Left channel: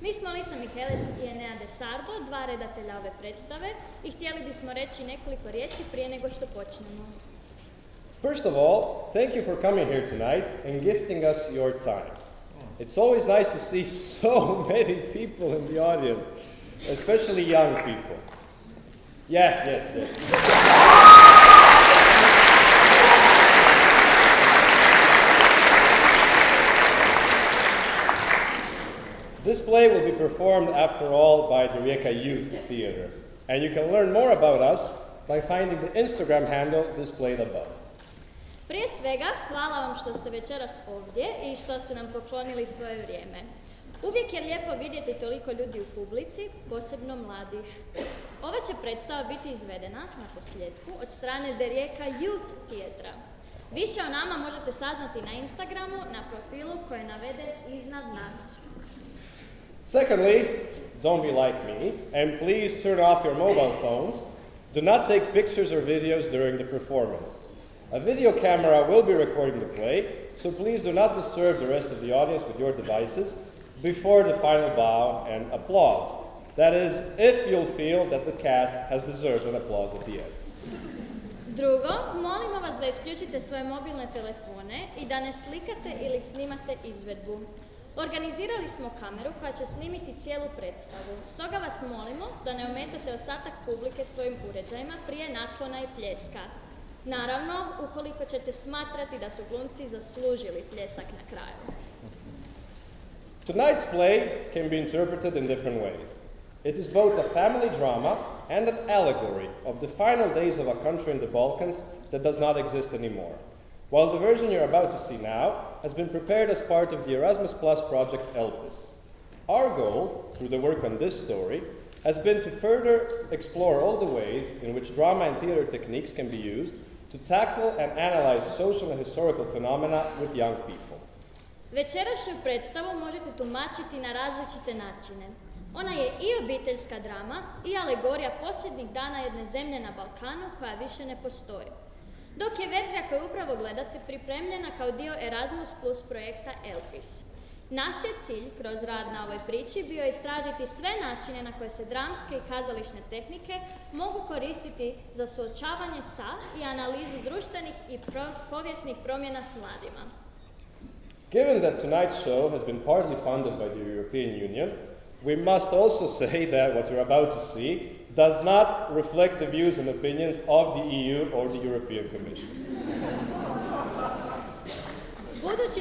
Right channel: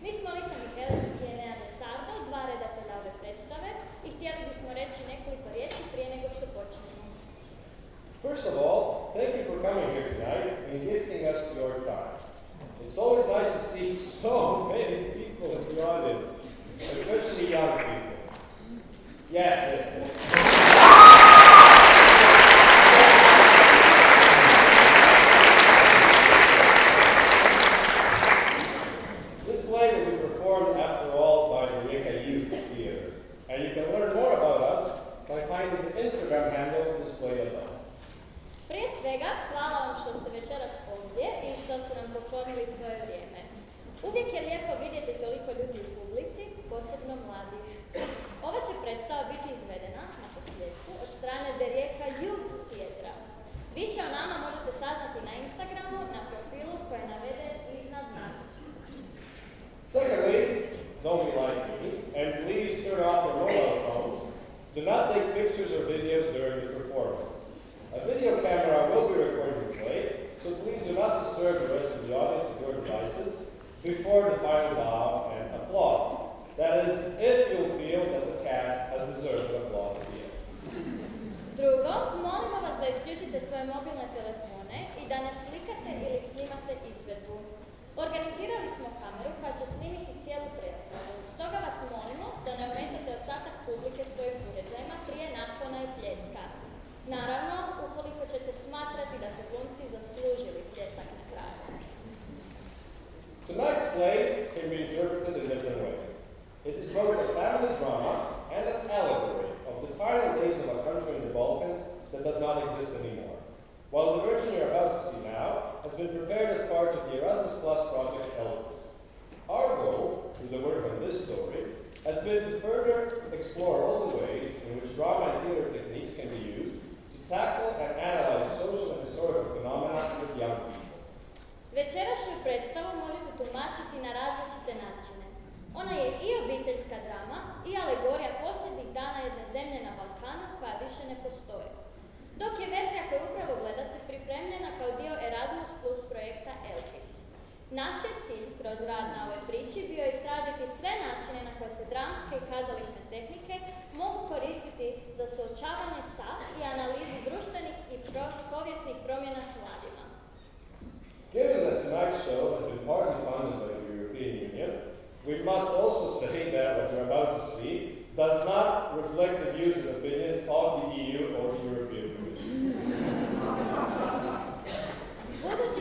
Mi smo Lisa Mihelec i Enea de Sardo, dva redatelja ove predstave i htjeli bismo reći nekoliko riječi prije nego što počnemo. First of all, thank you for coming here tonight and gifting us your time. It's always nice to see so many people in the audience, especially young people. Yes. This play will be performed, after all, by the Rijeka Youth Theater, and you can learn more about us by finding the Instagram handle displayed above. Prije svega, hvala vam što ste večeras ovdje i što ste nam poklonili svoje vrijeme. Uvijek je lijepo vidjeti toliko ljudi u publici, posebno mladih. Ova će predstava biti izvedena, na posljedku, od strane The Rijeka Youth Theatra. Više o nama možete saznati na Instagramu, na profilu koji je naveden iznad nas. Secondly, don't be like me, and please turn off your mobile phones. Do not take pictures or videos during the performance. A video camera will be recording the play, so please do not disturb the rest of the audience with your devices before the final bow and applause. That is, if you'll feel that the cast has deserved an applause at the end. Drugo, molimo vas da isključite svoje mobilne telefone i da ne slikate ili snimate izvedbu. Organizirali smo kameru koja će snimiti cijelu predstavu, stoga vas molimo da ne ometate ostatak publike svojim uređajima prije naklona i pljeska. Naravno, ukoliko ćete smatrati da su glumci zaslužili pljesak na kraju. Tonight's play can be interpreted in different ways. It is both a family drama and an allegory of the final days of a country in the Balkans that does not exist anymore. While the version you're about to see now has been prepared as part of the Erasmus Plus project Elpis. Our goal, through the work on this story, has been to further explore all the ways in which drama and theater techniques can be used to tackle and analyze social and historical phenomena with young people. Večerašnju predstavu možete tumačiti na različite načine. Ona je i obiteljska drama i alegorija posljednjih dana jedne zemlje na Balkanu koja više ne postoji. Dok je verzija koju upravo gledate pripremljena kao dio Erasmus Plus projekta Elpis. Naš je cilj kroz rad na ovoj priči bio istražiti sve načine na koje se dramske i kazališne tehnike mogu koristiti za suočavanje sa i analizu društvenih i povijesnih promjena s mladima. Given that tonight's show has been partly funded by the European Union, we must also say that what you're about to see does not reflect the views and opinions of the EU or the European Commission. Budući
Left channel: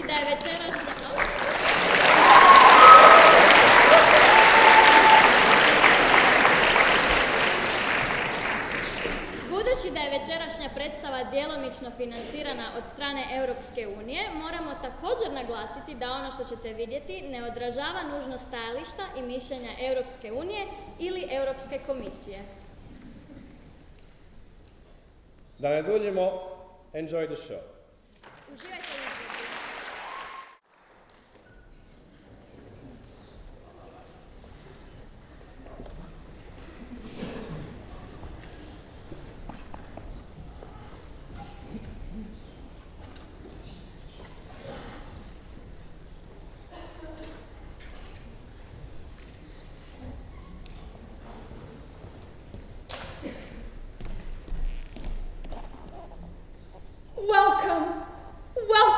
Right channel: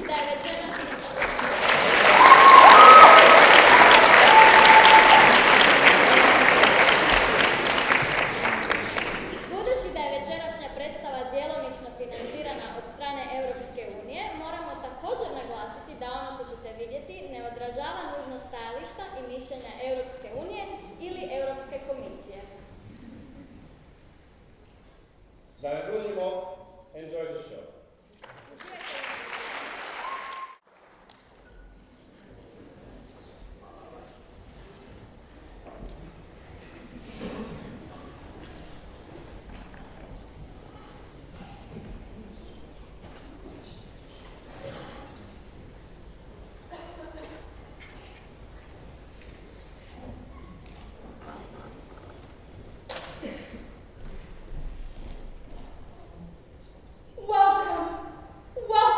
da je večerašnja predstava djelomično financirana od strane Europske unije, moramo također naglasiti da ono što ćete vidjeti ne odražava nužno stajališta i mišljenja Europske unije ili Europske komisije. Da ne duljimo, enjoy the show. Uživajte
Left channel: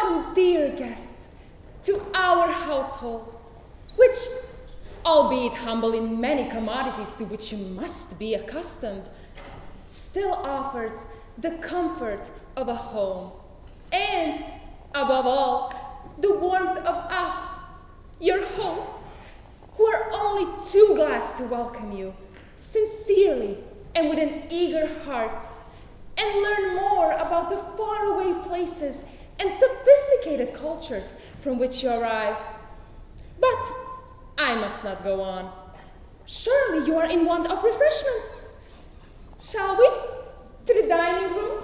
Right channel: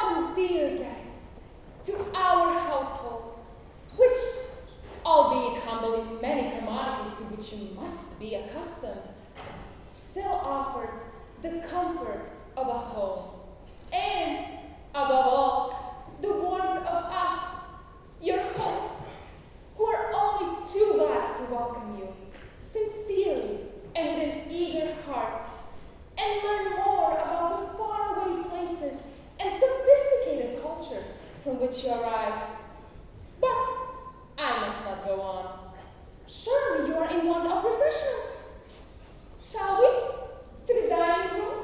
u dear guests, to our household, which, albeit humble in many commodities to which you must be accustomed, still offers the comfort of a home, and, above all, the warmth of us, your hosts, who are only too glad to welcome you, sincerely and with an eager heart, and learn more about the faraway places and sophisticated cultures from which you arrive. But I must not go on. Surely you are in want of refreshments. Shall we? To the dining room?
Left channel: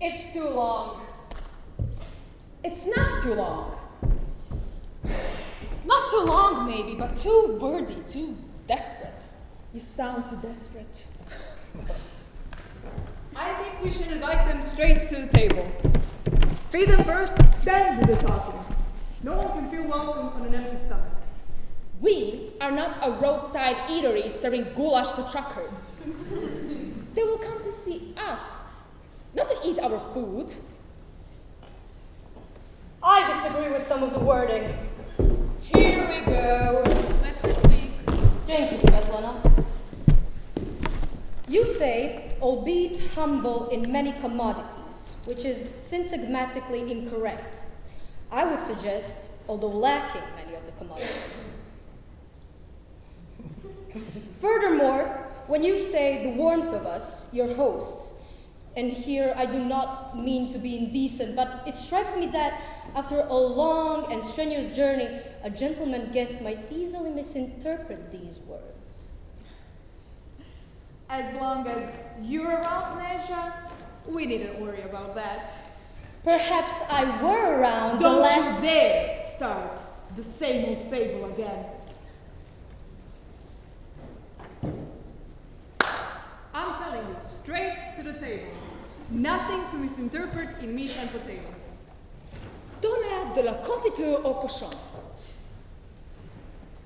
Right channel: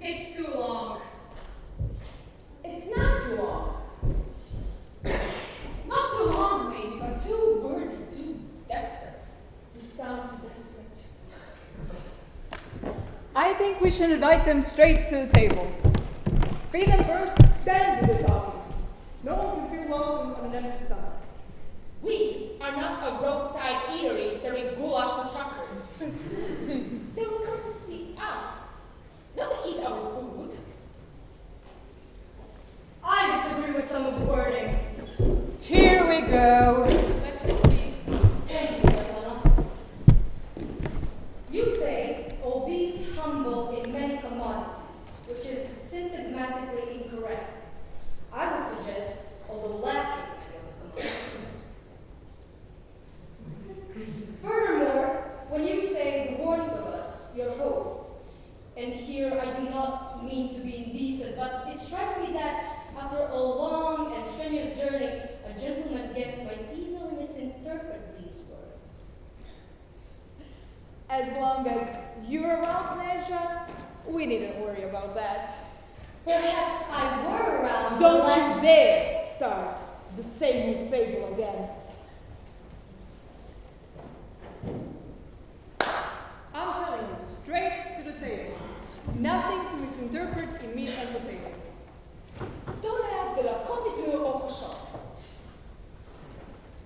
It's too long. It's not too long. Not too long, maybe, but too wordy, too desperate. You sound too desperate. I think we should invite them straight to the table. Feed them first, then do the talking. No are not a roadside eatery serving goulash to truckers. They will come to see us, not to eat our food. I disagree with some of the wording. Here we go. Let her speak. Thank you, Svetlana. You say, albeit humble in many commodities, which is syntagmatically incorrect. I would suggest, although lacking many of the commodities. Furthermore, when you say the warmth of us, your hosts, and here I do not mean to be indecent, but it strikes me that after a long and strenuous journey, a gentleman guest might easily misinterpret these words. As long as you're around, Neja, we needn't worry about that. Perhaps I were around Don't the last... you dare start the same old fable again. I'm telling you, straight to the table. Nothing to misinterpret in meat and potatoes. Donnez de la confiture au cochon.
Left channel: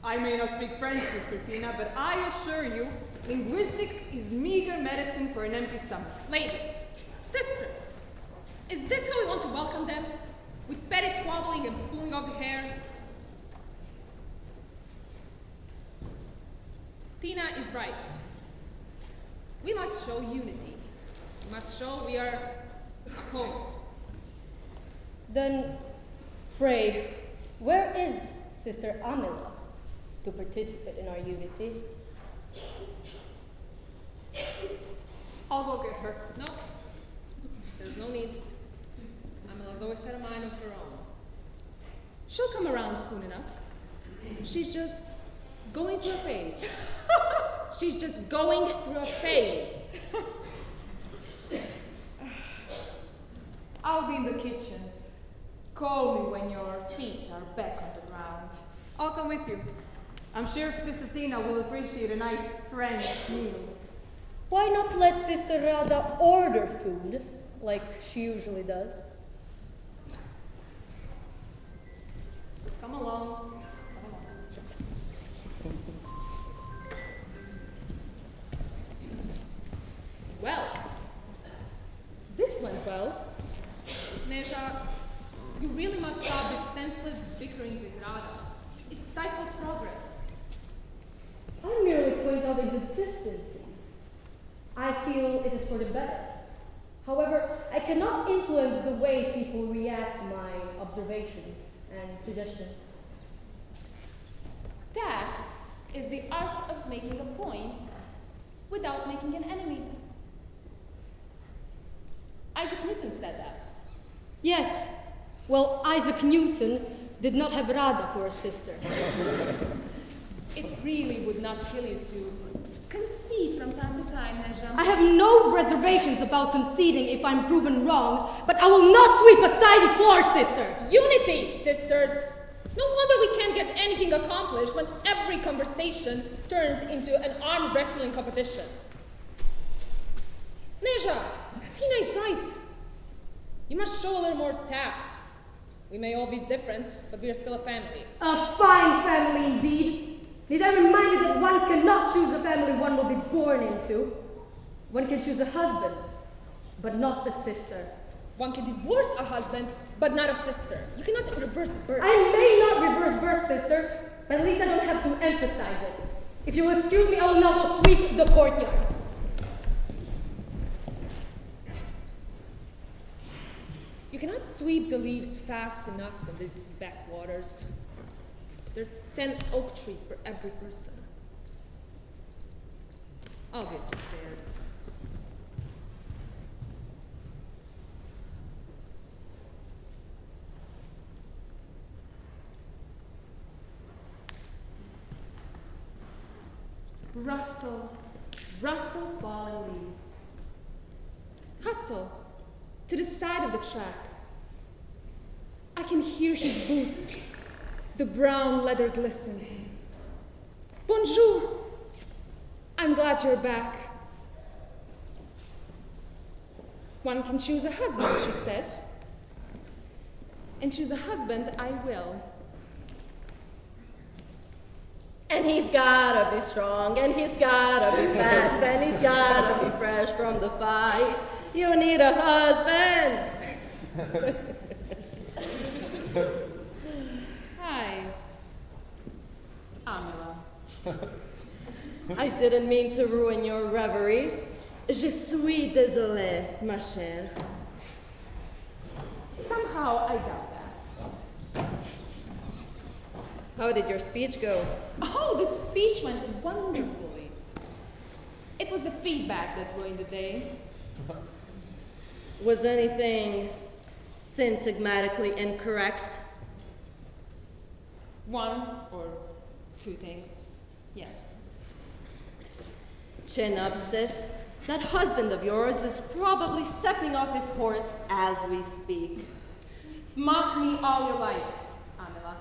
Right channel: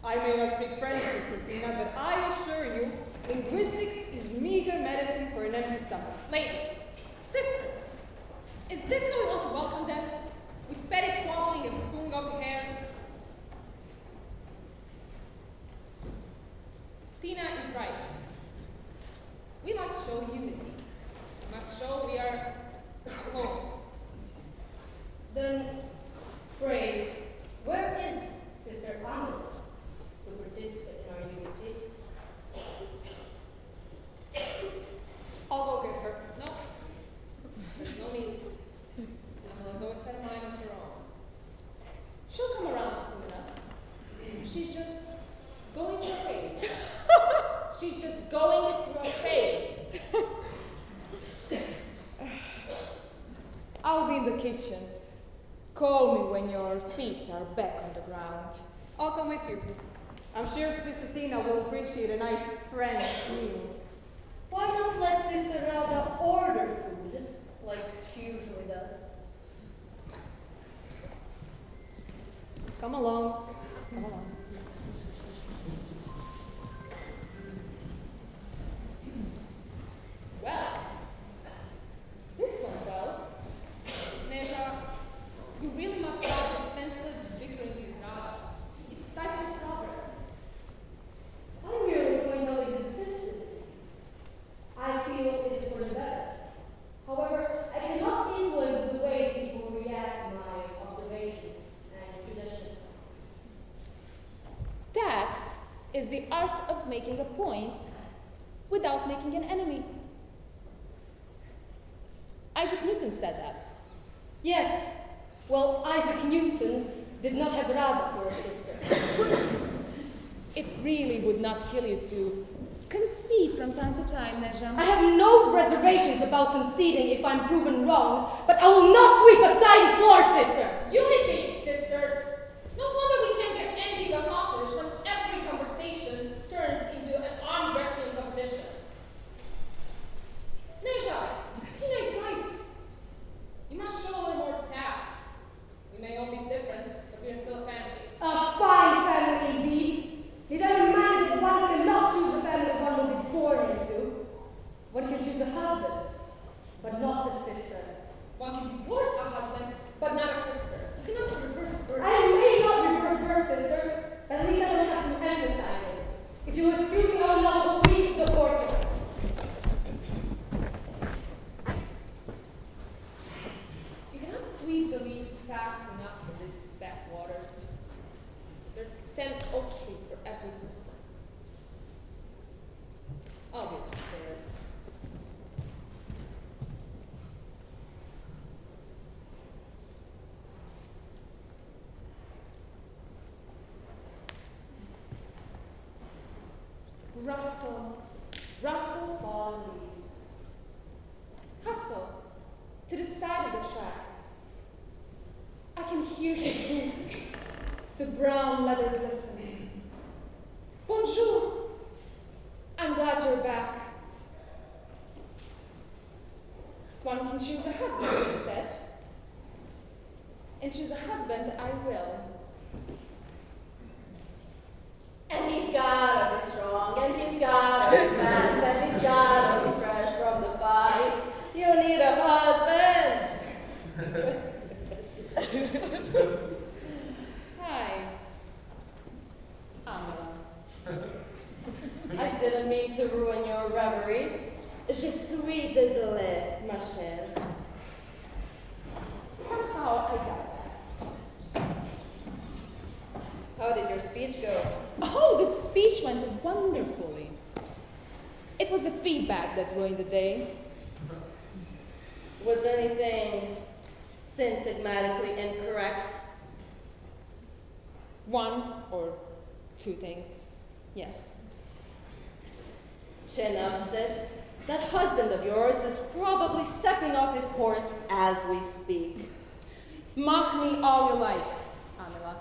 I may not speak French, Sister Tina, but I assure you, linguistics is meager medicine for an empty stomach. Ladies, sisters, is this how we want to welcome them? With petty squabbling and pulling of the hair? Tina is right. We must show unity. We must show we are at home. Then, pray, where is Sister Anila to participate in our unity? I'll go get her. No, there's no need. Amela's always had a mind of her own. She'll come around soon enough. She's just going through a phase. She's just going through a phase. I'll be in the kitchen. Call me when your feet are back on the ground. I'll come with you. I'm sure Sister Tina will appreciate a nice French meal. Why not let Sister Rada order food, like she usually does? Come along. Come along. Well, this went well. Neja, you really must stop this senseless bickering with Rada. It stifles progress. I merely point out inconsistencies. I feel it is for the better. However, I cannot influence the way people react to my observations and suggestions. Tact is the art of making a point without making an enemy. Isaac Newton said that. Yes, well, Isaac Newton did not have Rada for a sister. It really would not kill you to concede from time to time, Neja. I have no reservations about conceding if I'm proven wrong, but I will not sweep a tidy floor, sister! Unity, sisters! No wonder we can't get anything accomplished when every conversation turns into an arm wrestling competition. Neja, Tina is right. You must show a little more tact. We may all be different, but we are still a family. A fine family indeed. Need I remind you that one cannot choose the family one will be born into? One can choose a husband, but not a sister. One can divorce a husband, but not a sister. You cannot reverse birth. I may not reverse birth, sister, but at least I don't have to emphasize it. If you will excuse me, I will now go sweep the courtyard. You cannot sweep the leaves fast enough for these backwaters. There are 10 oak trees for every person. I'll be upstairs. Rustle, rustle falling leaves. Hustle to the side of the track. I can hear his boots. The brown leather glistens. Bonjour. I'm glad you're back. One can choose a husband, she says. And choose a husband I will. And he's gotta be strong, and he's gotta be fast, and he's gotta be fresh from the fight. You need a husband. Hi, Amela. I didn't mean to ruin your reverie. Je suis désolée, ma chère. Somehow I doubt that. How did your speech go? Oh, the speech went wonderfully. It was the feedback that ruined the day. Was anything syntagmatically incorrect? One or two things, yes. Chenopsis, that husband of yours is probably stepping off his horse as we speak. Mock me all you like, Amela.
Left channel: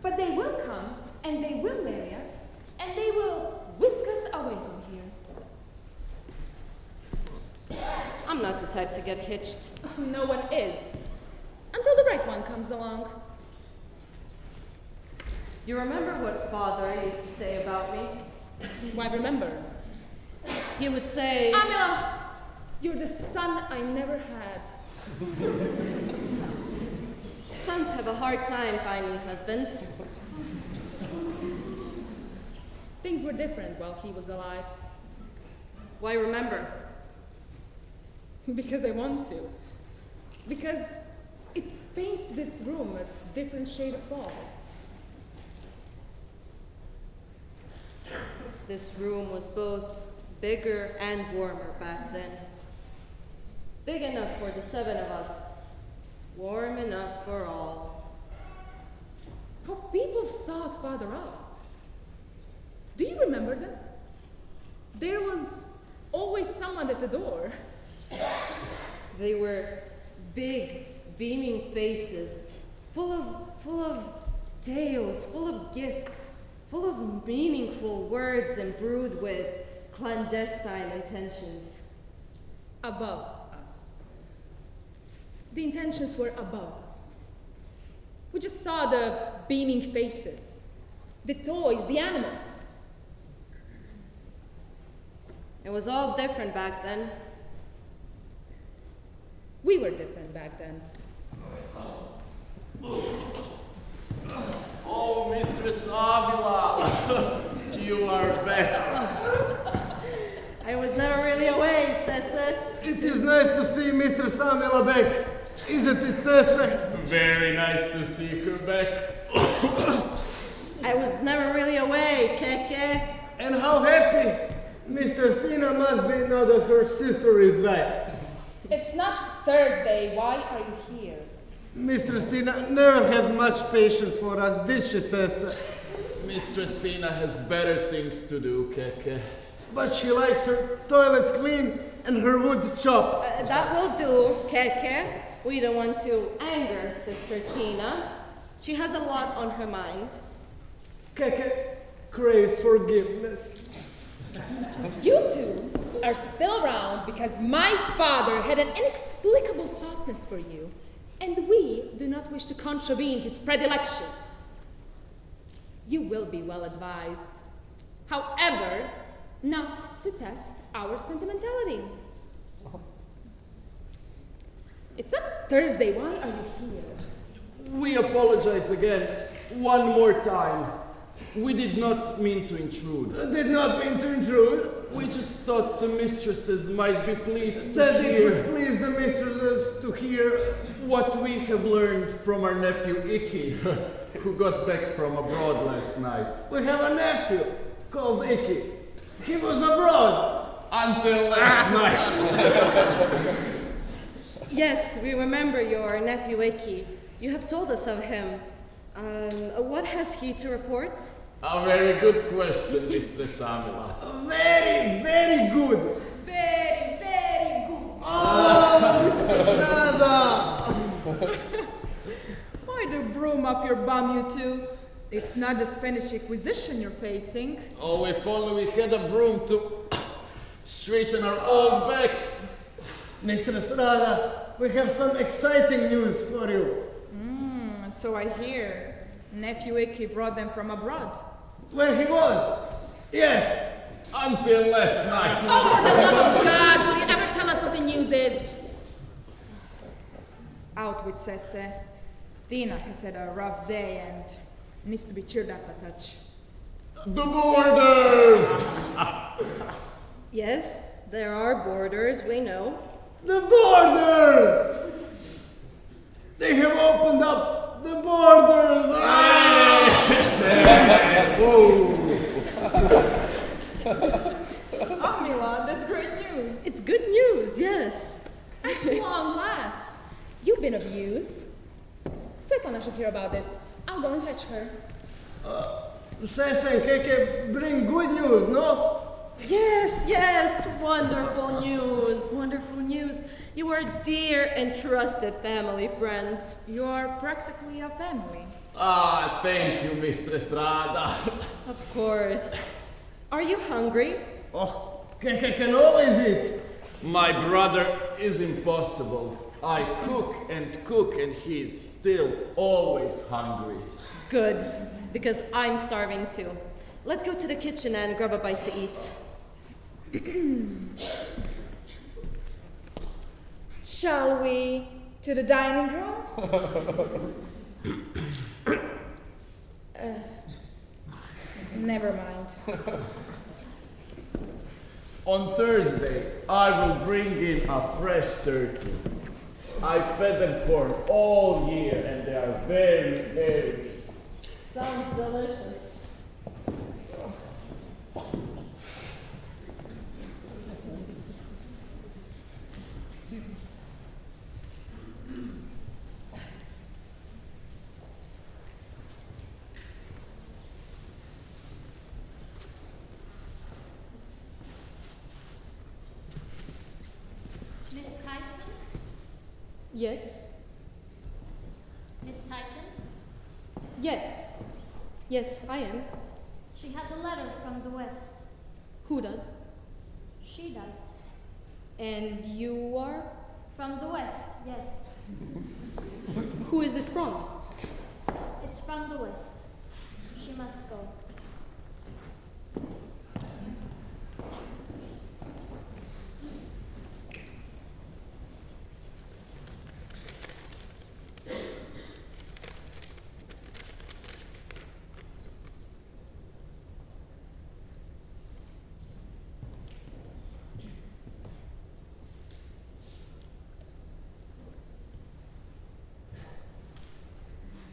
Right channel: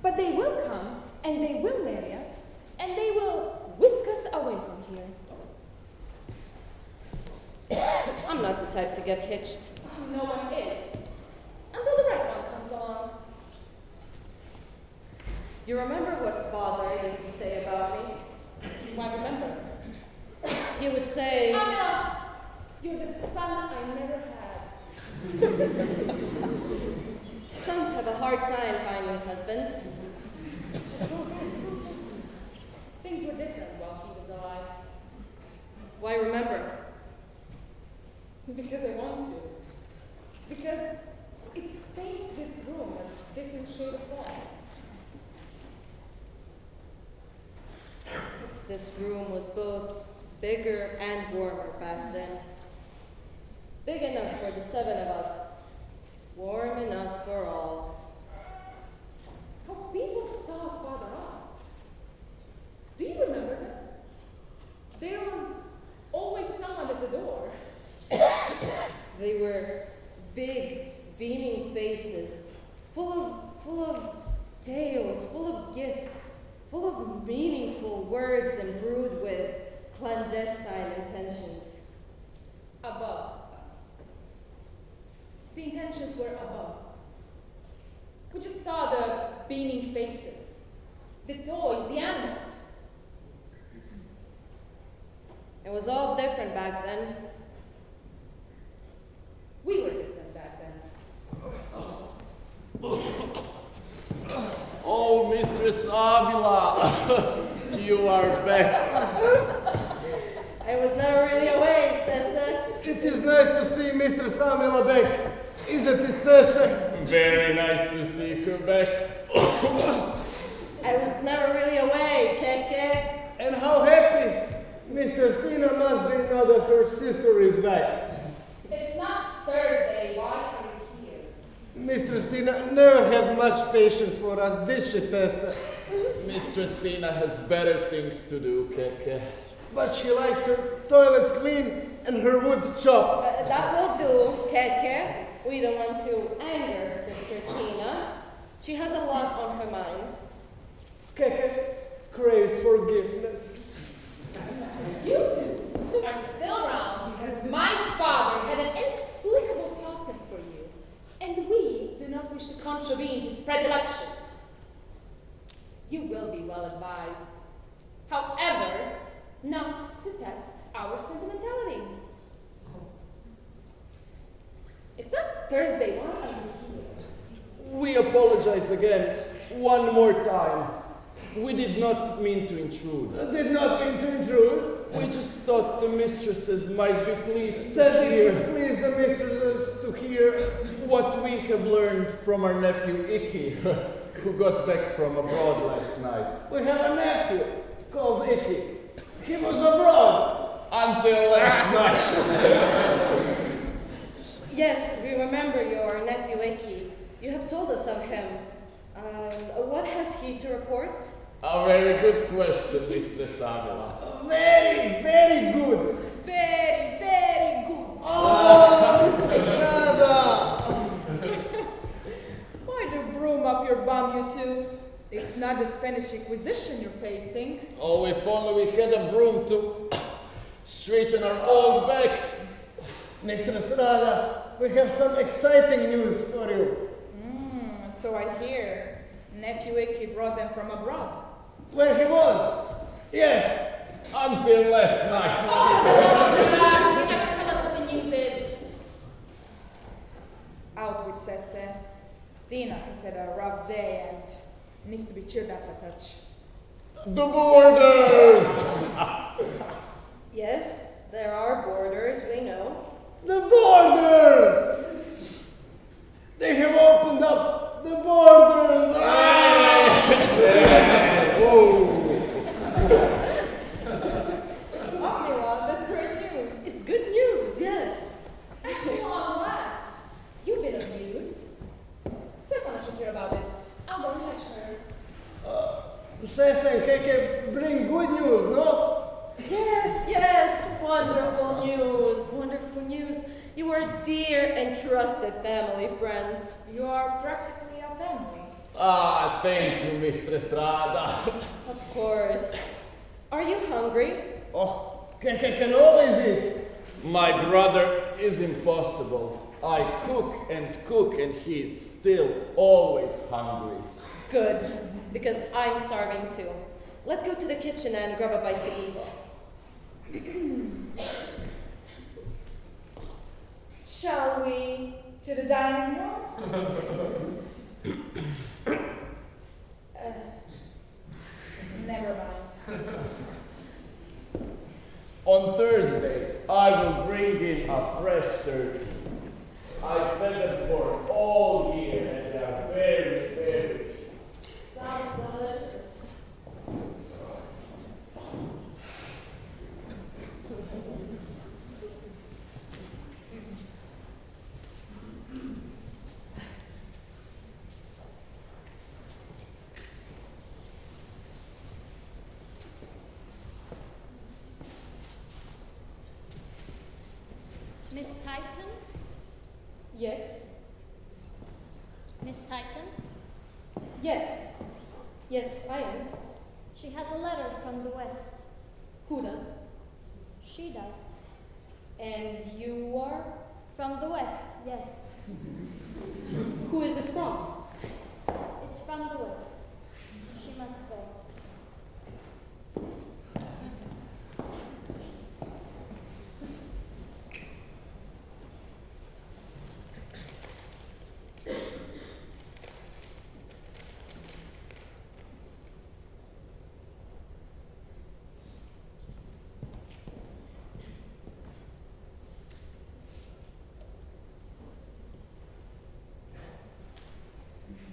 But they will come, and they will marry us, and they will whisk us away from here. I'm not the type to get hitched. No one is, until the right one comes along. You remember what father used to say about me? Why remember? He would say, Amela, you're the son I never had. sons have a hard time finding husbands. Things were different while he was alive. Why remember? Because I want to. Because it paints this room a different shade of fall. This room was both bigger and warmer back then. Big enough for the 7 of us. Warm enough for all. How people sought Father out. Do you remember them? There was always someone at the door. They were big, beaming faces, full of tales, full of gifts, full of meaningful words imbrued with clandestine intentions. Above us. The intentions were above us. We just saw the beaming faces, the toys, the animals. It was all different back then. We were different back then. Oh, Mistress Avila, you are back. I was never really away, Cece. It is nice to see Mr. Samuel back. Isn't it, Cece? Very nice to see her back. I was never really away, Keke. And how happy Mr. Stina must be now that her sister is back. It's not Thursday. Why are you here? Mr. Stina never had much patience for us, did she, Cece? Mistress Tina has better things to do, Keke. But she likes her toilets clean and her wood chopped. That will do, Keke. We don't want to anger Sister Tina. She has a lot on her mind. Keke craves forgiveness. You two are still around because my father had an inexplicable softness for you, and we do not wish to contravene his predilections. You will be well advised. However, not to test our sentimentality. It's not Thursday. Why are you here? We apologize again, one more time. We did not mean to intrude. Did not mean to intrude. We just thought the mistresses might be pleased That to it hear would please the mistresses to hear. what we have learned from our nephew Icky, who got back from abroad last night. We have a nephew called Icky. He was abroad. Until last night. Yes, we remember your nephew Icky. You have told us of him. What has he to report? A very good question, Mr. Samila. Very, very good. Very, very good. Oh, Mr. Estrada. Why do broom up your bum, you two? It's not the Spanish Inquisition you're facing. Oh, if only we had a broom to straighten our old backs. Mr. Estrada, we have some exciting news for you. So I hear. Nephew Icky brought them from abroad. Where he was? Yes. Until last night. Oh, for the love of God, will you ever tell us what the news is? Out with Sesse. Tina has had a rough day and needs to be cheered up a touch. The borders! Yes, there are borders, we know. The borders! They have opened up the borders! Oh, Milan, that's great news. It's good news, yes. At long last. You've been abused. Svetlana should hear about this. I'll go and fetch her. Sese and Keke bring good news, no? Yes, wonderful news, wonderful news. You are dear and trusted family friends. You are practically a family. Ah, thank you, Mistress Rada. Of course. Are you hungry? Oh, Keke can always eat. My brother is impossible. I cook and he's still always hungry. Good, because I'm starving too. Let's go to the kitchen and grab a bite to eat. Shall we to the dining room? Never mind. On Thursday, I will bring in a fresh turkey. I fed them corn all year and they are very, very. Sounds delicious. Miss Titan? Yes. Miss Titan? Yes. Yes, I am. She has a letter from the West. Who does? She does. And you are? From the West, yes. Who is this from? It's from the West. She must go.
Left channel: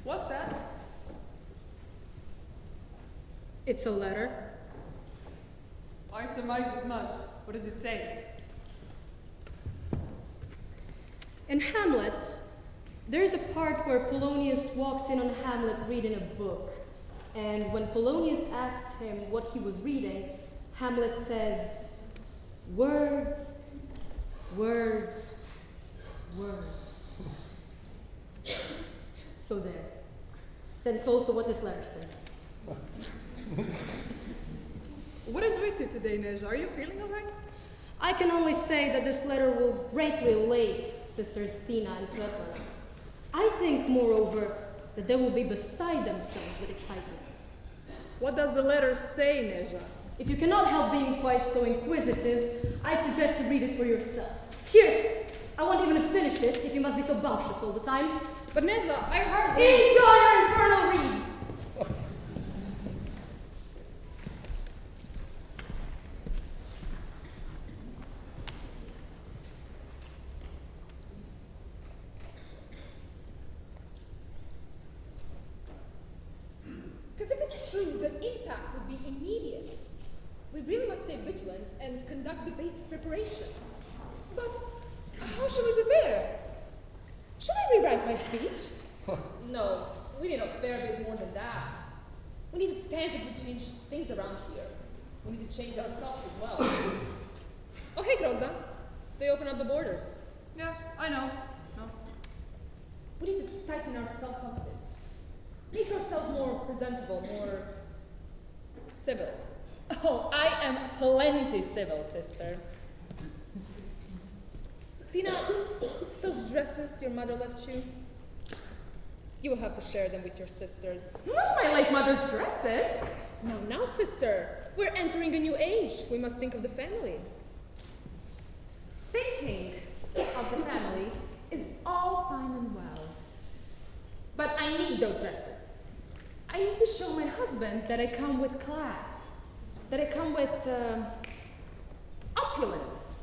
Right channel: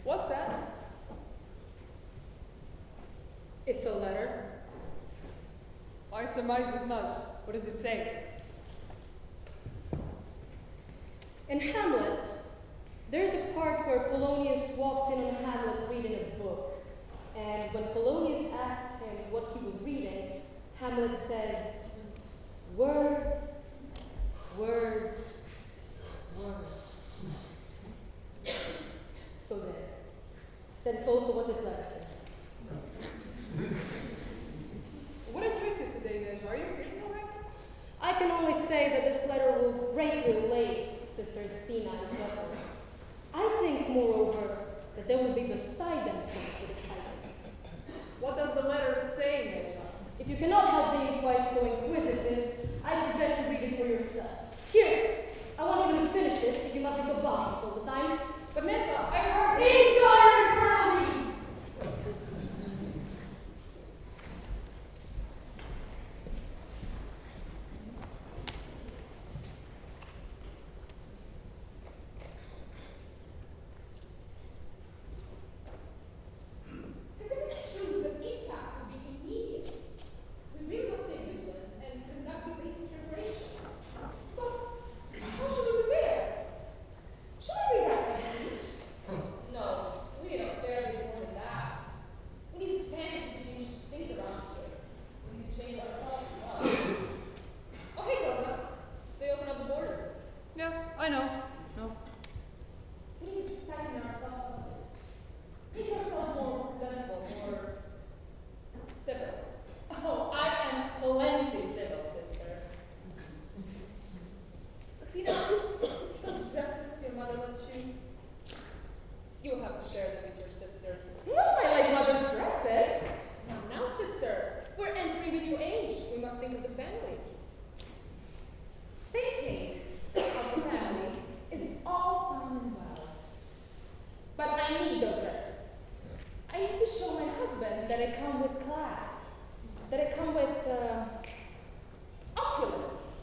What's that? It's a letter. I surmised as much. What does it say? In Hamlet, there is a part where Polonius walks in on Hamlet reading a book. And when Polonius asks him what he was reading, Hamlet says, words, words, words. So there. That is also what this letter says. What is with you today, Neja? Are you feeling alright? I can only say that this letter will greatly elate Sisters Stina and Svetlana. I think, moreover, that they will be beside themselves with excitement. What does the letter say, Neja? If you cannot help being quite so inquisitive, I suggest you read it for yourself. Here, I won't even finish it if you must be so bumptious all the time. But Neja, I heard... Enjoy your infernal read! Because if it's true, the impact would be immediate. We really must stay vigilant and conduct the basic preparations. But how should we prepare? Should I rewrite my speech? No, we need a fair bit more than that. We need to tangibly change things around here. We need to change ourselves as well. Oh, hey, Grozda. They open up the borders. Yeah, I know. No. We need to tighten ourselves up a bit. Make ourselves more presentable, more civil. Oh, I am plenty civil, sister. Tina, those dresses your mother left you, You will have to share them with your sisters. No, I like mother's dresses. Now, sister, we're entering a new age. We must think of the family. Thinking of the family is all fine and well. But I need those dresses. I need to show my husband that I come with class, that I come with opulence.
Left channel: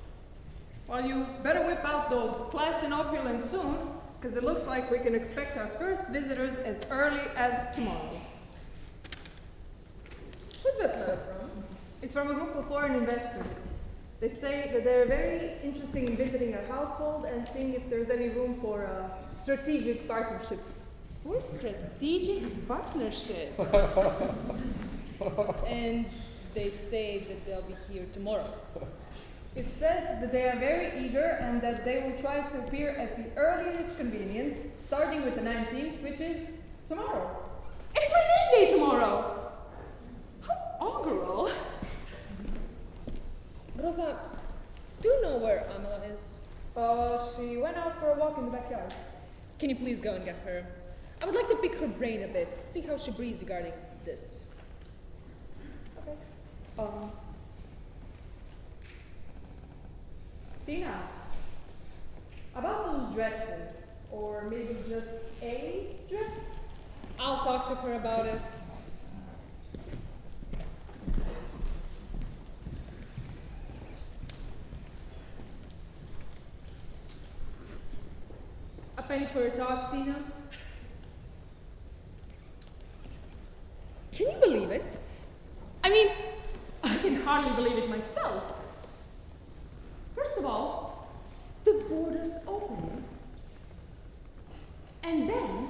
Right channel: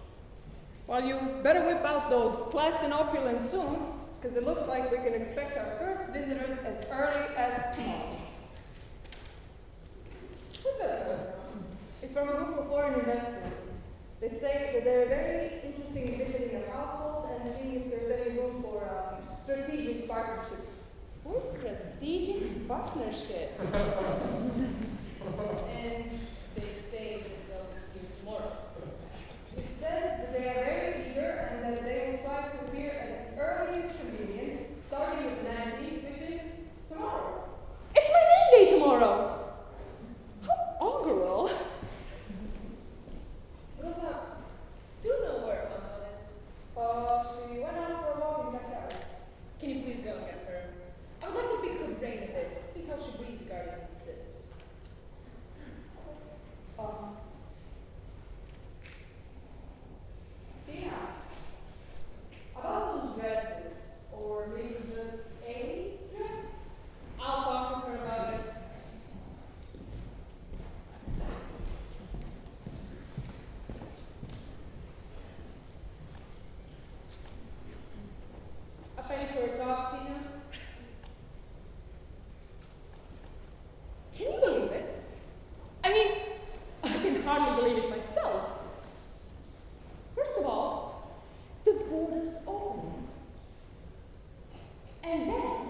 Well, you better whip out those class and opulence soon, because it looks like we can expect our first visitors as early as tomorrow. Who's that coming from? It's from a group of foreign investors. They say that they're very interested in visiting our household and seeing if there's any room for strategic partnerships. For strategic partnerships. And they say that they'll be here tomorrow. It says that they are very eager and that they will try to appear at the earliest convenience, starting with the 19th, which is tomorrow. It's my name day tomorrow. How augural. Rosa, do you know where Amelan is? She went out for a walk in the backyard. Can you please go and get her? I would like to pick her brain a bit, see how she breathes regarding this. Okay. Tina, about those dresses, or maybe just a dress? I'll talk to her about it. A penny for your thoughts, Tina? Can you believe it? I mean, I can hardly believe it myself. First of all, the borders open. And then,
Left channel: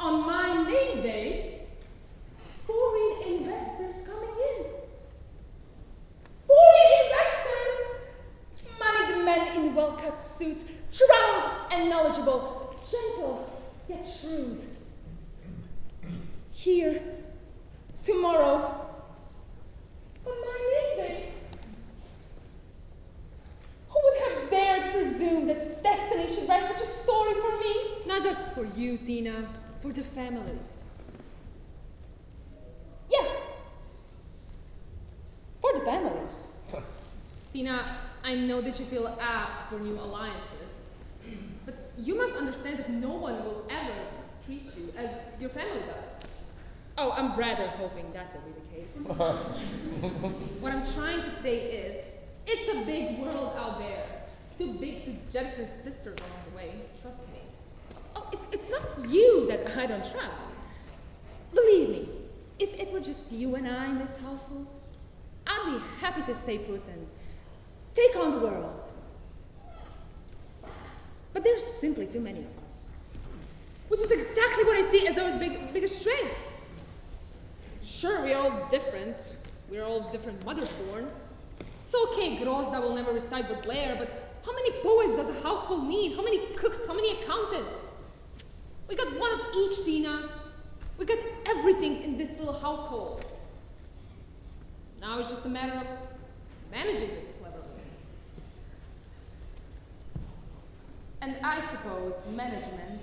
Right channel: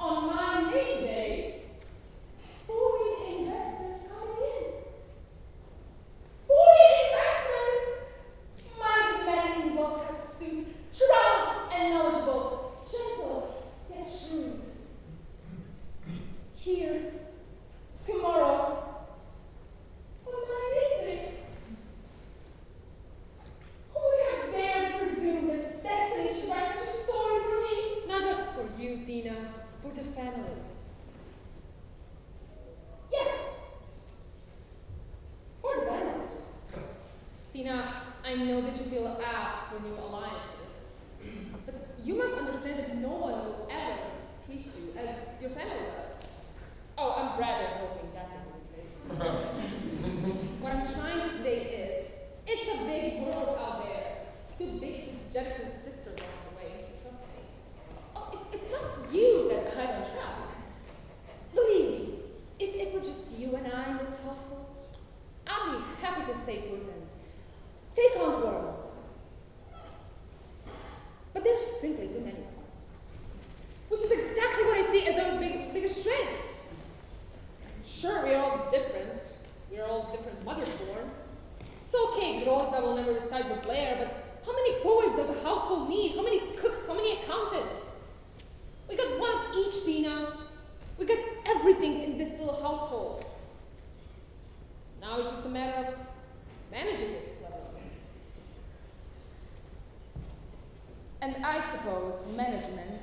on my name day, foreign investors coming in. Foreign investors! Moneyed men in well-cut suits, shrouded and knowledgeable, gentle yet shrewd. Here, tomorrow, on my name day. Who would have dared presume that destiny should write such a story for me? Not just for you, Tina, for the family. Yes, for the family. Tina, I know that you feel apt for new alliances, but you must understand that no one will ever treat you as your family does. Oh, I'm rather hoping that will be the case. What I'm trying to say is, it's a big world out there. Too big to jettison sisters along the way, trust me. Oh, it's not you that I don't trust. Believe me, if it were just you and I in this household, I'd be happy to stay put and take on the world. But there's simply too many of us. Which is exactly what I see as our biggest strength. Sure, we're all different. We're all different mothers born. It's okay, Grozda will never reside with Blair, but how many boys does a household need? How many cooks? How many accountants? We got one of each, Tina. We got everything in this little household. Now it's just a matter of managing it cleverly. And I suppose management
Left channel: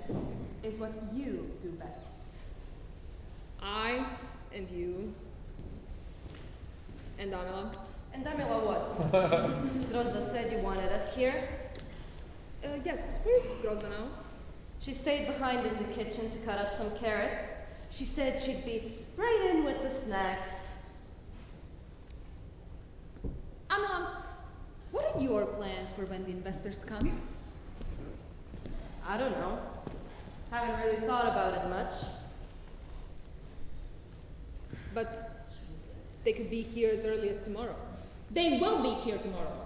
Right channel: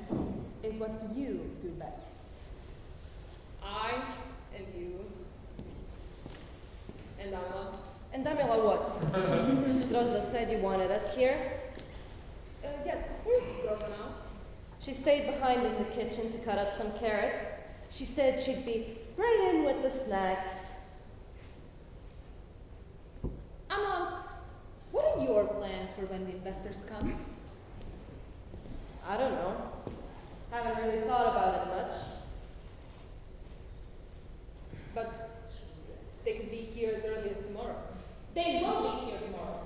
is what you do best. I and you and Amelan. And Damila, what? Grozda said you wanted us here. Yes, where's Grozda now? She stayed behind in the kitchen to cut up some carrots. She said she'd be right in with the snacks. Amelan, what are your plans for when the investors come? I don't know. Haven't really thought about it much. But they could be here as early as tomorrow. They will be here tomorrow.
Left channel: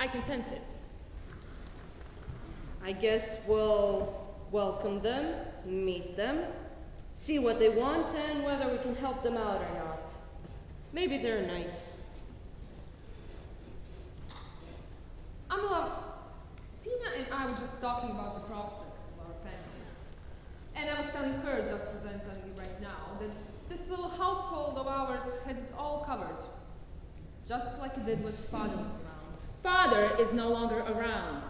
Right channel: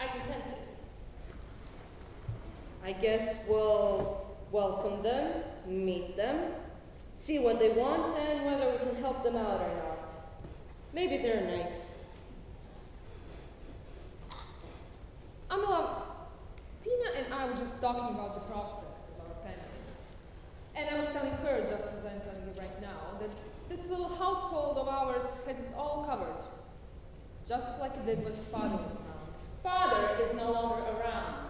I can sense it. I guess we'll welcome them, meet them, see what they want and whether we can help them out or not. Maybe they're nice. Amela, Tina and I were just talking about the prospects of our family. And I was telling her, just as I'm telling you right now, that this little household of ours has it all covered. Just like it did when Father was around. Father is no longer around.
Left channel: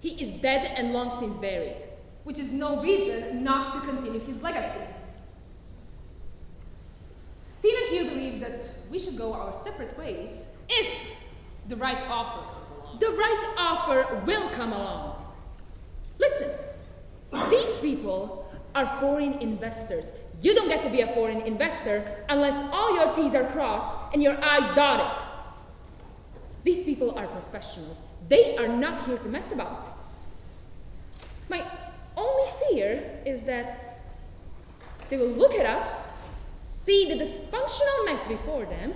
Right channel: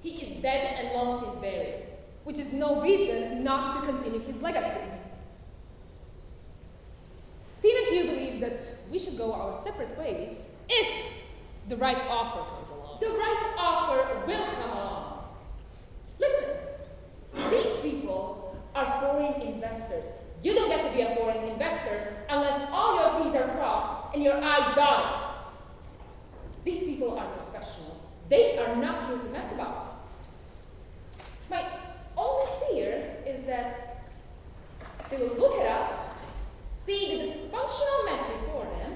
He is dead and long since buried. which is no reason not to continue his legacy. Tina here believes that we should go our separate ways if the right offer comes along. The right offer will come along. Listen, these people are foreign investors. You don't get to be a foreign investor unless all your T's are crossed and your I's dotted. These people are professionals. They are not here to mess about. My only fear is that they will look at us, see the dysfunctional mess before them,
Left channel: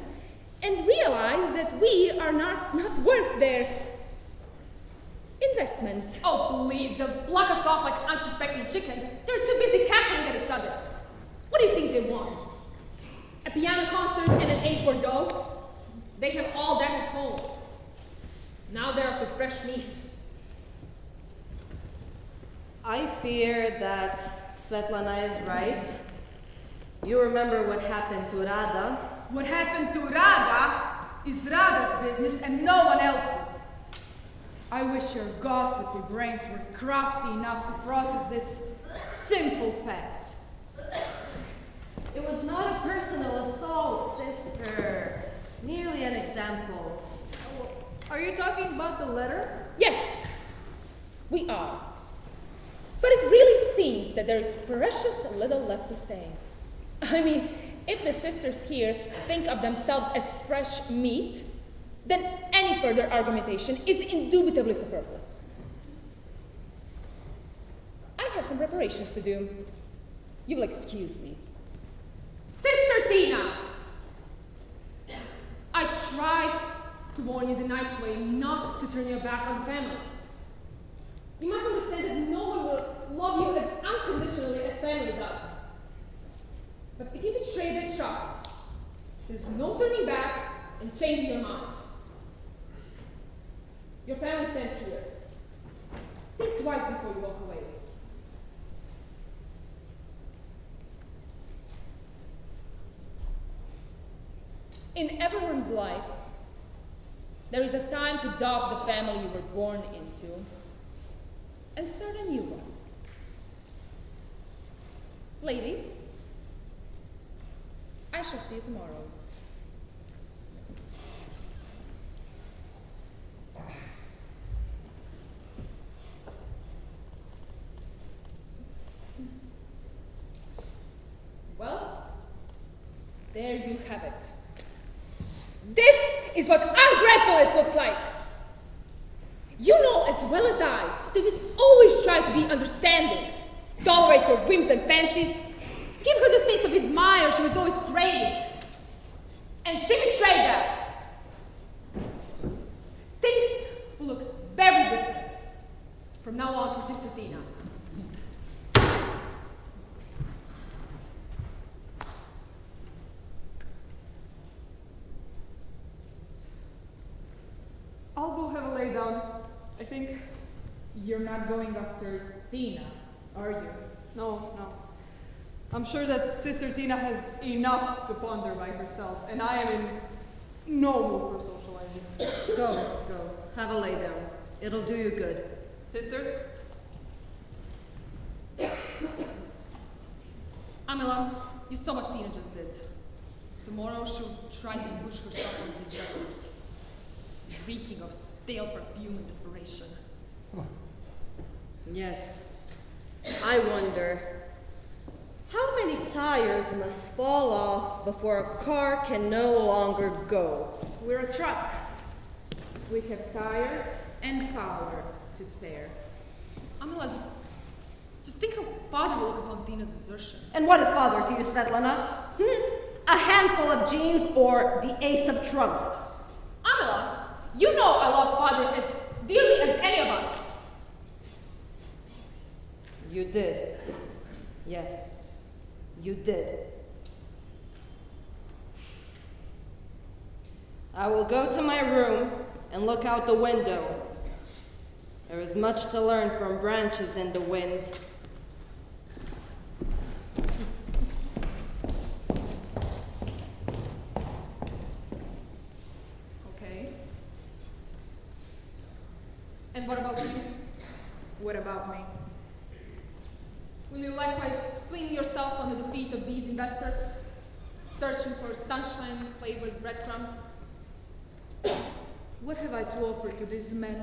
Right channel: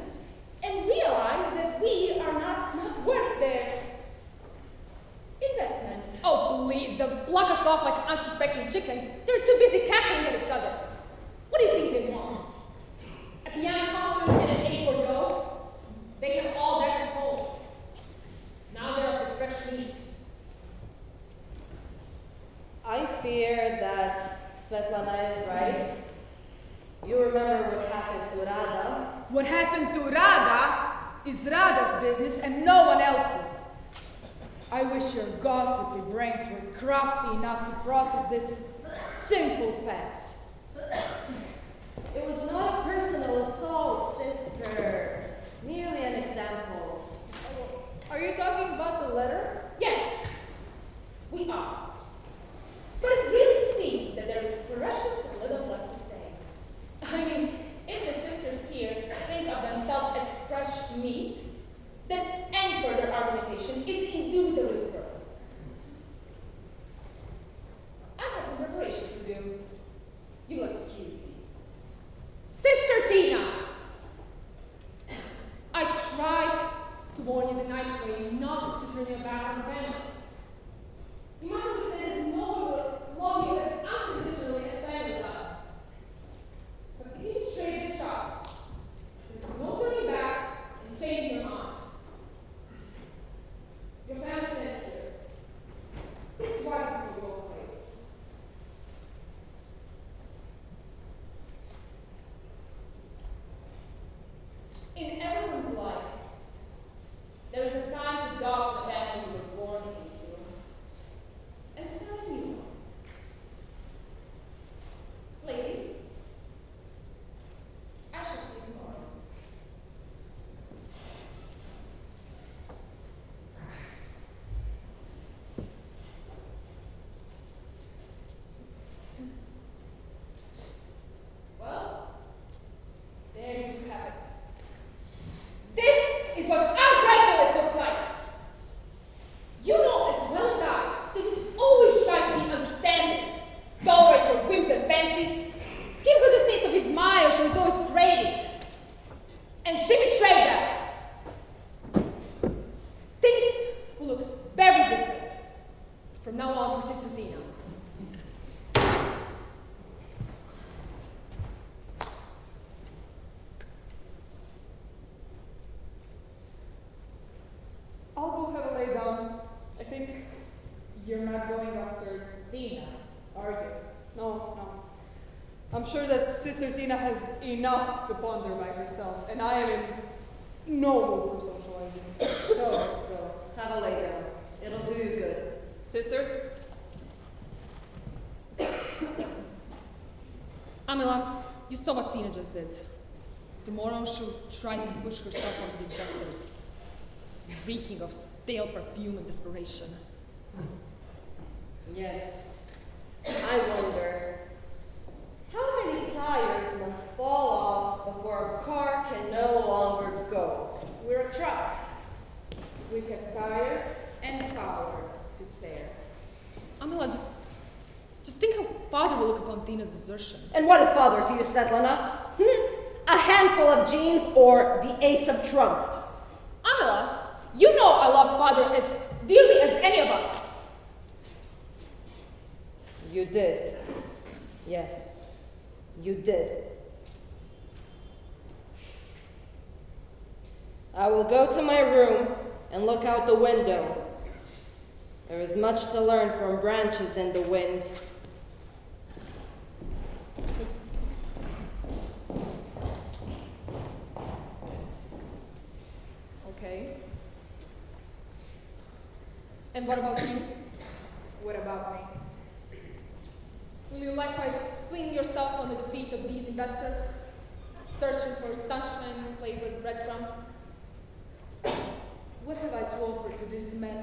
and realize that we are not worth their investment. Oh, please, they'll block us off like unsuspecting chickens. They're too busy cackling at each other. What do you think they want? A piano concert and an H Bordeaux? They have all that at home. Now they're after fresh meat. I fear that Svetlana is right. You remember what happened to Rada? What happened to Rada is Rada's business and no one else's. I wish your gossipy brains were crafty enough to process this simple fact. It was not a personal assault, sister. Merely an example. Are you talking about the letter? Yes, we are. But it really seems that there is precious little left to say. I mean, if the sisters here think of themselves as fresh meat, then any further argumentation is indubitably superfluous. I have some preparations to do. You will excuse me. Sister Tina! I tried to warn you the nice way not to turn your back on the family. You must understand that no one will love you as unconditionally as family does. But if you betray their trust, there's no turning back and changing your mind. Your family stands here. Think twice before you walk away. In everyone's life, there is a time to doff the family you were born into and start a new one. Ladies, I shall see you tomorrow. Well, there you have it. This is what ungratefulness looks like. You know as well as I that we always try to be understanding, tolerate her whims and fancies, give her the sense of admire she was always craving. And she betrayed that. Things will look very different from now on for Sister Tina. I'll go have a lay down. I think you're not going after Tina, are you? No. I'm sure that Sister Tina has enough to ponder by herself, and I am in no mood for socializing. Go. Have a lay down. It'll do you good. Sisters? Amila, you saw what Tina just did. Tomorrow she'll try to push herself on the investors, reeking of stale perfume and desperation. Yes. I wonder, how many tires must fall off before a car can no longer go? We're a truck. We have tires and power to spare. Amila, just think how Father will look upon Tina's desertion. And what is father to you, Svetlana? A handful of jeans or the ace of trump? Amila, you know I loved Father as dearly as any of us. You did. Yes, you did. I will go to my room and look out the window. There is much to learn from branches in the wind. Okay. And what about you? What about me? Will you likewise fling yourself on the feet of these investors, searching for sunshine-flavored breadcrumbs? What have I to offer to these men?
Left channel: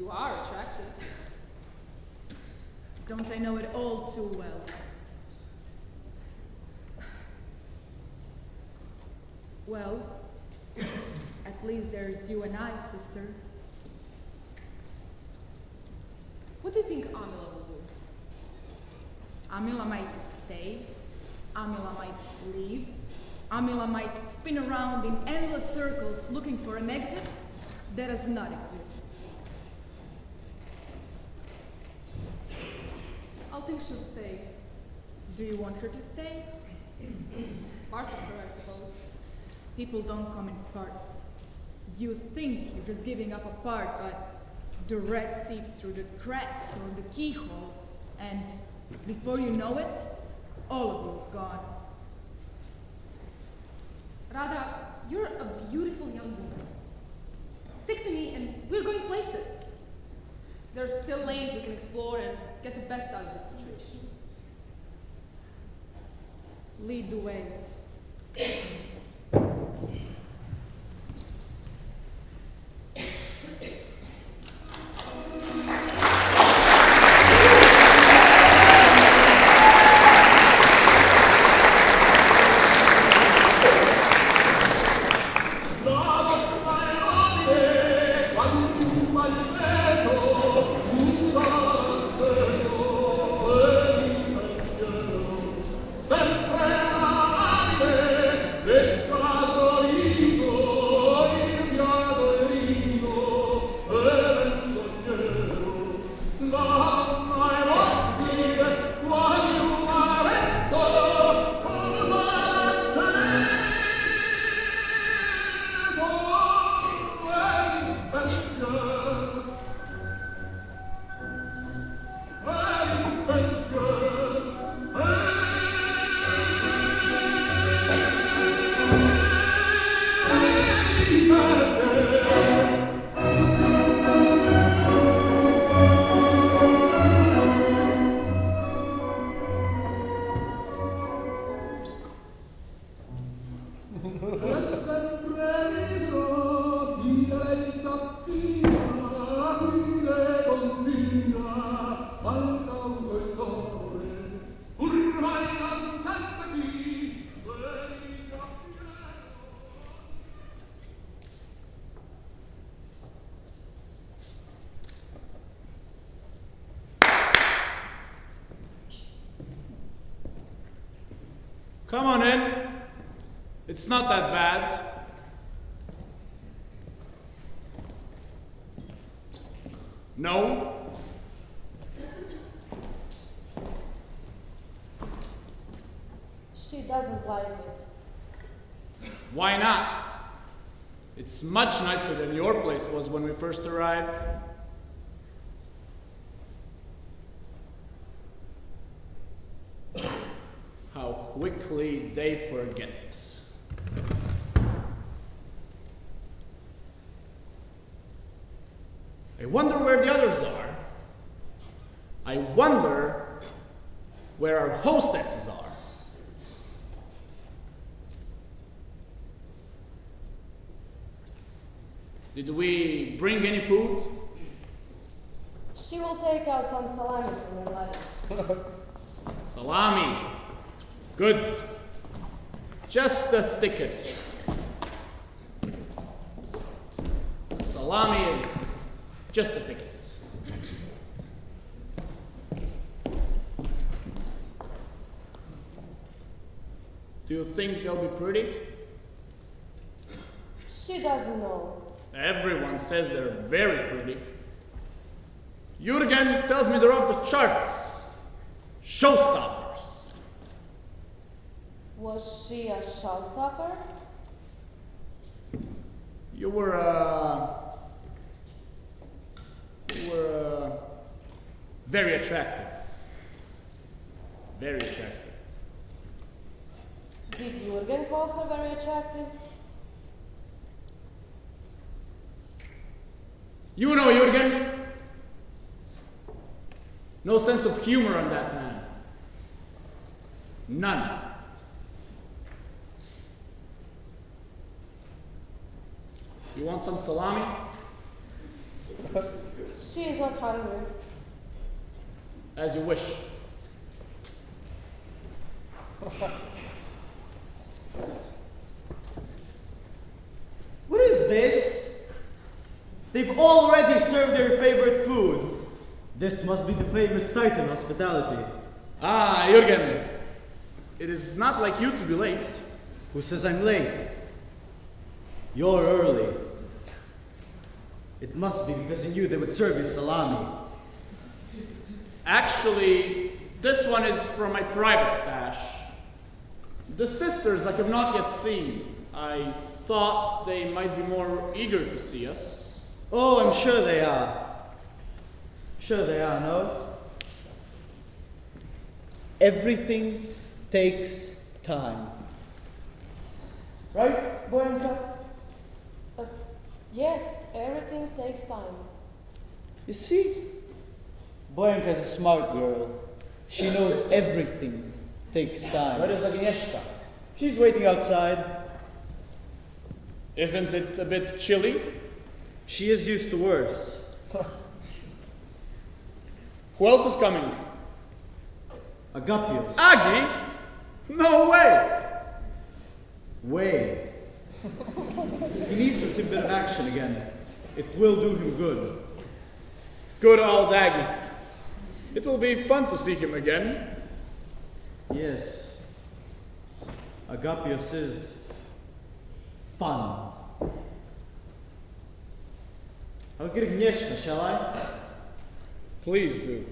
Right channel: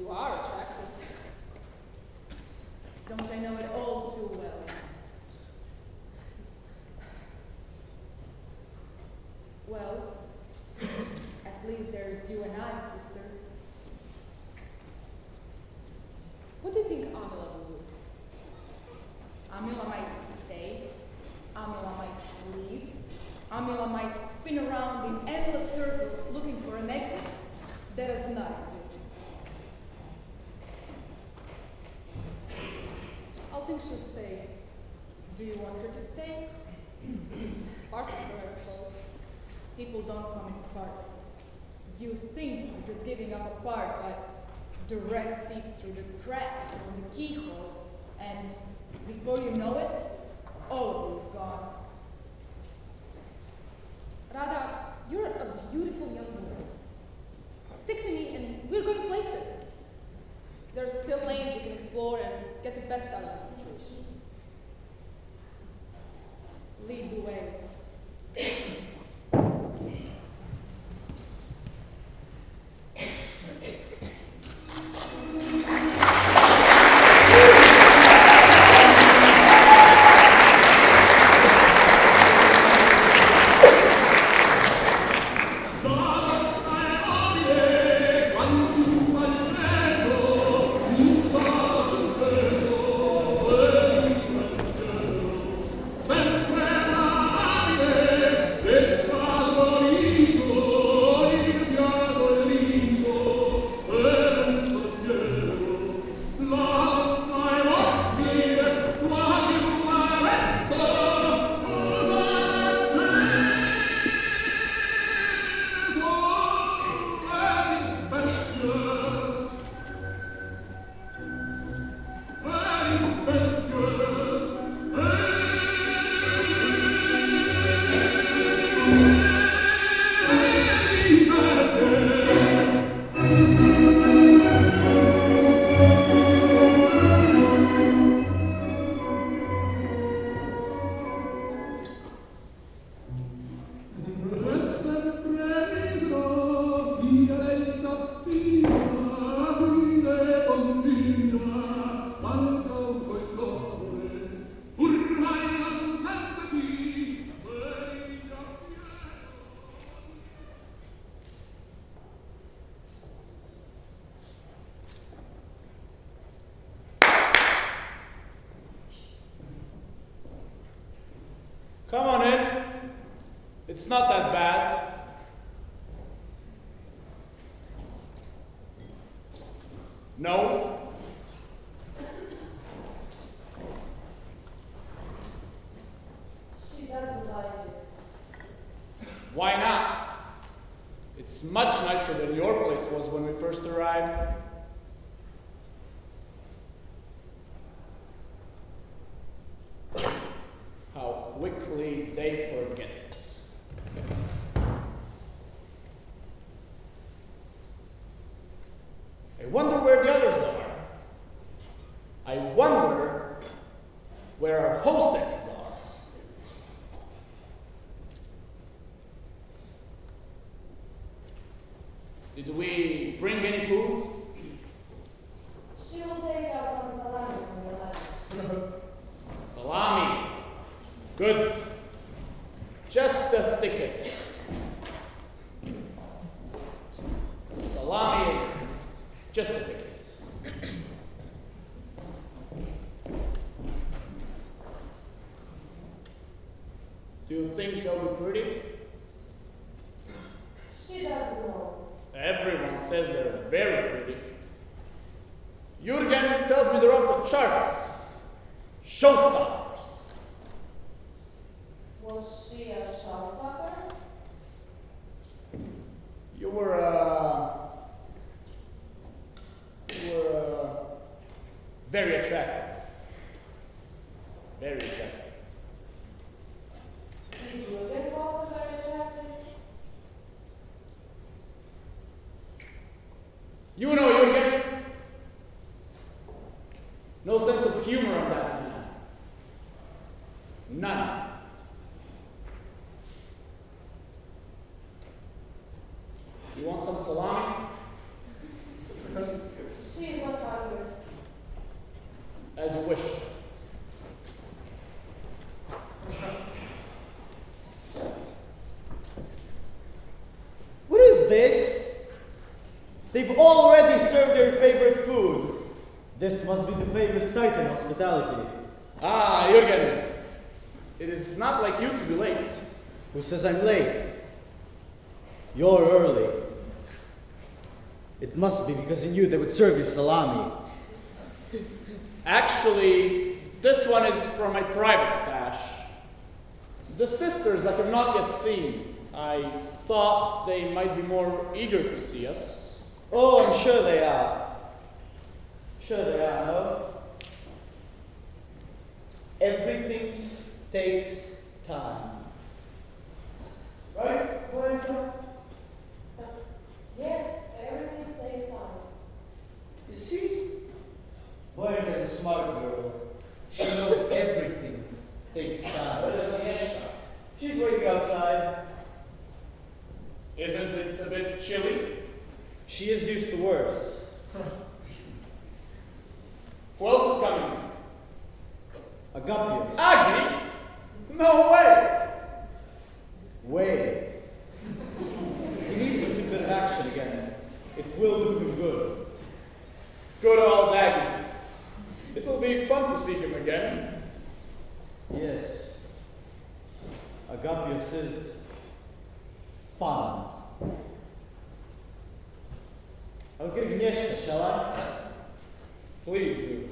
You are attractive. Don't I know it all too well? Well, at least there's you and I, sister. What do you think Amila will do? Amila might stay, Amila might leave, Amila might spin around in endless circles looking for an exit that does not exist. I'll think she'll stay. Do you want her to stay? Parts of her, I suppose. People don't come in parts. You think you're just giving up a part, but the rest seeps through the cracks or the keyhole, and before you know it, all of you is gone. Rada, you're a beautiful young woman. Stick to me and we're going places. There's still lanes we can explore and get the best out of the situation. Lead the way. Come on in. It's not that bad. No? She doesn't like it. Why not? It's much nicer than your place was when we first arrived. How quickly they forget. I wonder where the others are. I wonder where our hostesses are. Did we bring any food? She will take out some salami from her lunch. Salami. Good. Just the thicket. Salami is just the thicket. Do you think they'll be pretty? She doesn't know. Everyone says they're very pretty. Jurgen tells me they're off the charts. Showstoppers. Was she a showstopper? You were very attractive. Very attractive. Did Jurgen call her very attractive? You know Jurgen? No sense of humor in that man. None. You want some salami? She is not hungry. As you wish. What is this? They've already served their favorite food. This must be the famous Titan hospitality. Ah, Jürgen. It is not like you to be late. Who says I'm late? You're early. It must be because you knew they would serve you salami. Actually, this one is from my private stash. The sisters I have not yet seen. I thought they might be more eager to see us. Oh, I'm sure they are. Sure they are, no? Everything takes time. Right, Boyanka? Yes, everything takes time. You see? Boyanka's a smart girl. She knows everything takes time. Where is Agnieszka? She's waiting outside. Isn't it a bit chilly? She is used to worse. Who else is coming? Agapios. Agni? No way! Way. He needs to see a bit of action again. It will do him good. Good old Agni. It will be fun to see him again. Yes. Agapios is fun. I'll get Agnieszka, shall I? Please do.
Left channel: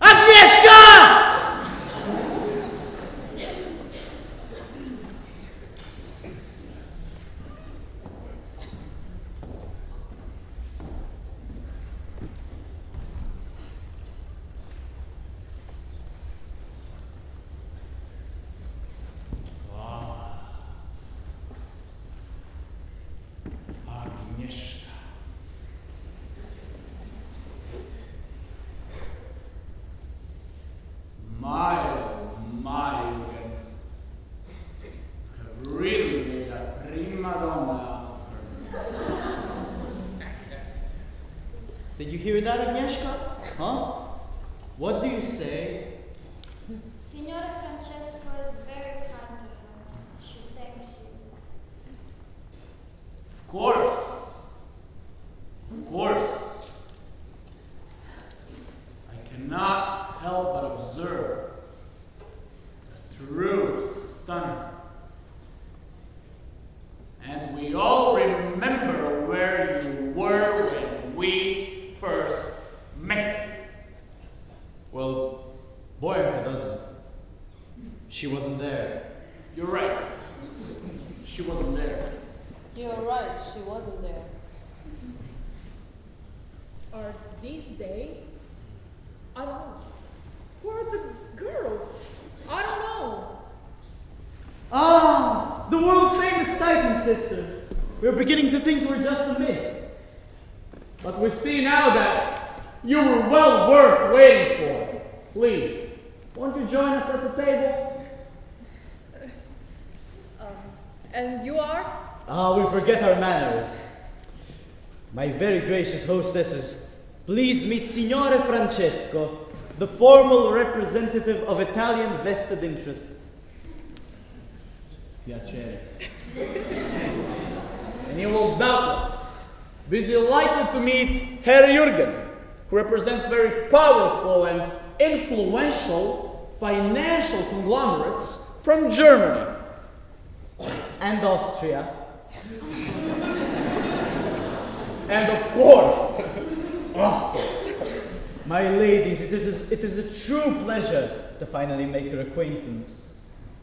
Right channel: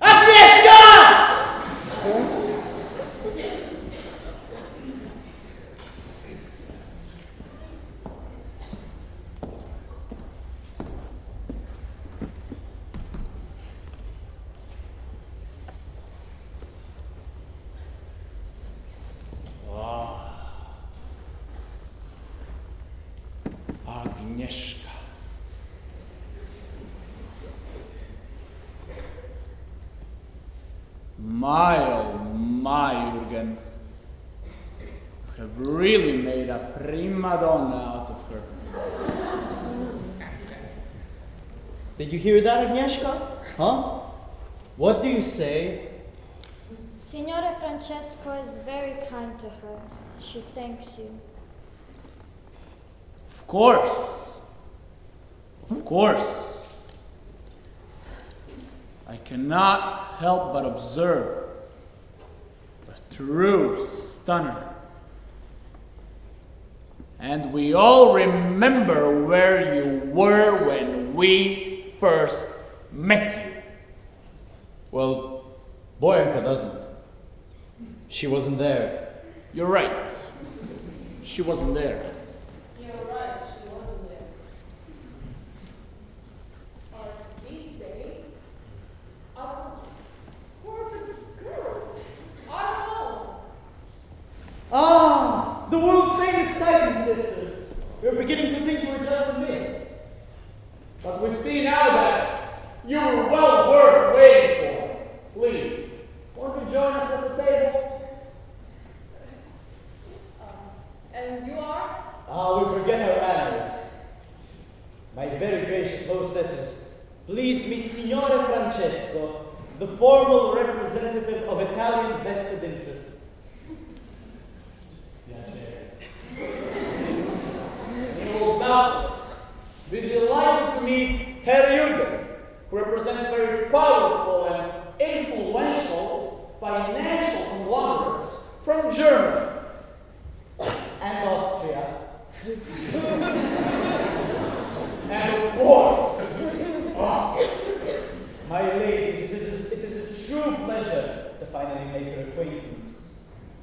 Agnieszka! Agnieszka. My, oh my, Jürgen. You have really made a prima donna out of her. Did you hear that, Agnieszka? Huh? What do you say? Signora Francesco is very kind to her. She thanks you. Of course. Of course. I cannot help but observe a true stunner. And we all remember where you were when we first met you. Well, Boyanka doesn't. She wasn't there. You're right. She wasn't there. You're right, she wasn't there. Are these they? I don't know. Who are the girls? I don't know. Ah, the world famous Titan sisters. We're beginning to think we're just a myth. But we see now that you were well worth waiting for. Please, won't you join us at the table? And you are? Ah, we forget our manners. My very gracious hostesses, please meet Signore Francesco, the formal representative of Italian vested interests. Piacere. And you will doubtless be delighted to meet Herr Jürgen, who represents very powerful and influential financial conglomerates from Germany. And Austria. And of course, Austria. My ladies, it is a true pleasure to finally make your acquaintance.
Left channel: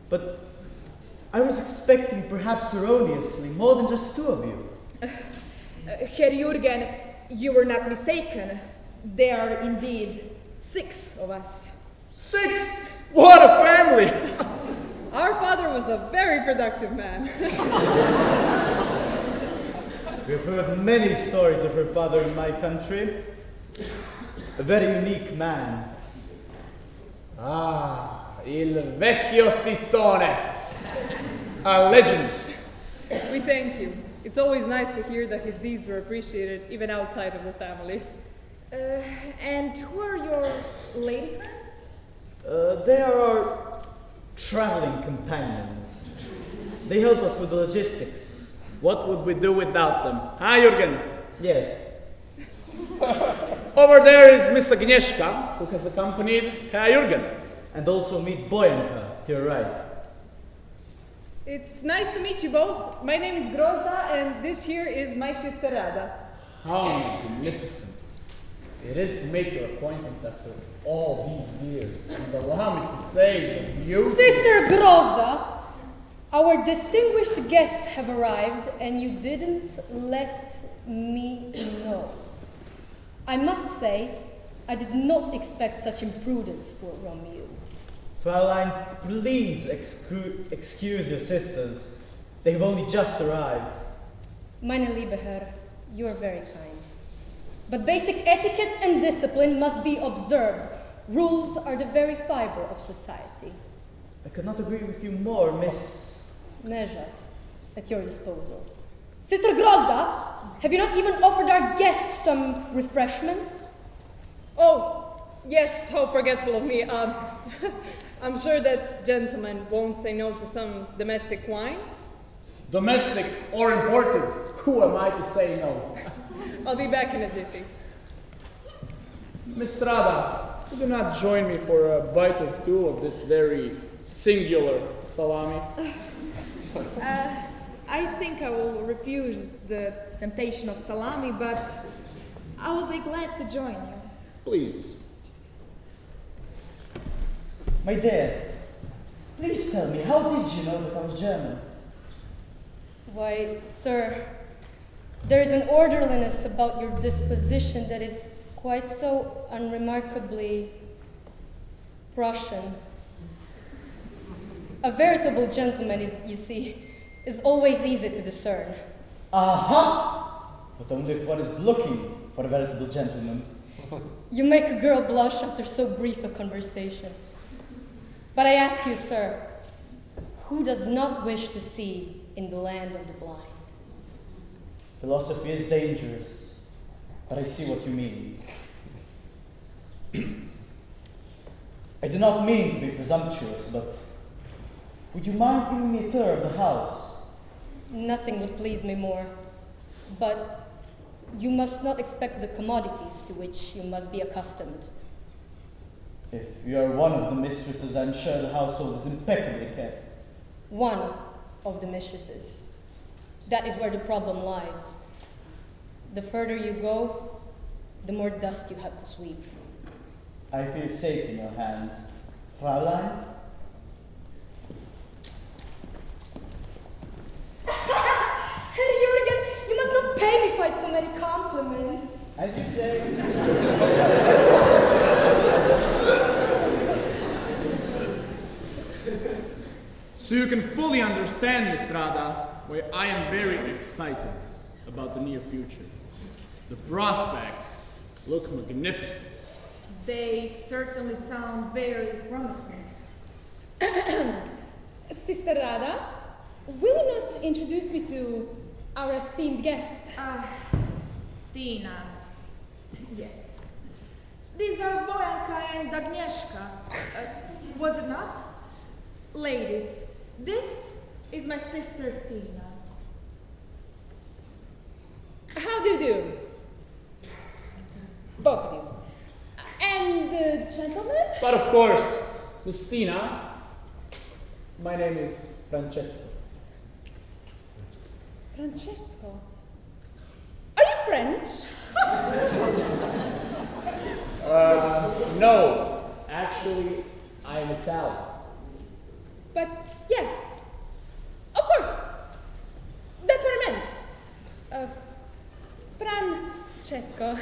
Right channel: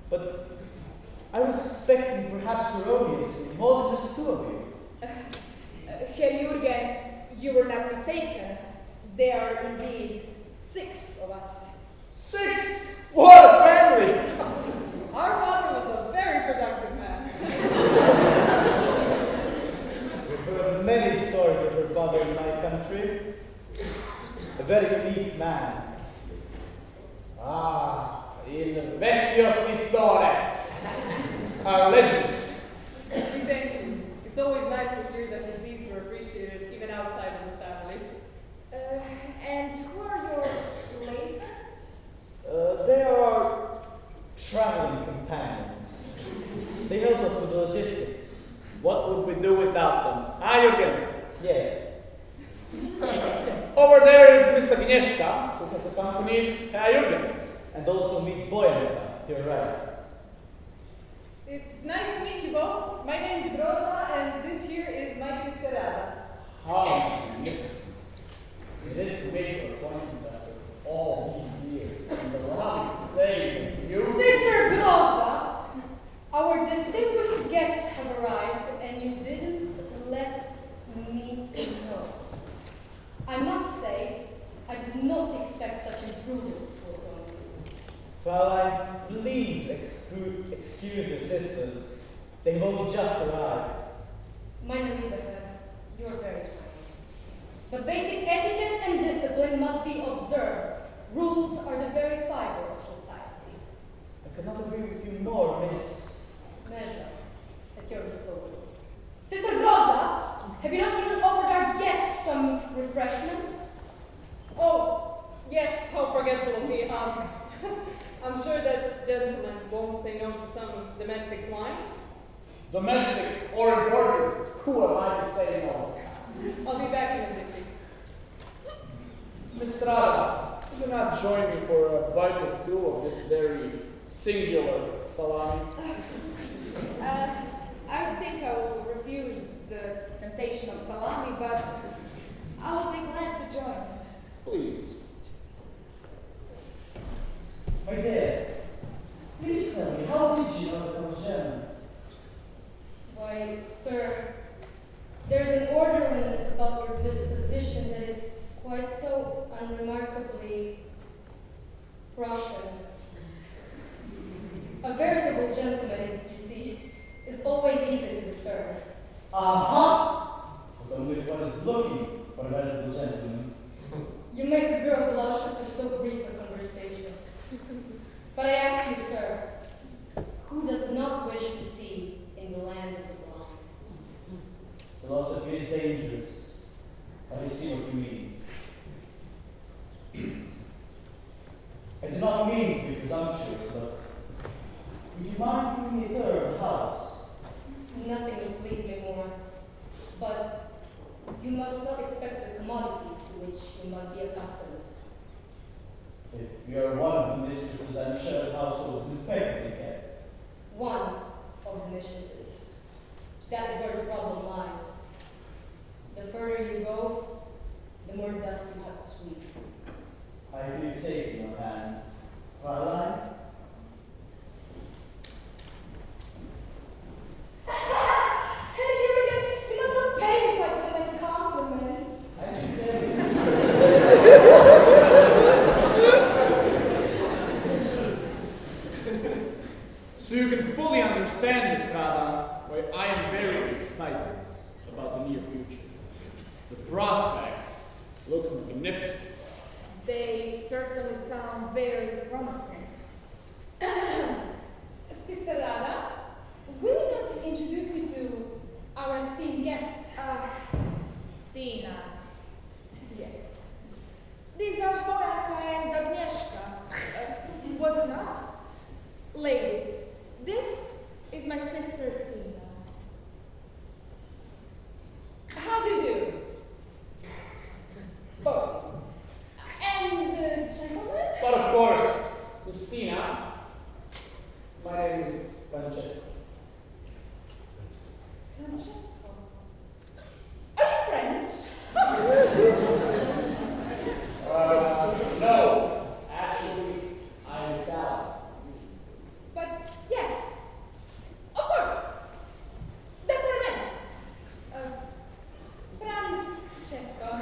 But I was expecting, perhaps erroneously, more than just two of you. Herr Jürgen, you were not mistaken. There are indeed 6 of us. 6? What a family! Our father was a very productive man. We've heard many stories of her father in my country. A very unique man. Ah, il vecchio Titone. A legend. We thank you. It's always nice to hear that his deeds were appreciated, even outside of the family. And who are your lady friends? They are our traveling companions. They help us with the logistics. What would we do without them? Huh, Jürgen? Yes. Over there is Miss Agnieszka, who has accompanied Herr Jürgen. And also meet Boyanka, to your right. It's nice to meet you both. My name is Grozda, and this here is my sister Rada. How magnificent. It is to make your acquaintance after all these years. And allow me to say that you... Sister Grozda, our distinguished guests have arrived, and you didn't let me know. I must say, I did not expect such imprudence from you. Fraulein, please excuse your sisters. They've only just arrived. Meine liebe Herr, you are very kind. But basic etiquette and discipline must be observed. Rules are the very fiber of society. I could not agree with you more, Miss... Neja, at your disposal. Sister Grozda, have you not even offered our guests some refreshments? Oh, yes, how forgetful of me. I'm sure that gentlemen won't say no to some domestic wine. Domestic or imported, who am I to say no? I'll be back in a jiffy. Miss Rada, would you not join me for a bite or two of this very singular salami? I think I will refuse the temptation of salami, but I will be glad to join you. Please. My dear, please tell me, how did you know that I was German? Why, sir, there is an orderliness about your disposition that is quite so unremarkably Prussian. A veritable gentleman is, you see, is always easy to discern. Aha! But only if one is looking for a veritable gentleman. You make a girl blush after so brief a conversation. But I ask you, sir, who does not wish to see in the land of the blind? Philosophy is dangerous, but I see what you mean. I do not mean to be presumptuous, but would you mind giving me a tour of the house? Nothing would please me more, but you must not expect the commodities to which you must be accustomed. If you are one of the mistresses, I'm sure the household is impeccably kept. One of the mistresses. That is where the problem lies. The further you go, the more dust you have to sweep. I feel safe in your hands. Fraulein? Herr Jürgen, you must not pay me quite so many compliments. I should say... So you can fully understand, Miss Rada, why I am very excited about the near future. The prospects look magnificent. They certainly sound very promising. Sister Rada, will you not introduce me to our esteemed guest? Tina. Yes. These are Boyanka and Agnieszka. Was it not? Ladies, this is my sister Tina. How do you do? Both of you. And the gentleman? But of course, Christina, my name is Francesco. Francesco? Are you French? No, actually, I'm Italian. But yes, of course. That's what I meant. Francesco.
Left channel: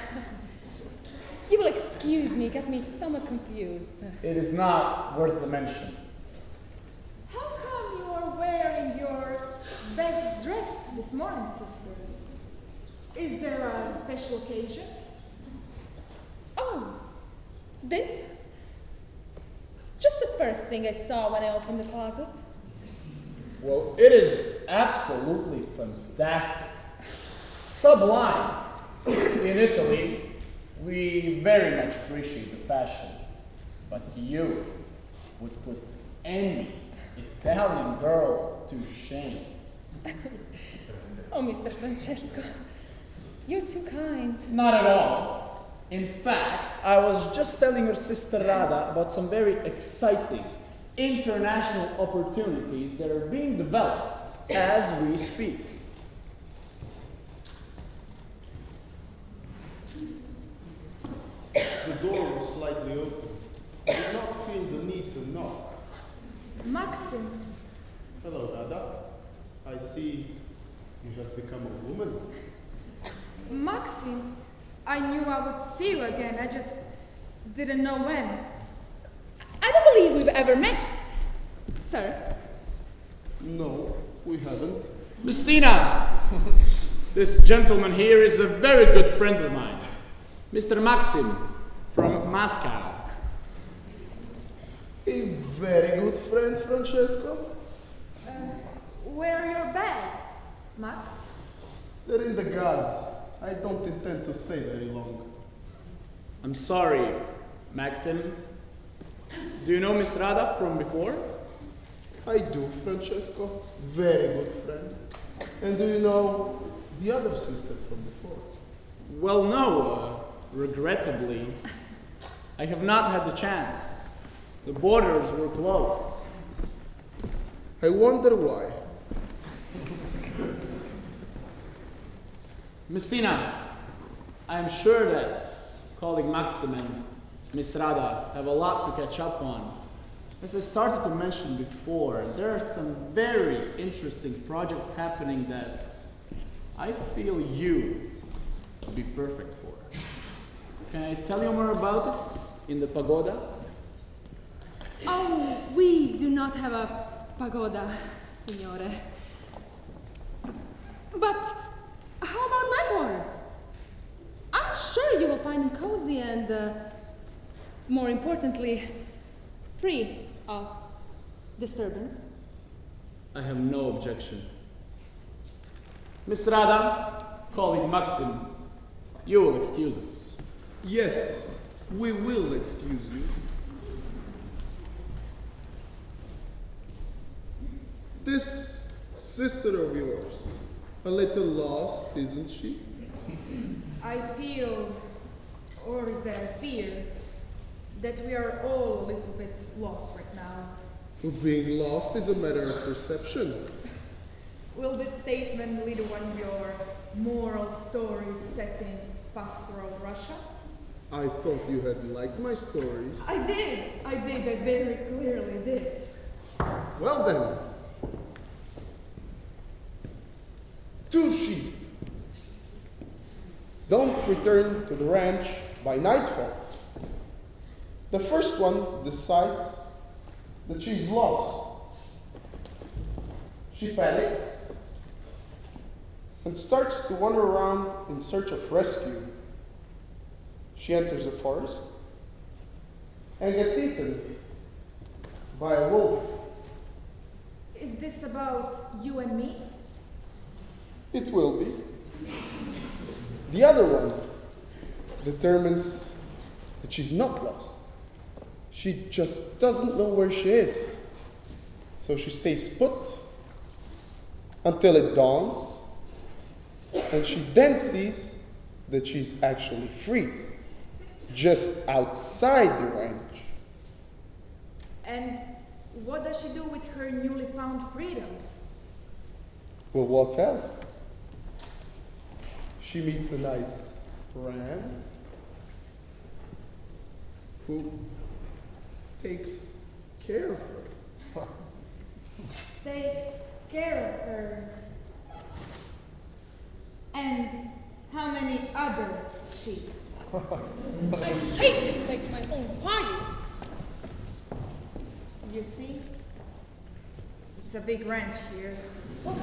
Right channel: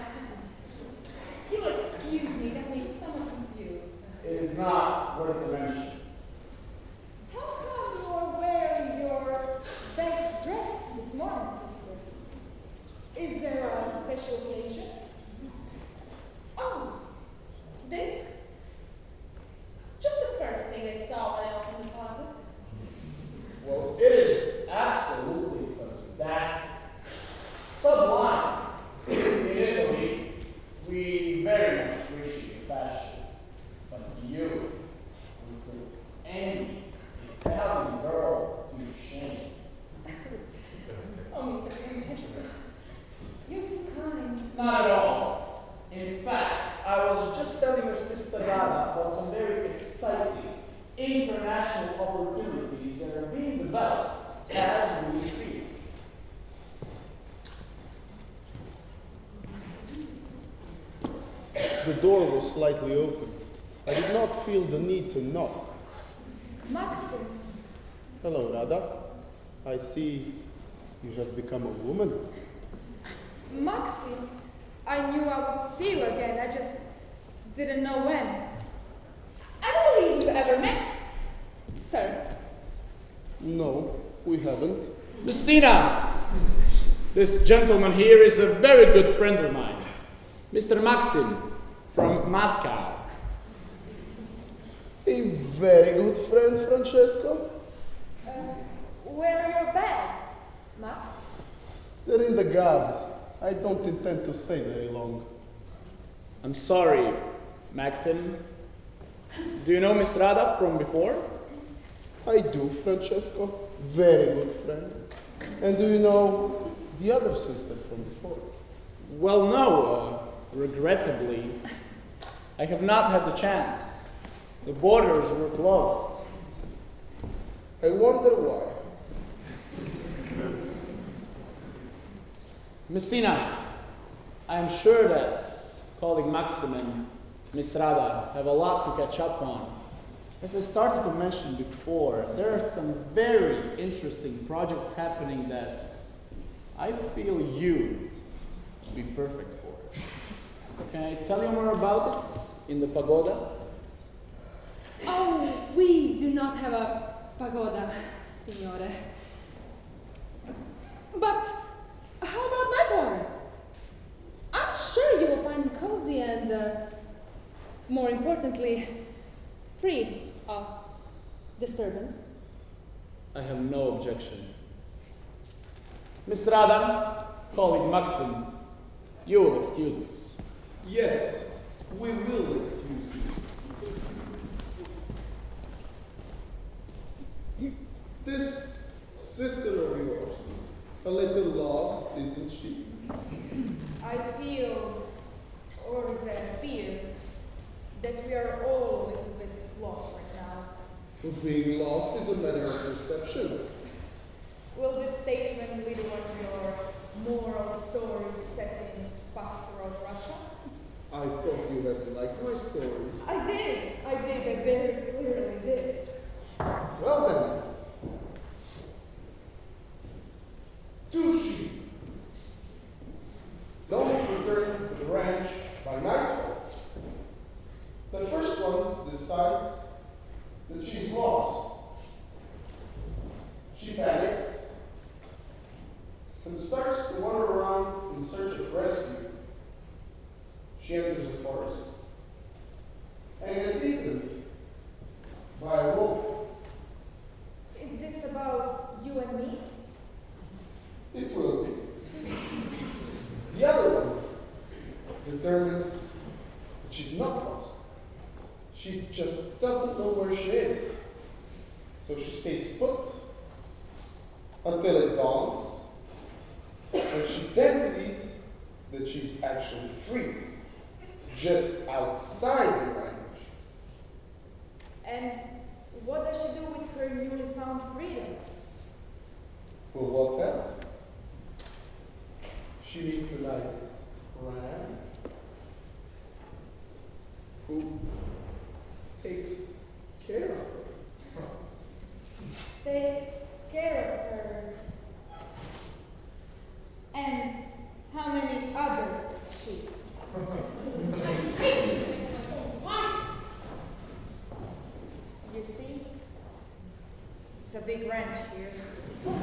You will excuse me, got me somewhat confused. It is not worth the mention. How come you are wearing your best dress this morning, sister? Is there a special occasion? Oh, first thing I saw when I opened the closet. Well, it is absolutely fantastic. Sublime. In Italy, we very much appreciate the fashion, but you would put any Italian girl to shame. Oh, Mr. Francesco, you're too kind. Not at all. In fact, I was just telling your sister Rada about some very exciting international opportunities that are being developed as we speak. The door was slightly open. I did not feel the need to knock. Maxim, Hello, Rada. I see you have become a woman. Maxim, I knew I would see you again. I just didn't know when. I don't believe we've ever met, sir. No, we haven't. Miss Tina, this gentleman here is a very good friend of mine, Mr. Maxim from Moscow. A very good friend, Francesco. Where are your bags, Max? They're in the gas. I don't intend to stay very long. I'm sorry, Maxim. Do you know Miss Rada from before? I do, Francesco. Very good friend. And do you know the other sister from before? Well, no. Regrettably, I have not had the chance. The borders were closed. I wonder why. Miss Tina, I am sure that colleague Maxim and Miss Rada have a lot to catch up on. As I started to mention before, there are some very interesting projects happening that I feel you would be perfect for. Can I tell you more about it in the pagoda? Oh, we do not have a pagoda, signore. But how about my quarters? I'm sure you will find them cozy and, more importantly, free of disturbance. I have no objection. Miss Rada, colleague Maxim, you will excuse us. Yes, we will excuse you. This sister of yours, a little lost, isn't she? I feel, or is that I fear, that we are all a little bit lost right now. Being lost is a matter of perception. Will this statement lead one of your moral stories set in pastoral Russia? I thought you had liked my stories. I very clearly did. Well then. 2 sheep. Don't return to the ranch by nightfall. The first one decides that she's lost. She panics and starts to wander around in search of rescue. She enters a forest and gets eaten by a wolf. Is this about you and me? It will be. The other one determines that she's not lost. She just doesn't know where she is. So she stays put until it dawns, and she then sees that she's actually free, just outside the ranch. And what does she do with her newly found freedom? Well, what else? She meets a nice ram who takes care of her. Takes care of her. And how many other sheep? I hate to take my own parties. You see? It's a big ranch here. But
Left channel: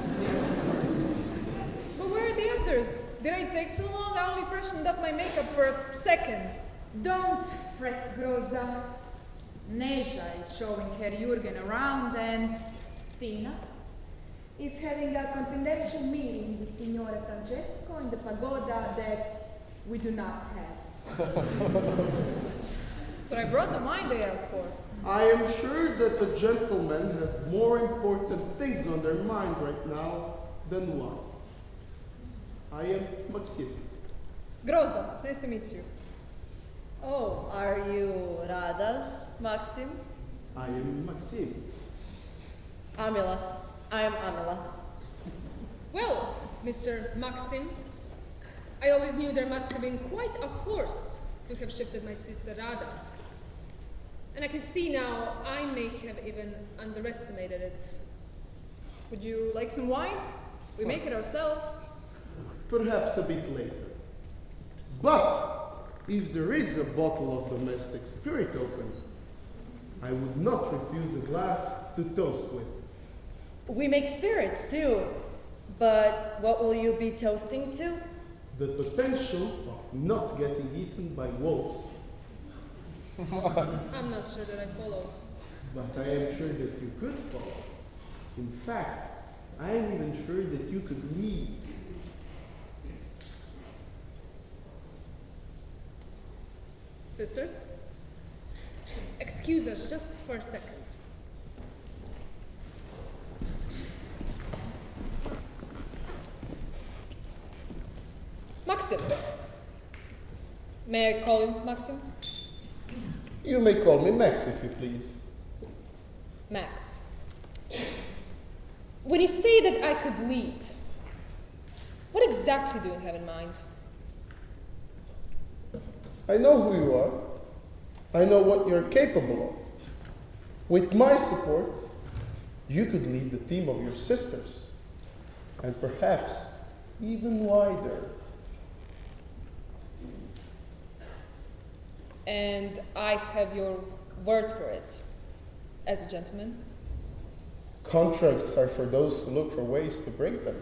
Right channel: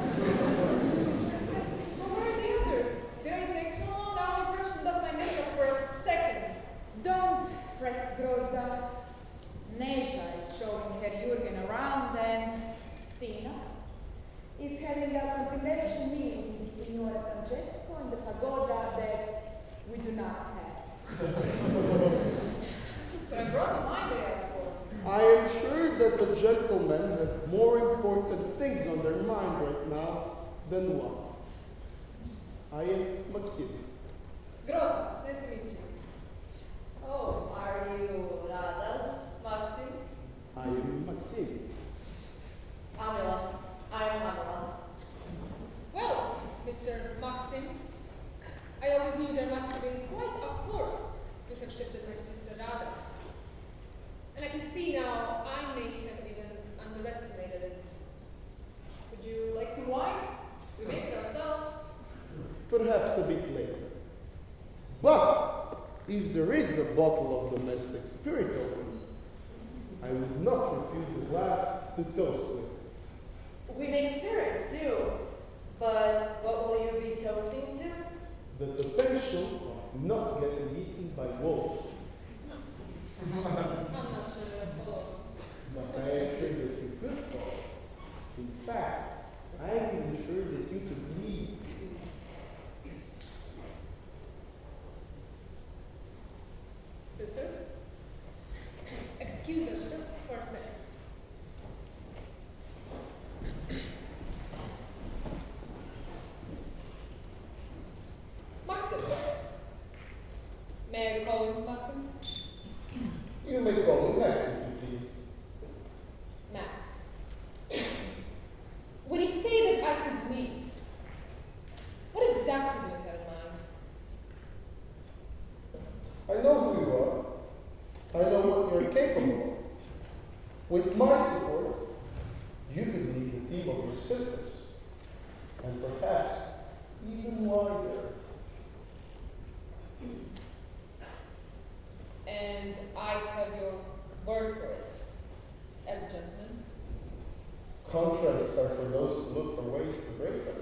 where are the others? Did I take so long? I only freshened up my makeup for a second. Don't fret, Groza. Neja is showing Herr Jürgen around, and Tina is having a confidential meeting with Signore Francesco in the pagoda that we do not have. But I brought the wine they asked for. I am sure that the gentlemen have more important things on their mind right now than wine. I am Maxim. Grozda, nice to meet you. Oh, are you Radas, Maxim? I am Maxim. Amila. I'm Amila. Well, Mr. Maxim, I always knew there must have been quite a force to have shifted my sister Rada. And I can see now I may have even underestimated it. Would you like some wine? We make it ourselves. Perhaps a bit later. But if there is a bottle of domestic spirit open, I would not refuse a glass to toast with. We make spirits too. But what will you be toasting to? The potential of not getting eaten by wolves. I'm not sure that I follow. But I am sure that you could follow. In fact, I am even sure that you could lead. Sisters, excuse us just for a second. Maxim. May I call you Maxim? You may call me Max if you please. Max. When you say that I could lead, what exactly do you have in mind? I know who you are. I know what you're capable of. With my support, you could lead the team of your sisters. And perhaps even wider. And I have your word for it, as a gentleman. Contracts are for those who look for ways to break them.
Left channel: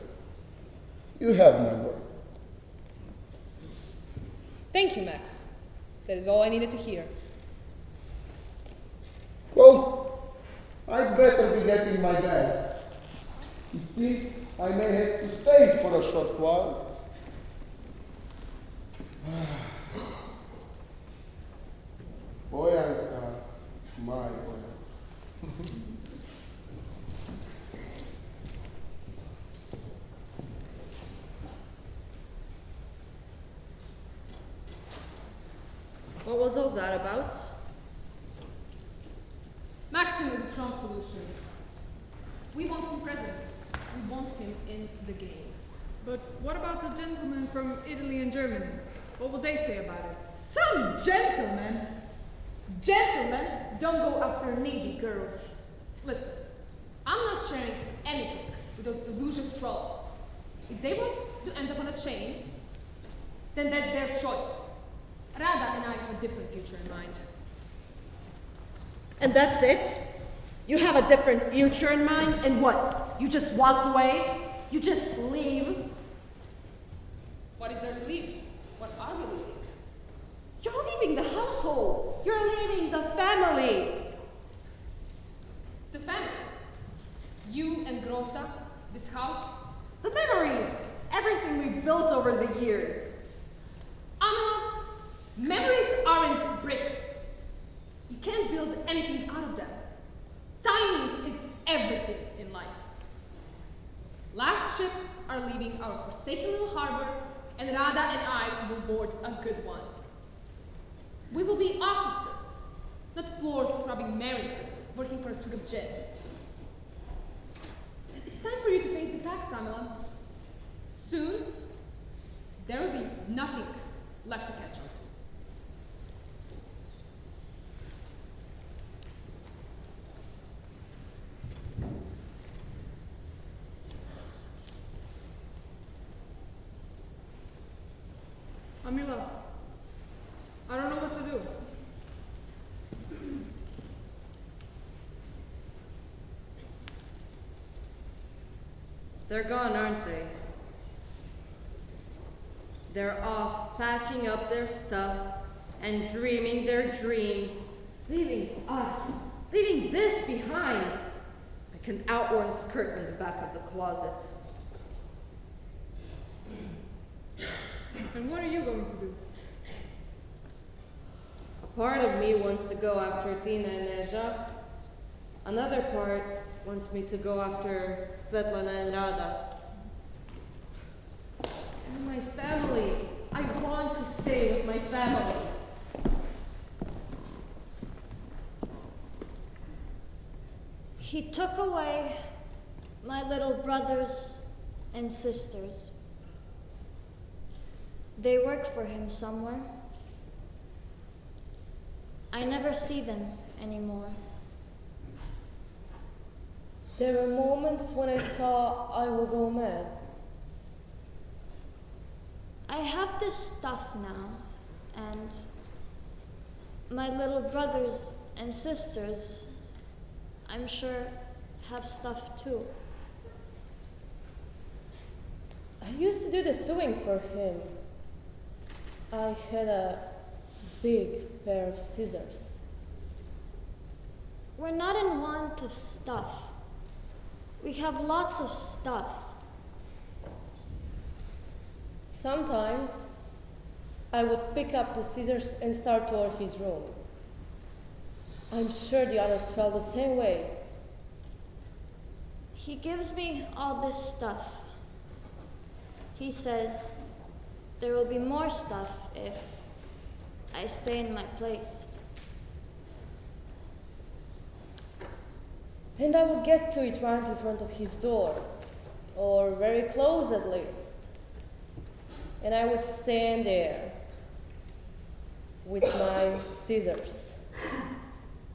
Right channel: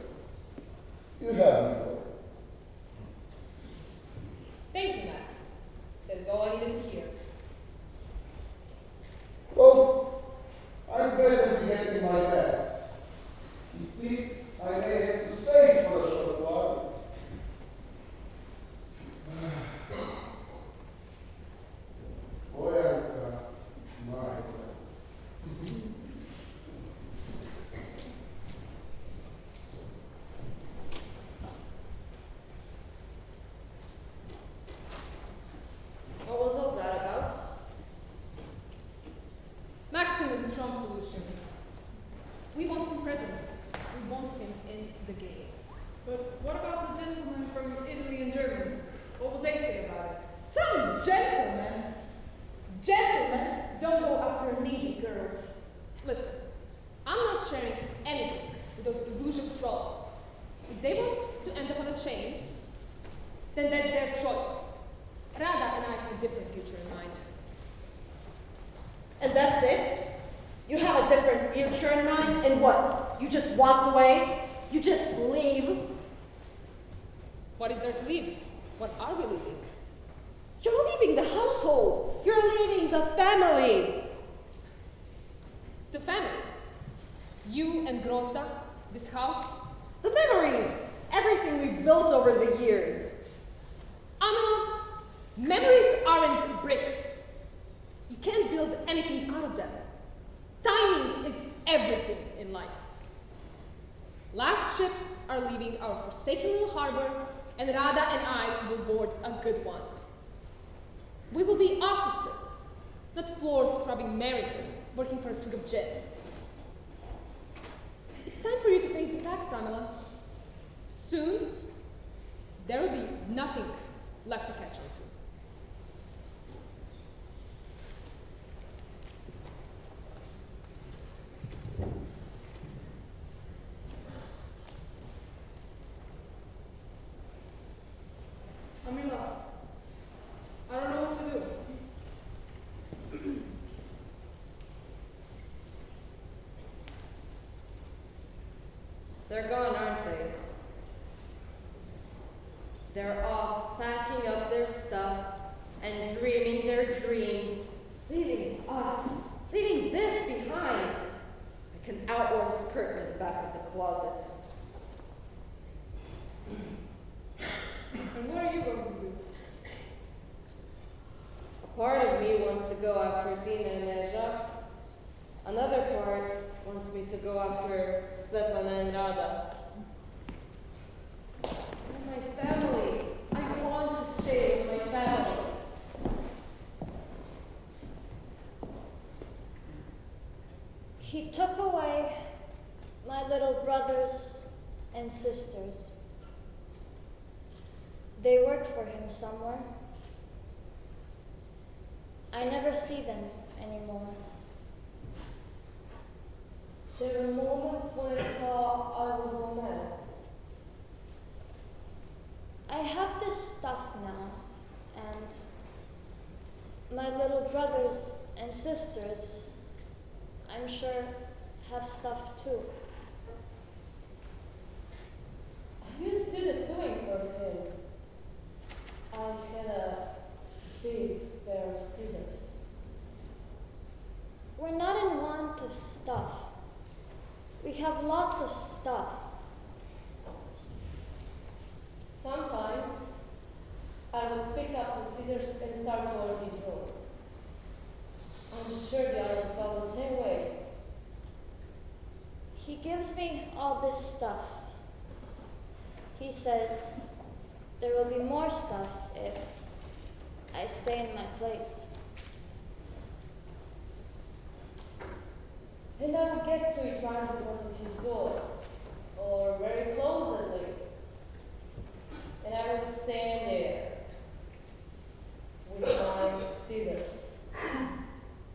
You have my word. Thank you, Max. That is all I needed to hear. Well, I'd better be getting my bags. It seems I may have to stay for a short while. Boyanka, my. What was all that about? Maxim is a strong solution. We want him present. We want him in the game. But what about the gentlemen from Italy and Germany? What will they say about it? Some gentlemen. Gentlemen don't go after needy girls. Listen, I'm not sharing anything with those illusion trolls. If they want to end up on a chain, then that's their choice. Rada and I have a different future in mind. And that's it? You have a different future in mind? And what? You just walk away? You just leave? What is there to leave? What are we leaving? You're leaving the household. You're leaving the family. The family. You and Groza, this house. The memories. Everything we've built over the years. Amila, memories aren't bricks. You can't build anything out of them. Timing is everything in life. Last ships are leaving our forsaken little harbor, and Rada and I will board a good one. We will be officers, not floor-scrubbing mariners working for a suit of gin. It's time for you to face the facts, Amila. Soon, there will be nothing left to catch on to. Amila, I don't know what to do. They're gone, aren't they? They're off packing up their stuff and dreaming their dreams, leaving us. this behind like an outworn skirt in the back of the closet. And what are you going to do? A part of me wants to go after Tina and Nezha. Another part wants me to go after Svetlana and Rada. And my family. I want to stay with my family. He took away my little brothers and sisters. They work for him somewhere. I never see them anymore. There were moments when I thought I would go mad. I have this stuff now, and my little brothers and sisters, I'm sure, have stuff too. I used to do the sewing for him. I had a big pair of scissors. We're not in want of stuff. We have lots of stuff. Sometimes I would pick up the scissors and start toward his room. I'm sure the others felt the same way. He gives me all this stuff. He says there will be more stuff if I stay in my place. And I would get to it right in front of his door, or very close at least. And I would stand there with my scissors,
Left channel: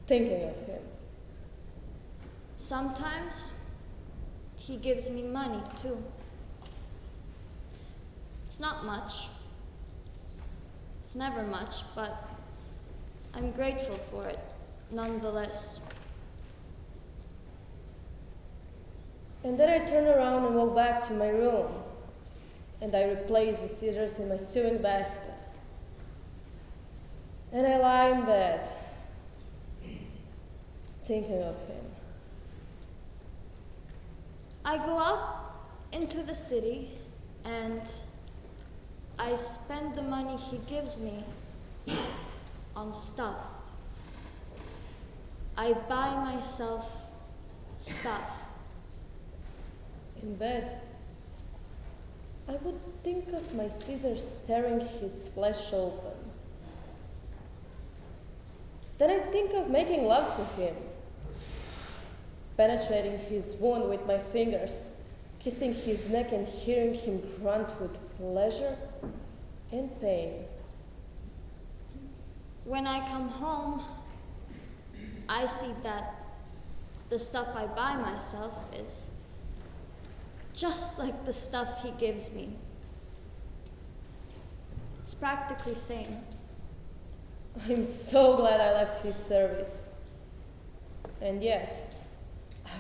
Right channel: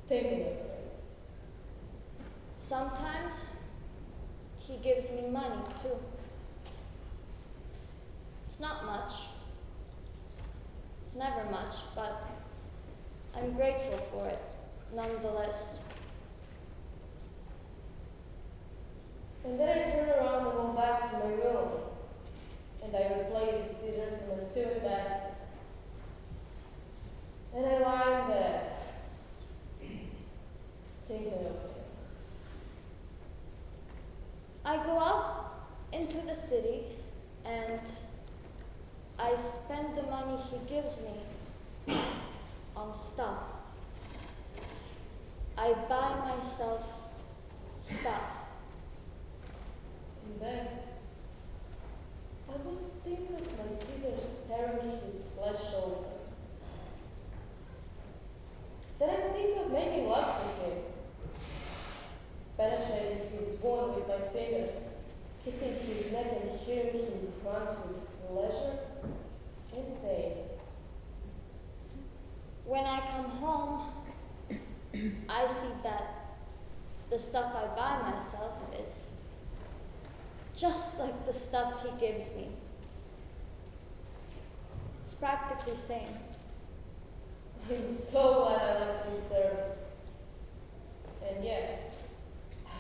thinking of him. Sometimes he gives me money too. It's not much. It's never much, but I'm grateful for it nonetheless. And then I turn around and walk back to my room, and I replace the scissors in my sewing basket. And I lie in bed, thinking of him. I go out into the city and I spend the money he gives me on stuff. I buy myself stuff. In bed, I would think of my scissors tearing his flesh open. Then I think of making love to him, penetrating his wound with my fingers, kissing his neck and hearing him grunt with pleasure and pain. When I come home, I see that the stuff I buy myself is just like the stuff he gives me. It's practically same. I'm so glad I left his service. And yet, I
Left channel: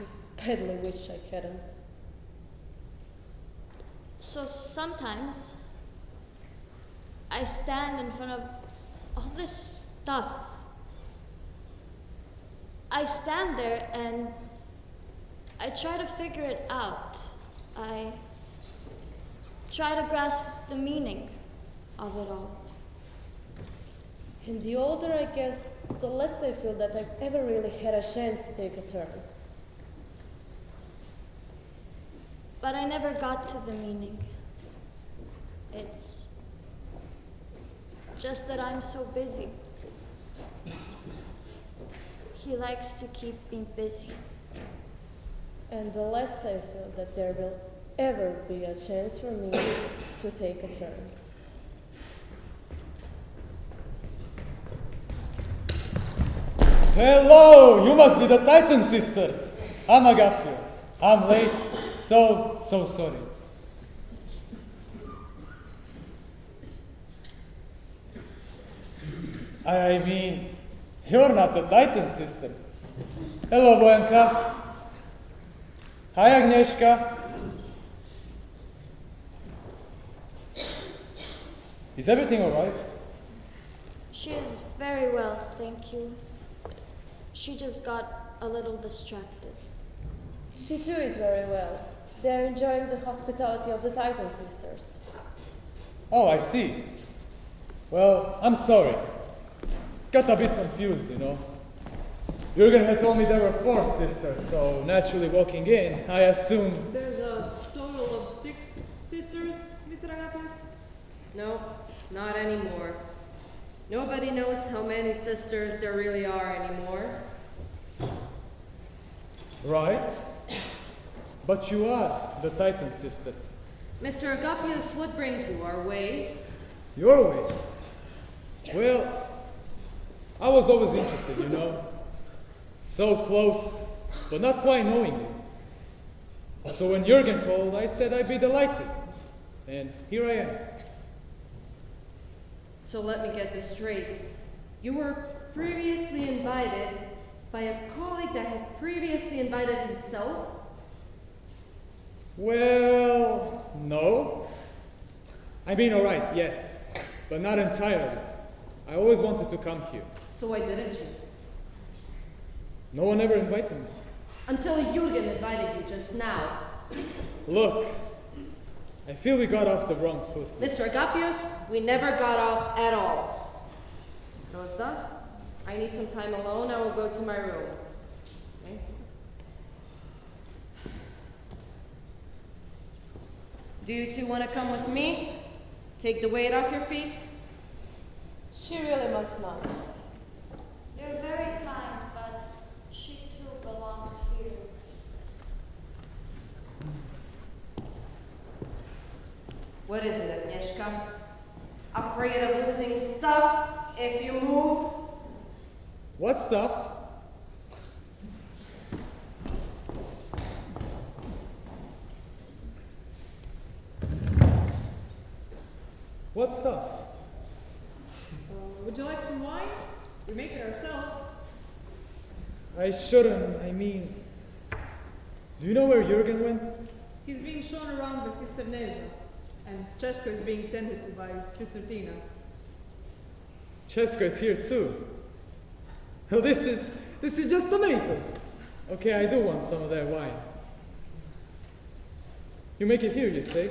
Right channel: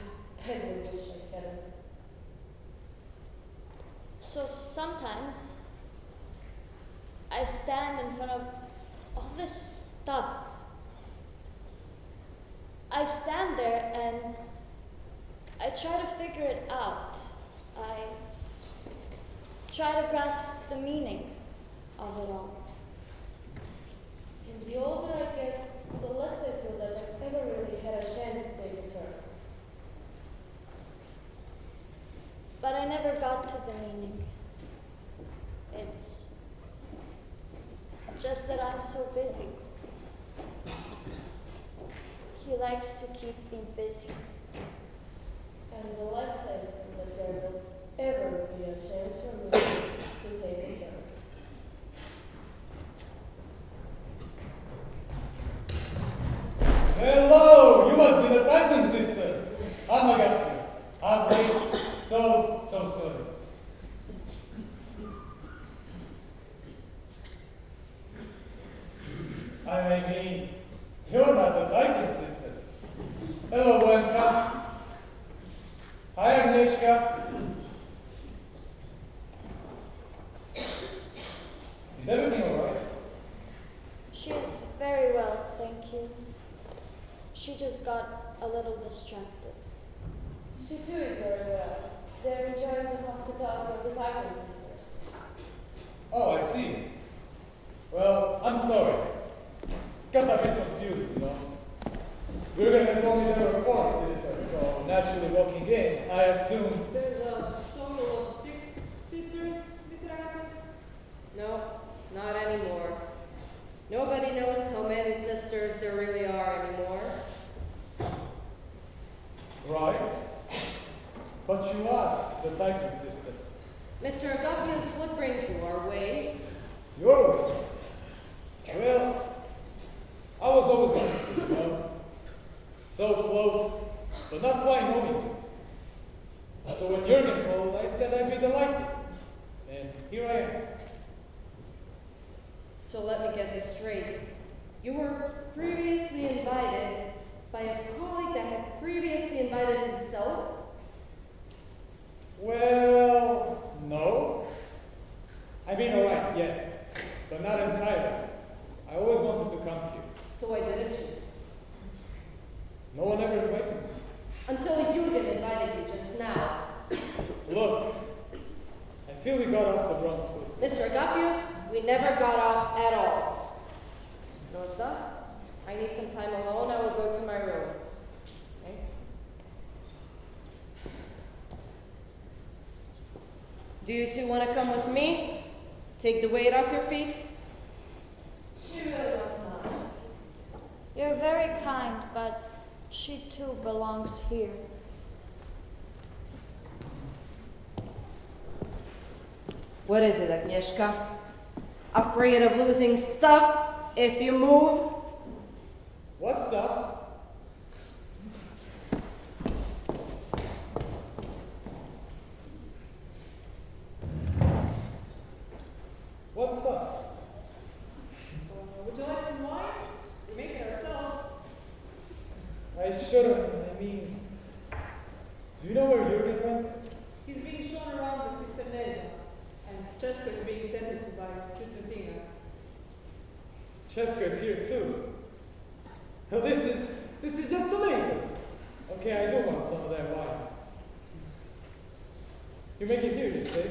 badly wish I hadn't. So sometimes I stand in front of all this stuff. I stand there and I try to figure it out. I try to grasp the meaning of it all. And the older I get, the less I feel that I've ever really had a chance to take a turn. But I never got to the meaning. It's just that I'm so busy. He likes to keep me busy. And the less I feel that there will ever be a chance for me to take a turn. Hello, you must be the Titan sisters. I'm Agapios. I'm late. So sorry. I mean, you're not the Titan sisters. Hello, Bojanka. Hi, Agnieszka. Is everything alright? She is very well, thank you. She just got a little distracted. She too is very well. They're enjoying the hospitality of the Titan sisters. Oh, I see. Well, I'm sorry. Got a bit confused, you know. Jürgen had told me there were 4 sisters, so naturally walking in, I assumed. There's a total of 6 sisters, Mr. Agapios? No, not anymore. Nobody knows how many sisters there really are anymore. Right. But you are the Titan sisters. Mr. Agapios, what brings you our way? Your way. Well, I was always interested, you know. So close, but not quite knowing you. So when Jürgen called, I said I'd be delighted. And here I am. So let me get this straight. You were previously invited by a colleague that had previously invited himself? Well, no. I mean, all right, yes, but not entirely. I always wanted to come here. So why didn't you? No one ever invited me. Until Jürgen invited you just now. Look, I feel we got off the wrong foot. Mr. Agapios, we never got off at all. Rosa, I need some time alone. I will go to my room. Okay? Do you two want to come with me? Take the weight off your feet? She really must not. You're very kind, but she too belongs here. What is it, Agnieszka? Afraid of losing stuff if you move? What stuff? What stuff? Would you like some wine? We make it ourselves. I shouldn't, I mean... Do you know where Jürgen went? He's being shown around by Sister Neja, and Cheska is being tended to by Sister Tina. Cheska's here too. Oh, this is just tomatoes. Okay, I do want some of that wine. You make it here, you say?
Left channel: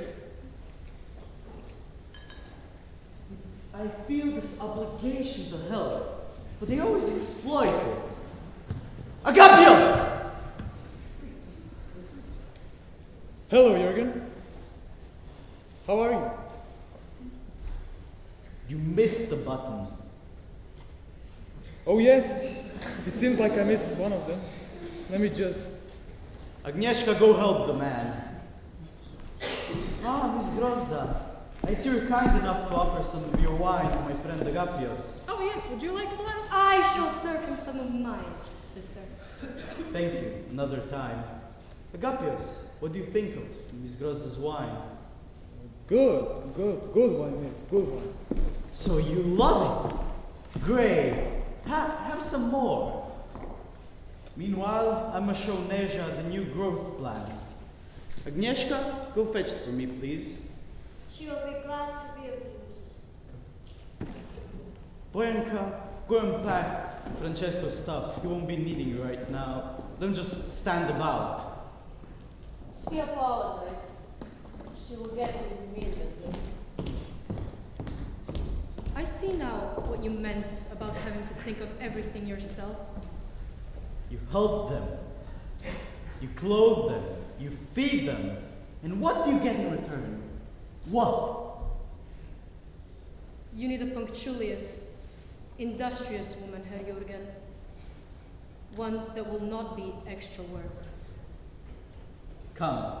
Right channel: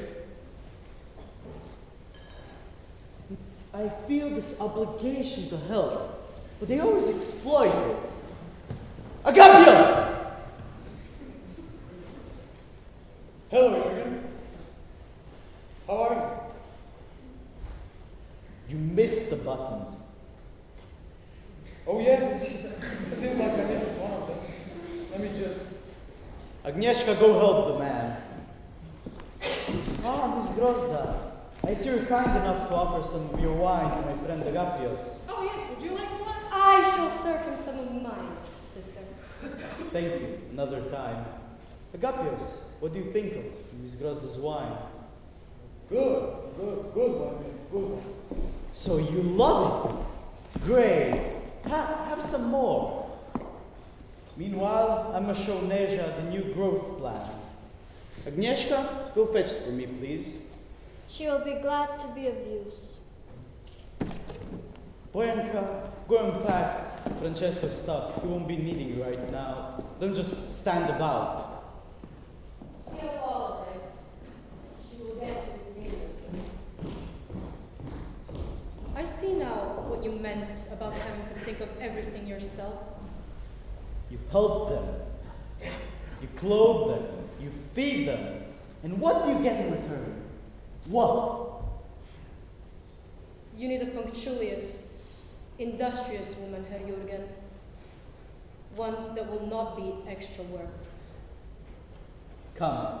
I feel this obligation to help, but they always exploit it. Agapios! Hello, Jürgen. How are you? You missed the button. Oh, yes. It seems like I missed one of them. Let me just... Agnieszka, go help the man. Ah, Miss Grozda. I see you're kind enough to offer some of your wine to my friend Agapios. Oh yes, would you like a glass? I shall serve him some of mine, sister. Thank you. Another time. Agapios, what do you think of Miss Grozda's wine? Good one, miss. Good one. So you love it? Great. Have some more. Meanwhile, I must show Neja the new growth plan. Agnieszka, go fetch it for me, please. She will be glad to be of use. Boyanka, go and pack Francesco's stuff. He won't be needing it right now. Don't just stand about. She apologized. She will get it immediately. I see now what you meant about having to think of everything yourself. You help them. You clothe them. You feed them. And what do you get in return? What? You need a punctilious, industrious woman, Herr Jürgen. One that will not be extra work. Come.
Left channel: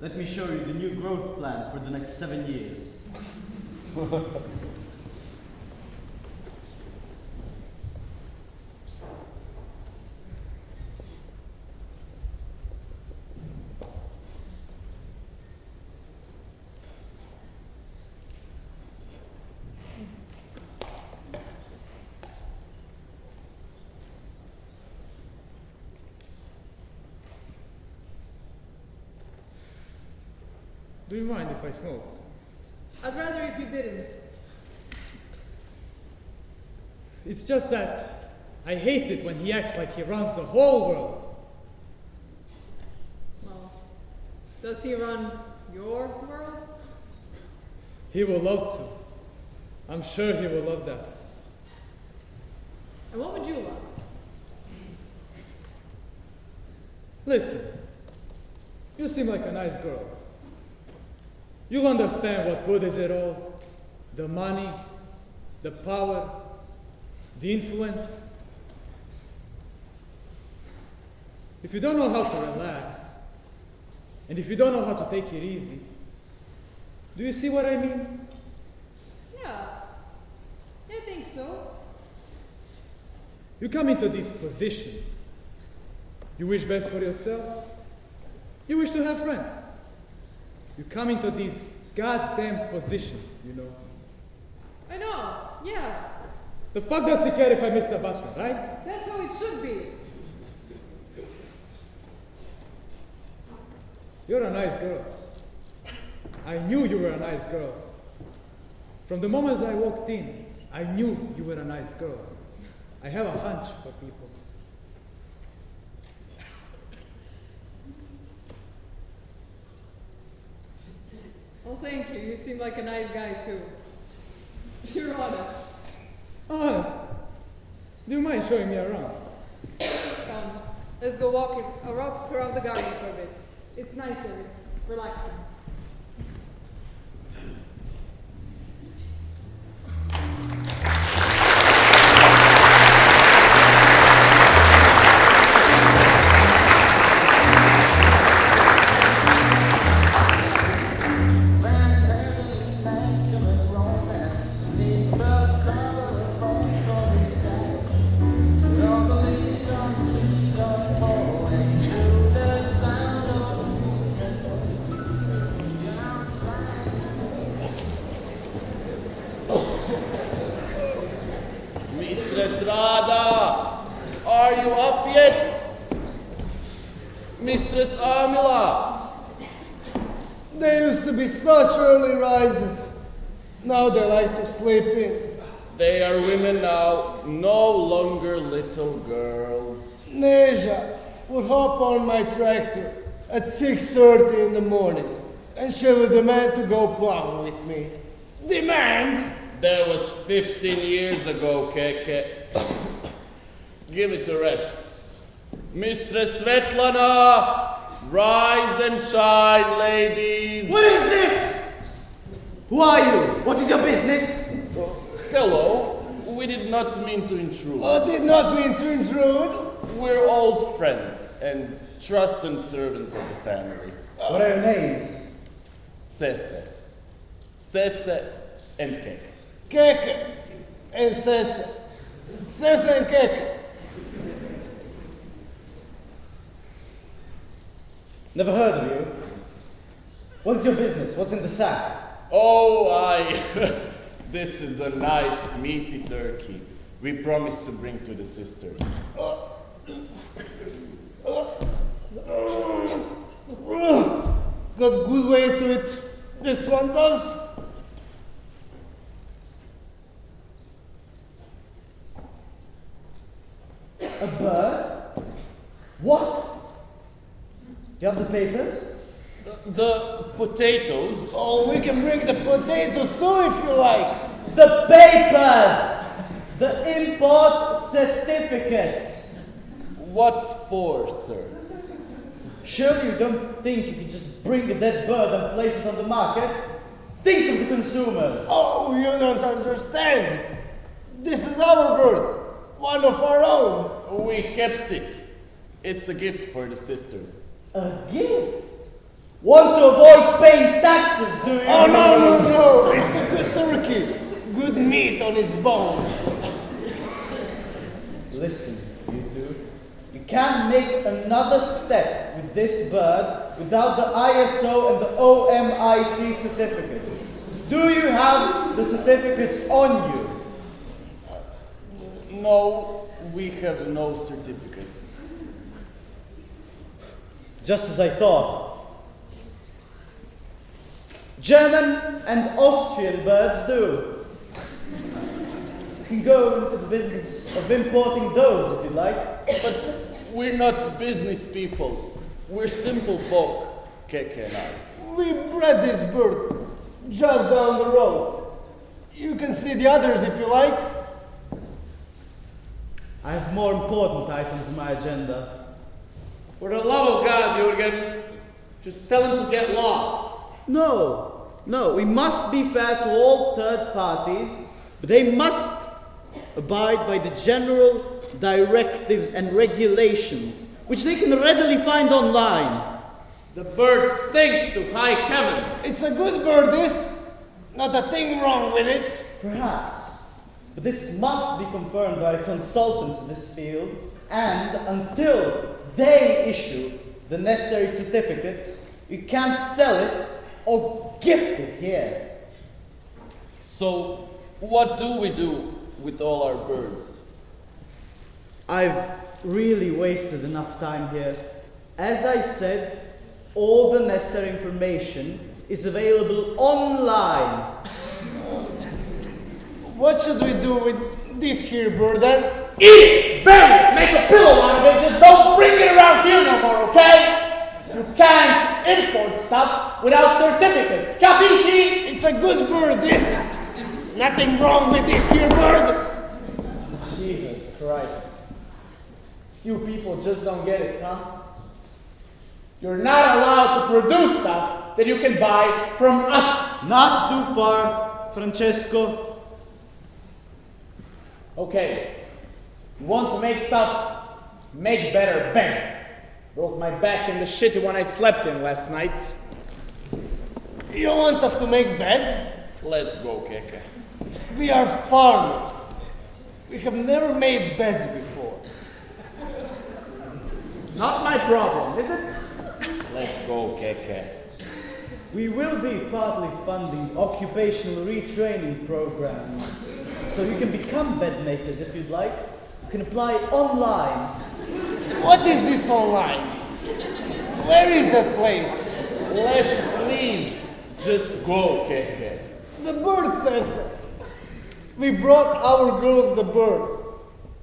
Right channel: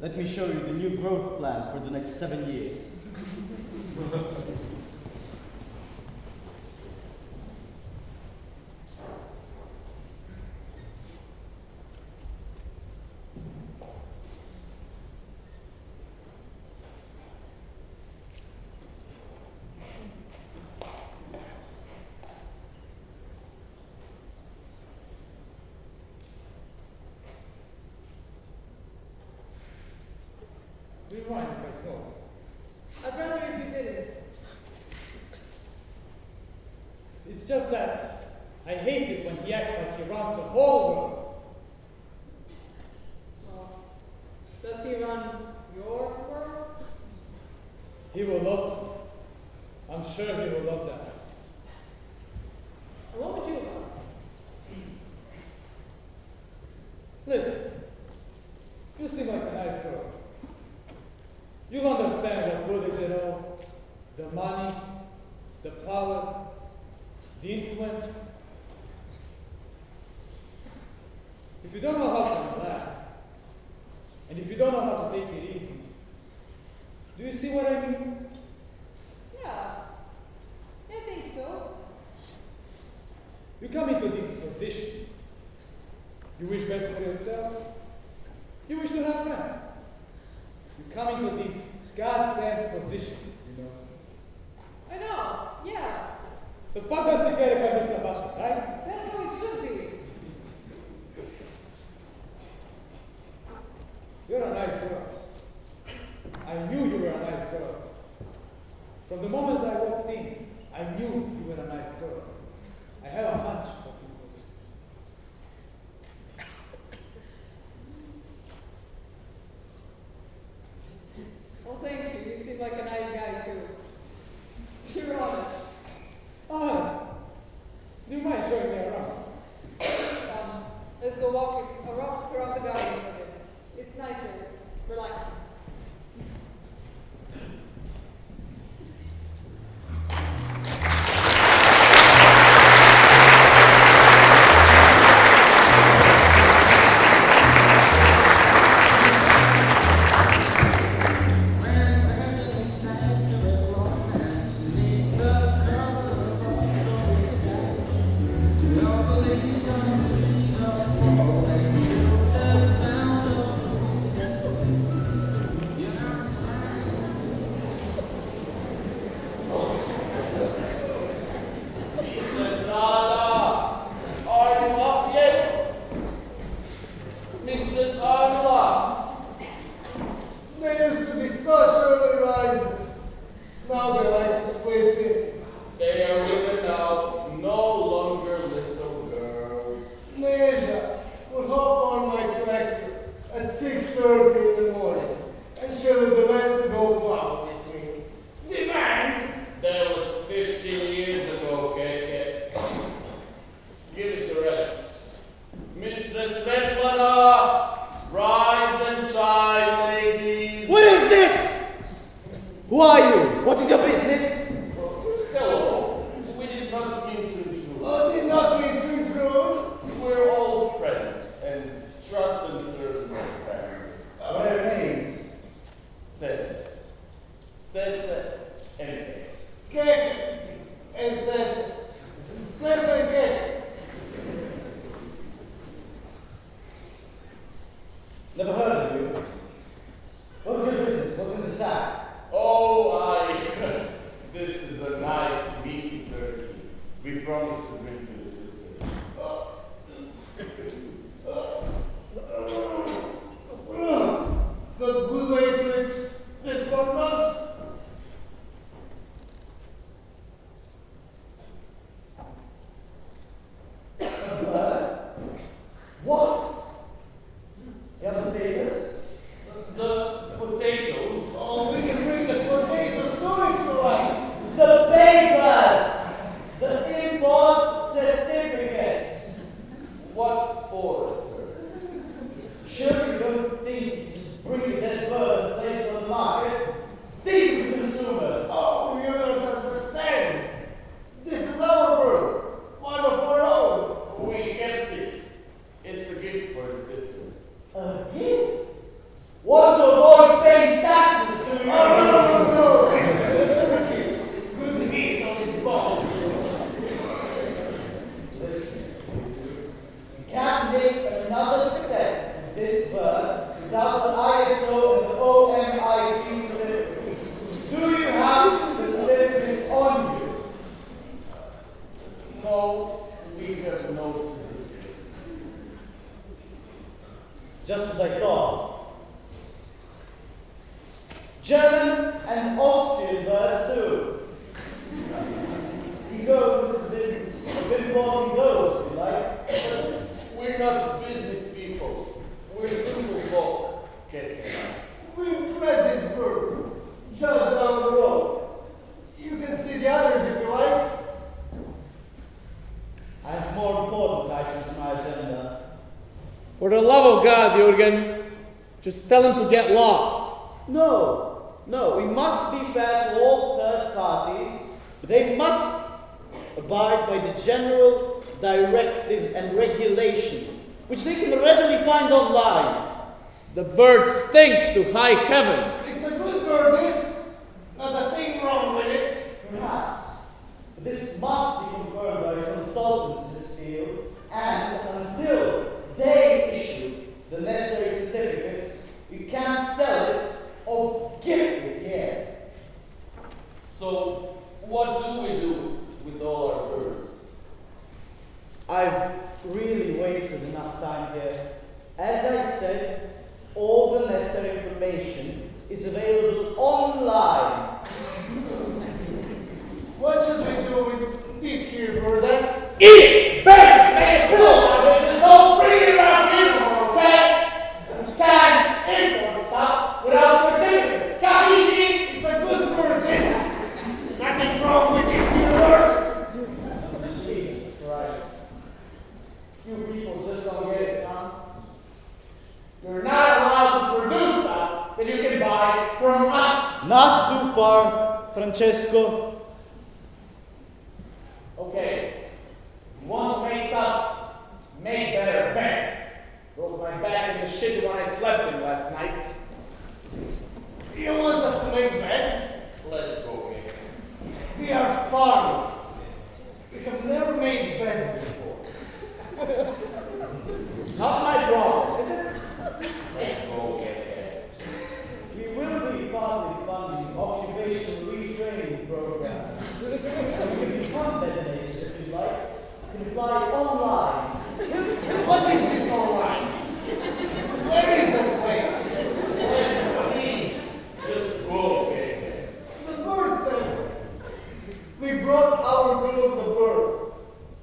Let me show you the new growth plan for the next 7 years. Do you mind if I smoke? I'd rather if you didn't. It's just that I hate it when he acts like he runs the whole world. Well, does he run your world? He will love to. I'm sure he will love that. And what would you love? Listen, you seem like a nice girl. You'll understand what good is it all. The money, the power, the influence. If you don't know how to relax, and if you don't know how to take it easy, do you see what I mean? Yeah, I think so. You come into these positions. You wish best for yourself. You wish to have friends. You come into these goddamn positions, you know. I know, yeah. The fuck does he care if I miss the button, right? That's how it should be. You're a nice girl. I knew you were a nice girl. From the moment I walked in, I knew you were a nice girl. I have a hunch for people. Well, thank you. You seem like a nice guy, too. You're honest. Honest? Do you mind showing me around? Come, let's go walk around the garden for a bit. It's nice here. It's relaxing. Mistress Rada, are you up yet? Mistress Amila. They used to be such early rises. Now they like to sleep in. They are women now, no longer little girls. Neja would hop on my tractor at 6:30 in the morning, and she would demand to go plowing with me. Demand? That was 15 years ago, Keke. Give it a rest. Mistress Svetlana, rise and shine, ladies. What is this? Who are you? What is your business? Hello. We did not mean to intrude. I did not mean to intrude. We're old friends and trusted servants of the family. What are your names? Sese. Sese and Keke. Keke and Sese. Sese and Keke. Never heard of you. What's your business? What's in the sack? Oh, this is a nice meaty turkey. We promised to bring to the sisters. Got good way to it. This one does. A bird? What? You have the papers? The potatoes. Oh, we can bring the potatoes too if you like. The papers! The import certificates. What for, sir? Surely you don't think you can just bring a dead bird and place it on the market? Think of the consumer. Oh, you don't understand. This is our bird. One of our own. We kept it. It's a gift for the sisters. A gift? Want to avoid paying taxes, do you? Oh, no. It's a good turkey. Good meat on its bones. Listen, you two. You can't make another step with this bird without the ISO and the OMIC certificates. Do you have the certificates on you? No, we have no certificates. Just as I thought. German and Austrian birds do. You can go into the business. of importing those, if you like. But we're not business people. We're simple folk, Keke and I. We bred this bird just down the road. You can see the others if you like. I have more important items on my agenda. For the love of God, Jürgen, just tell him to get lost. No, we must be fair to all third parties, but they must abide by the general directives and regulations, which they can readily find online. The bird stinks to high heaven. It's a good bird, this. Not a thing wrong with it. Perhaps, but this must be confirmed by consultants in this field, and until they issue the necessary certificates, you can't sell it or gift it here. So, what do we do with all our birds? I've really wasted enough time here. As I said, all the necessary information is available online. What should we do with this here bird then? Eat it! Bury it! Make a pillow out of it! Just don't bring it around here no more, okay? You can't import stuff without certificates. Capisci? It's a good bird, this. Nothing wrong with this here bird. Jesus Christ. You people just don't get it, huh? You're not allowed to produce stuff that you can buy from us. Not too far, Francesco. Okay. You want to make stuff? Make better beds. Broke my back in the shitty one I slept in last night. You want us to make beds? Let's go, Keke. We are farmers. We have never made beds before. Not my problem, is it? Let's go, Keke. We will be partly funding occupational retraining programs, so you can become bed makers if you'd like. You can apply online. What is this online? Where is that place? Let's please just go, Keke. The bird says so. We brought our girls the bird.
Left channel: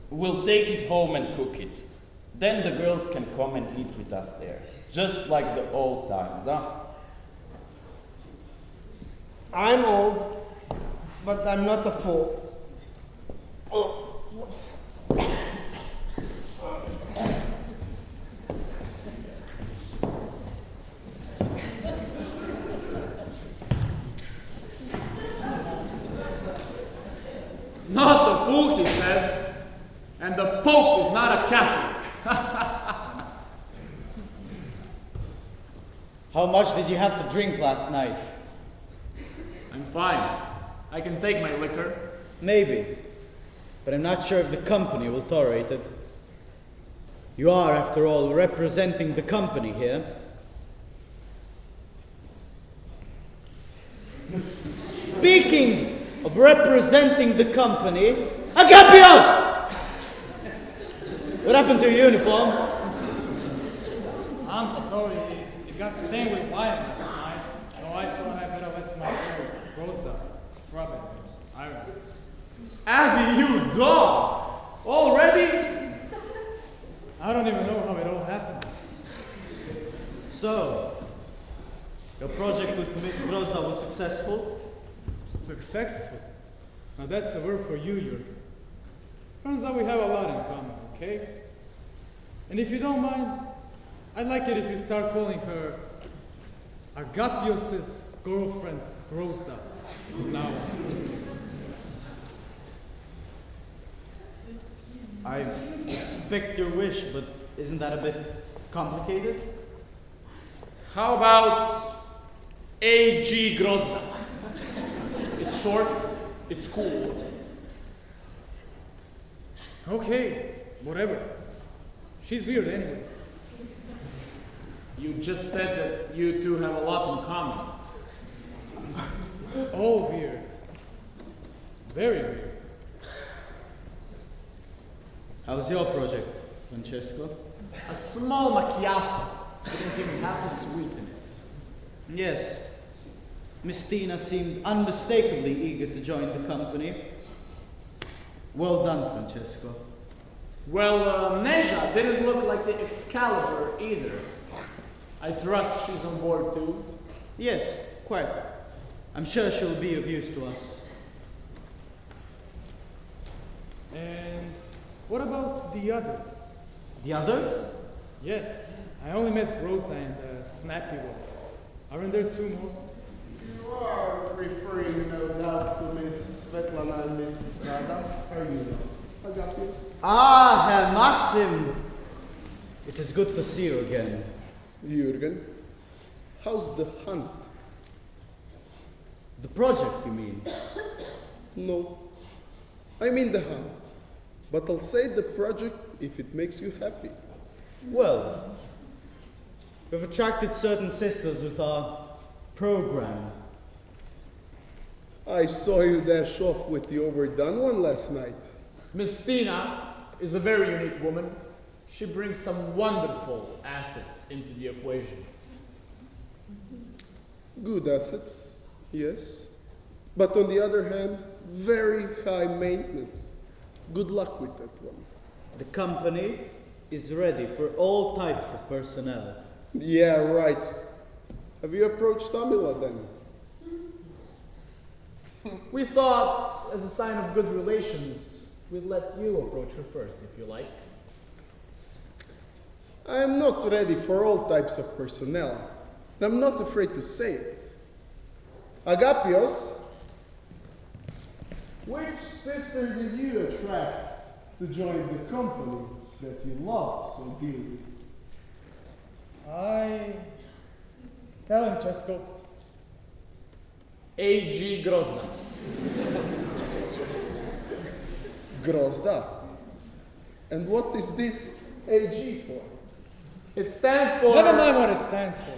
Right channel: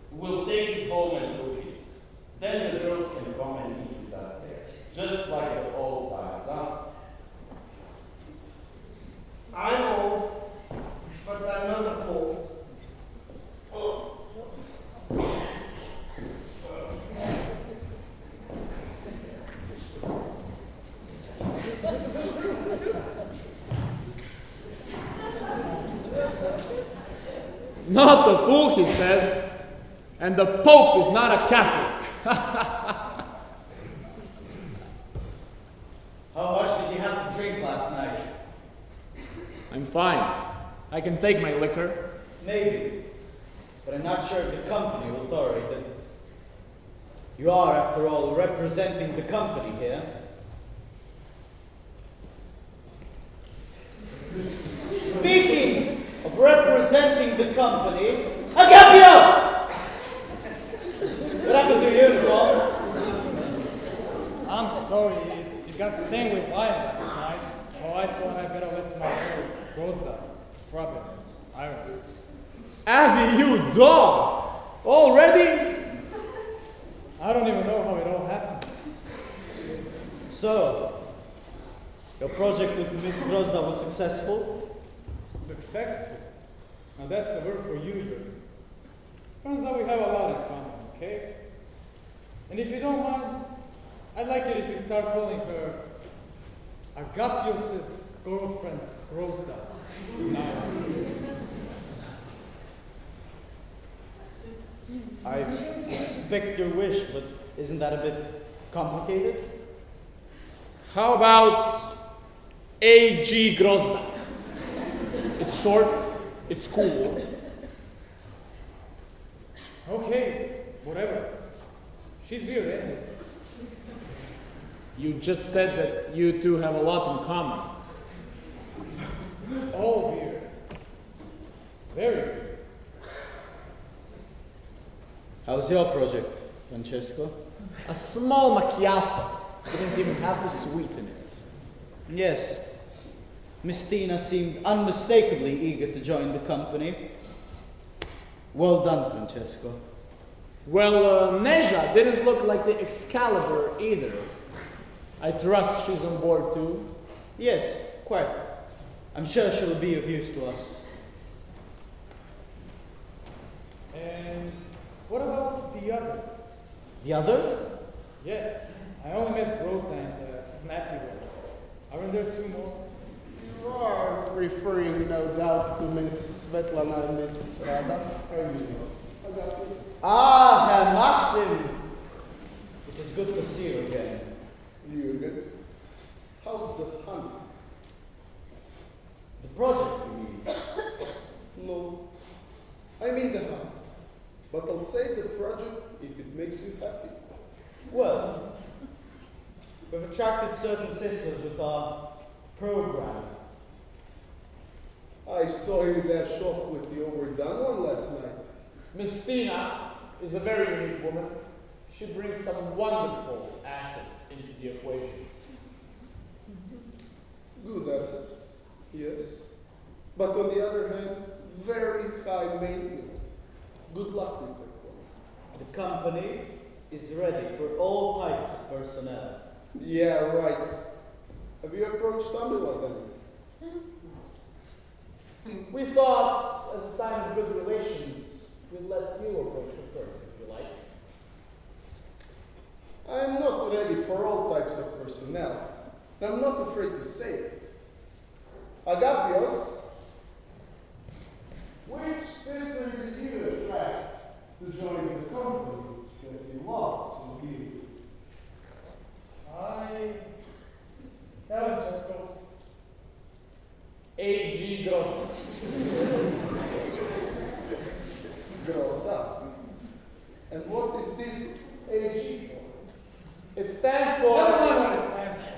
We'll take it home and cook it. Then the girls can come and eat with us there. Just like the old times, huh? I'm old, but I'm not a fool. Not a fool, he says. And the Pope is not a Catholic. How much did you have to drink last night? I'm fine. I can take my liquor. Maybe, but I'm not sure if the company will tolerate it. You are, after all, representing the company here. Speaking of representing the company, Agapios! What happened to your uniform? I'm sorry, it got stained with wine last night, so I thought I better let my girl Rosda scrub it. Iron it. Abby, you dog! Already? I don't even know how it all happened. So, your project with Miss Grozda was successful? Successful? Now that's a word for you, Jürgen. Turns out we have a lot in common, okay? And if you don't mind, I'd like it if you start calling her Agapios' girlfriend, Grozda. Now. I respect your wish, but isn't that a bit complicated? How about A.G. Grozda? It's short, it's cool. Okay, whatever. She's weird anyway. You just said that you two have a lot in common. It's all weird. Very weird. How's your project, Francesco? A small macchiato. Didn't even have to sweeten it. Yes. Miss Tina seemed unmistakably eager to join the company. Well done, Francesco. Well, Neja didn't look like the Excalibur either. I trust she's on board too. Yes, quite. I'm sure she'll be of use to us. And what about the others? The others? Yes, I only met Grozda and the snappy one. Aren't there two more? You are referring, no doubt, to Miss Svetlana and Miss Rada. How you know? Agapios? Ah, Herr Maxim! It is good to see you again. Jürgen, how's the hunt? The project, you mean? No, I mean the hunt. But I'll say the project if it makes you happy. Well, we've attracted certain sisters with our program. I saw you dash off with the overdone one last night. Miss Tina is a very unique woman. She brings some wonderful assets into the equation. Good assets, yes. But on the other hand, very high maintenance. Good luck with that one. The company is ready for all types of personnel. Yeah, right. Have you approached Tamila then? We thought, as a sign of good relations, we'd let you approach her first, if you like. I am not ready for all types of personnel. And I'm not afraid to say it. Agapios, which sister did you attract to join the company that you love so dearly? Tell him, Chesko. A.G. Grozda. Grozda. And what is this AG for? It stands for... Never mind what it stands for.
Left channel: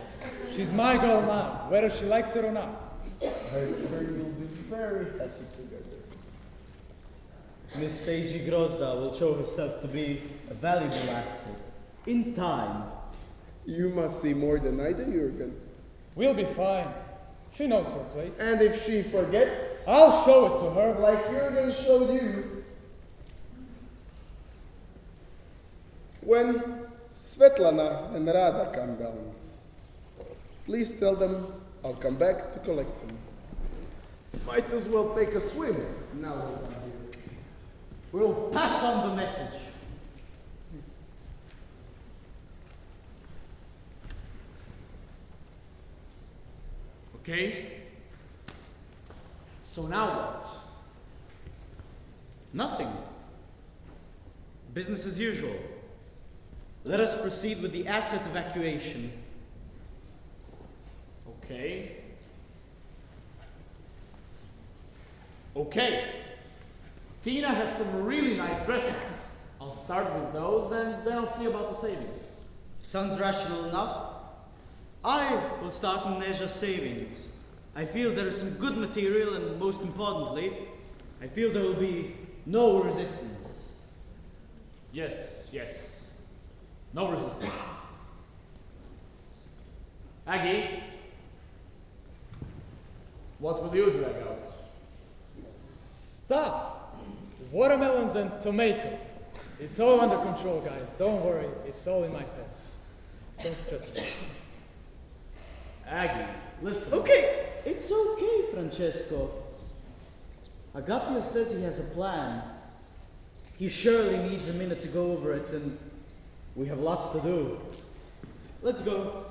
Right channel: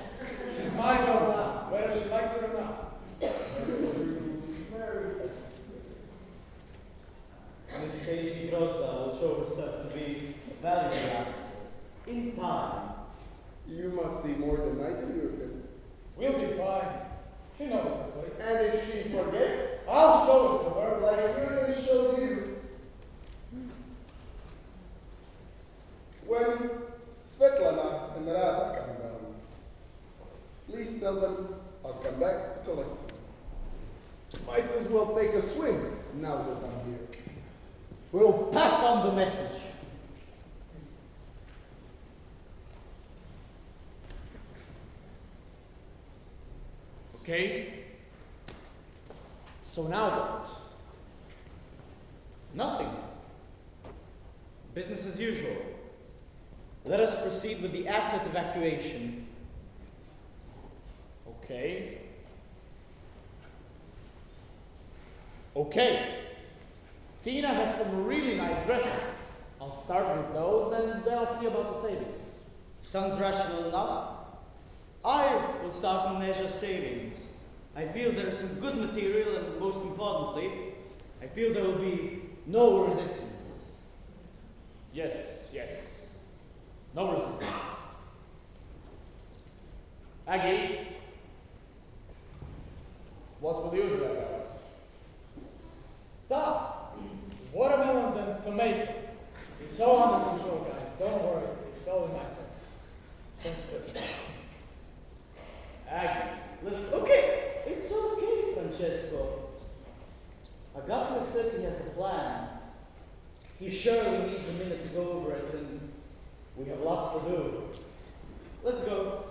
She's my girl now, whether she likes it or not. Very happy together. Miss Seiji Grozda will show herself to be a valuable asset. In time. You must see more than I do, Jürgen. We'll be fine. She knows her place. And if she forgets, I'll show it to her. like Jürgen showed you. When Svetlana and Rada come down, please tell them I'll come back to collect them. Might as well take a swim now that I'm here. We'll pass on the message. Okay. So now what? Nothing. Business as usual. Let us proceed with the asset evacuation. Okay. Okay. Tina has some really nice dresses. I'll start with those and then I'll see about the savings. Sounds rational enough. I will start on Neja's savings. I feel there is some good material and most importantly, I feel there will be no resistance. Yes, yes. No resistance. Aggie, what will you drag out? Stuff. Watermelons and tomatoes. It's all under control, guys. Don't worry. It's all in my place. Don't stress me. Aggie, listen. Okay, it's okay, Francesco. Agapio says he has a plan. He surely needs a minute to go over it, and we have lots to do. Let's go.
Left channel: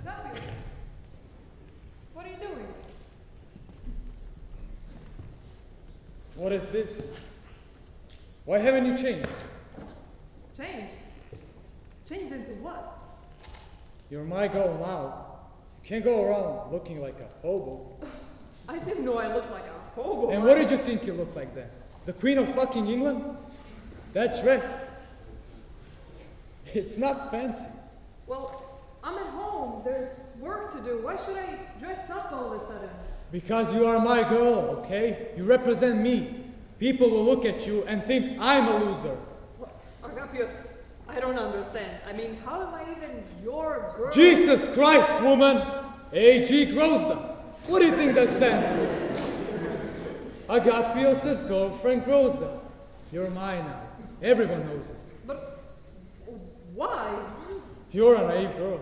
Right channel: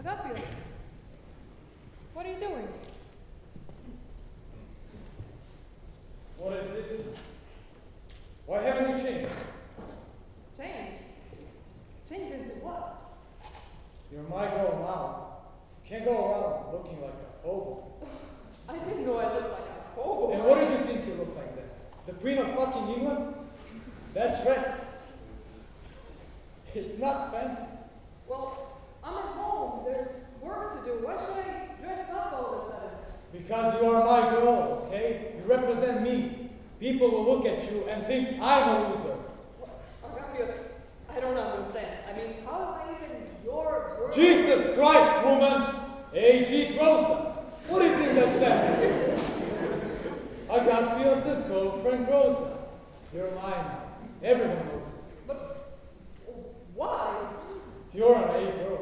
Agapios, what are you doing? What is this? Why haven't you changed? Changed? Changed into what? You're my girl now. You can't go around looking like a hobo. I didn't know I looked like a hobo. And what did you think you looked like then? The Queen of fucking England? That dress. It's not fancy. Well, I'm at home. There's work to do. Why should I dress up all of a sudden? Because you are my girl, okay? You represent me. People will look at you and think I'm a loser. Agapios, I don't understand. I mean, how am I even your girl? Jesus Christ, woman! A.G. Grozda. What do you think that stands for? Agapios' girlfriend Grozda. You're mine now. Everyone knows it. But why? You're a naive girl.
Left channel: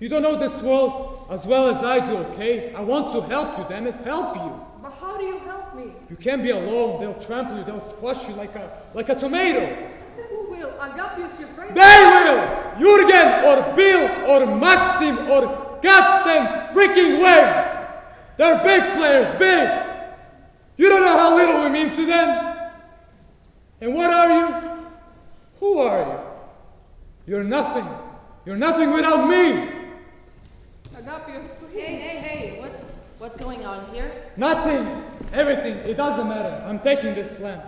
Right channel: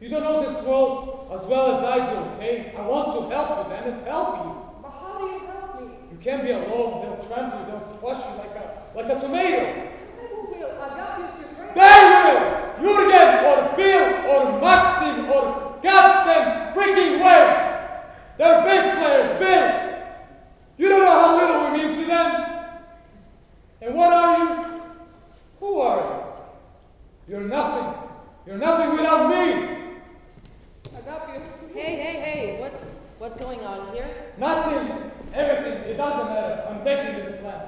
You don't know this world as well as I do, okay? I want to help you, damn it, help you. But how do you help me? You can't be alone. They'll trample you. They'll squash you like a tomato. Who will? Agapios, your friend? They will! Jurgen or Bill or Maxim or goddamn freaking Wayne! They're big players, big! You don't know how little we mean to them. And what are you? Who are you? You're nothing. You're nothing without me. Agapios, please. Hey, what's going on here? Nothing. Everything. It doesn't matter. I'm taking this lamp.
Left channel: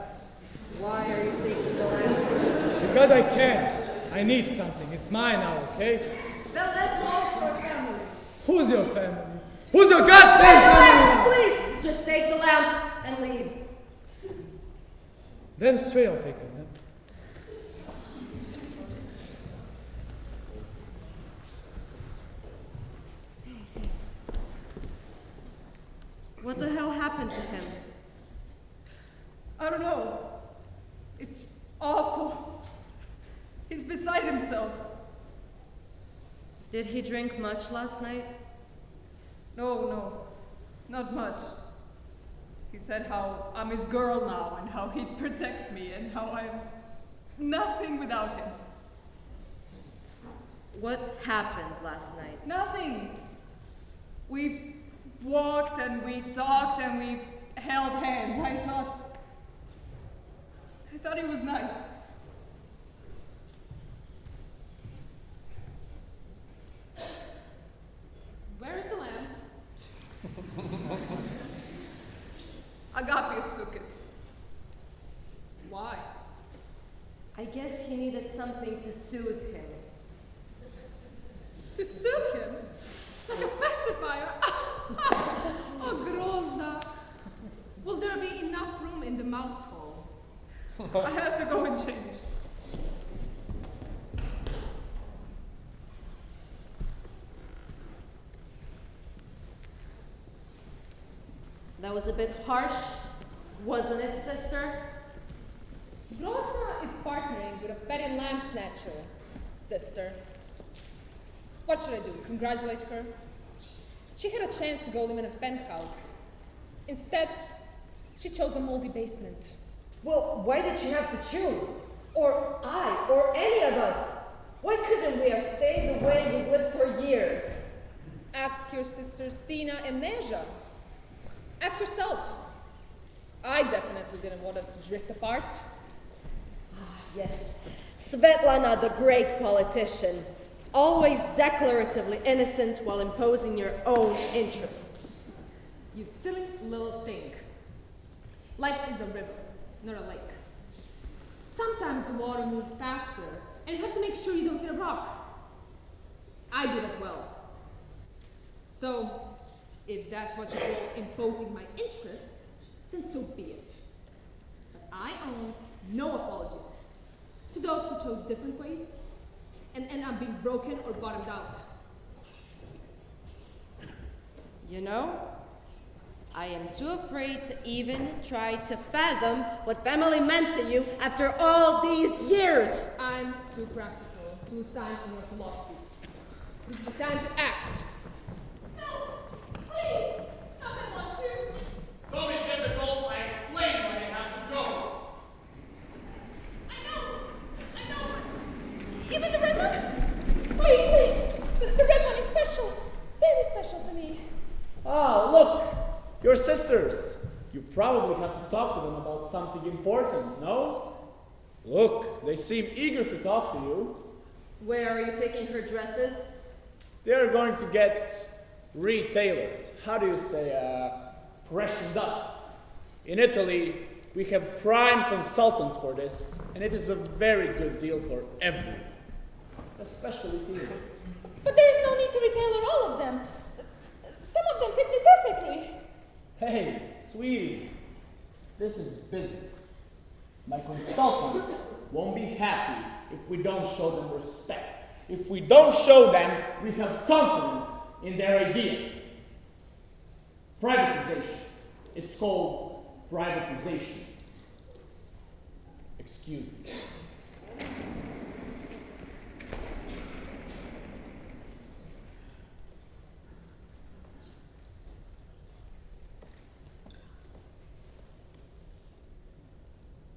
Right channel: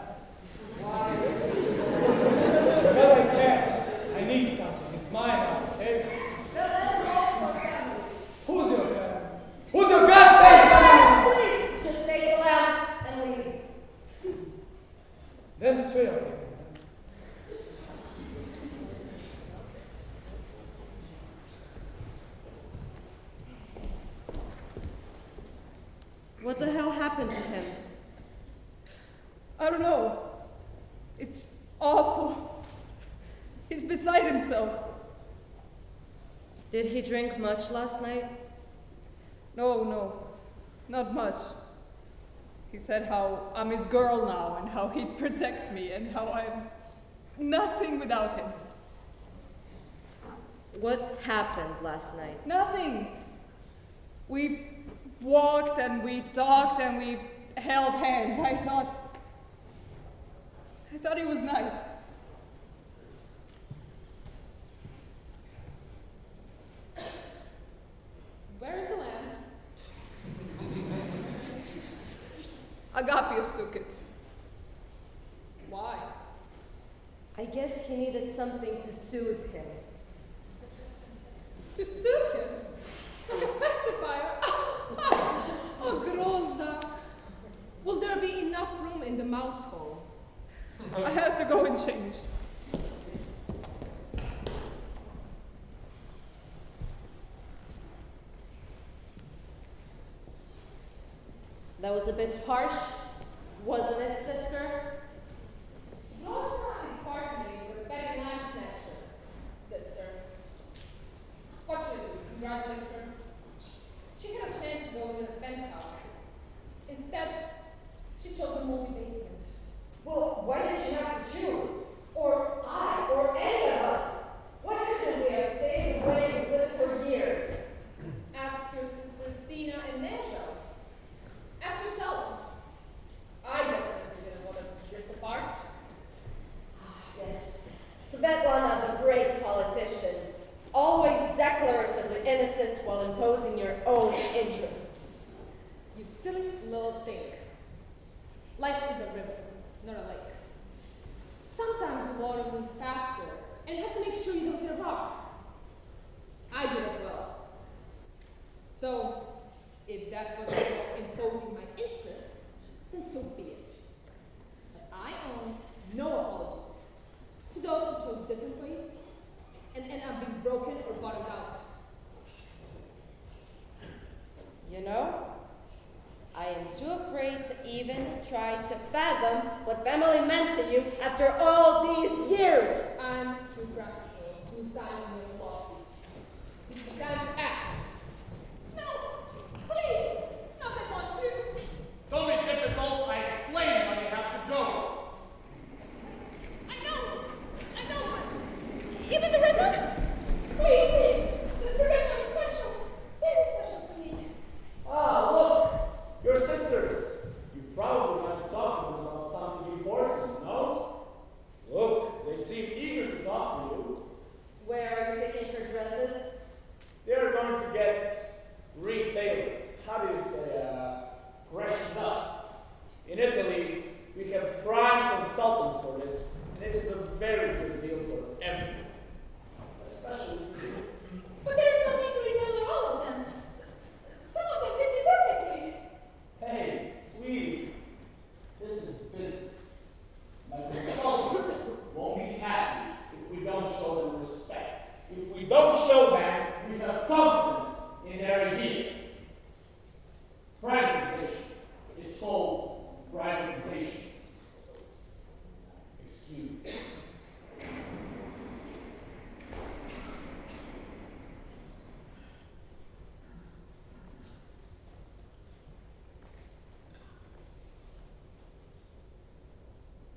Why are you taking the lamp? Because I can. I need something. It's mine now, okay? The lamp belongs to our family. Who's your family? Who's your goddamn family? Please, just take the lamp and leave. Then straight I'll take the lamp. What the hell happened to him? I don't know. It's awful. He's beside himself. Did he drink much last night? No, not much. He said how I'm his girl now and how he'd protect me and how I'm nothing without him. What happened last night? Nothing. We walked and we talked and we held hands. I thought he was nice. Where is the lamp? Agapios took it. Why? I guess he needed something to soothe him. To soothe him? Like a pacifier? Oh, Grozda. Will there be enough room in the mouse hole? I have to go and change. That was a bit harsh, wasn't it, sister? Grozda is partnering with a petty lamb snatcher, sister. What should I do? Congratulate her? She had a chance to go live in a penthouse. Instead, she chose a moldy basement. Well, why did she have to choose? Or I, or any of us? Why couldn't we have stayed the way we lived for years? Ask your sisters Stina and Neja. Ask yourself. I definitely didn't want us to drift apart. Yes, Svetlana, the great politician, always declaratively innocent while imposing your own interests. You silly little thing. Life is a river, not a lake. Sometimes the water moves faster, and you have to make sure you don't hit a rock. I did it well. So, if that's what you call imposing my interests, then so be it. But I own no apologies to those who chose different ways and end up being broken or bottomed out. You know, I am too afraid to even try to fathom what family meant to you after all these years. I'm too practical to sign on your philosophies. It's the time to act. No, please, not I want to. Don't be difficult. I explain when you have to go. I know, but even the red one? Please, the red one is special, very special to me. Ah, look, your sisters. You probably have to talk to them about something important, no? Look, they seem eager to talk to you. Where are you taking her dresses? They're going to get retailored. How do you say, freshened up? In Italy, we have prime consultants for this, and it is a very good deal for everyone. especially to you. But there's no need to retailor all of them. Some of them fit me perfectly. Hey, sweetie, this is business. My consultants won't be happy if we don't show them respect. If we don't show them we have confidence in their ideas. Privatization. It's called privatization. Excuse me.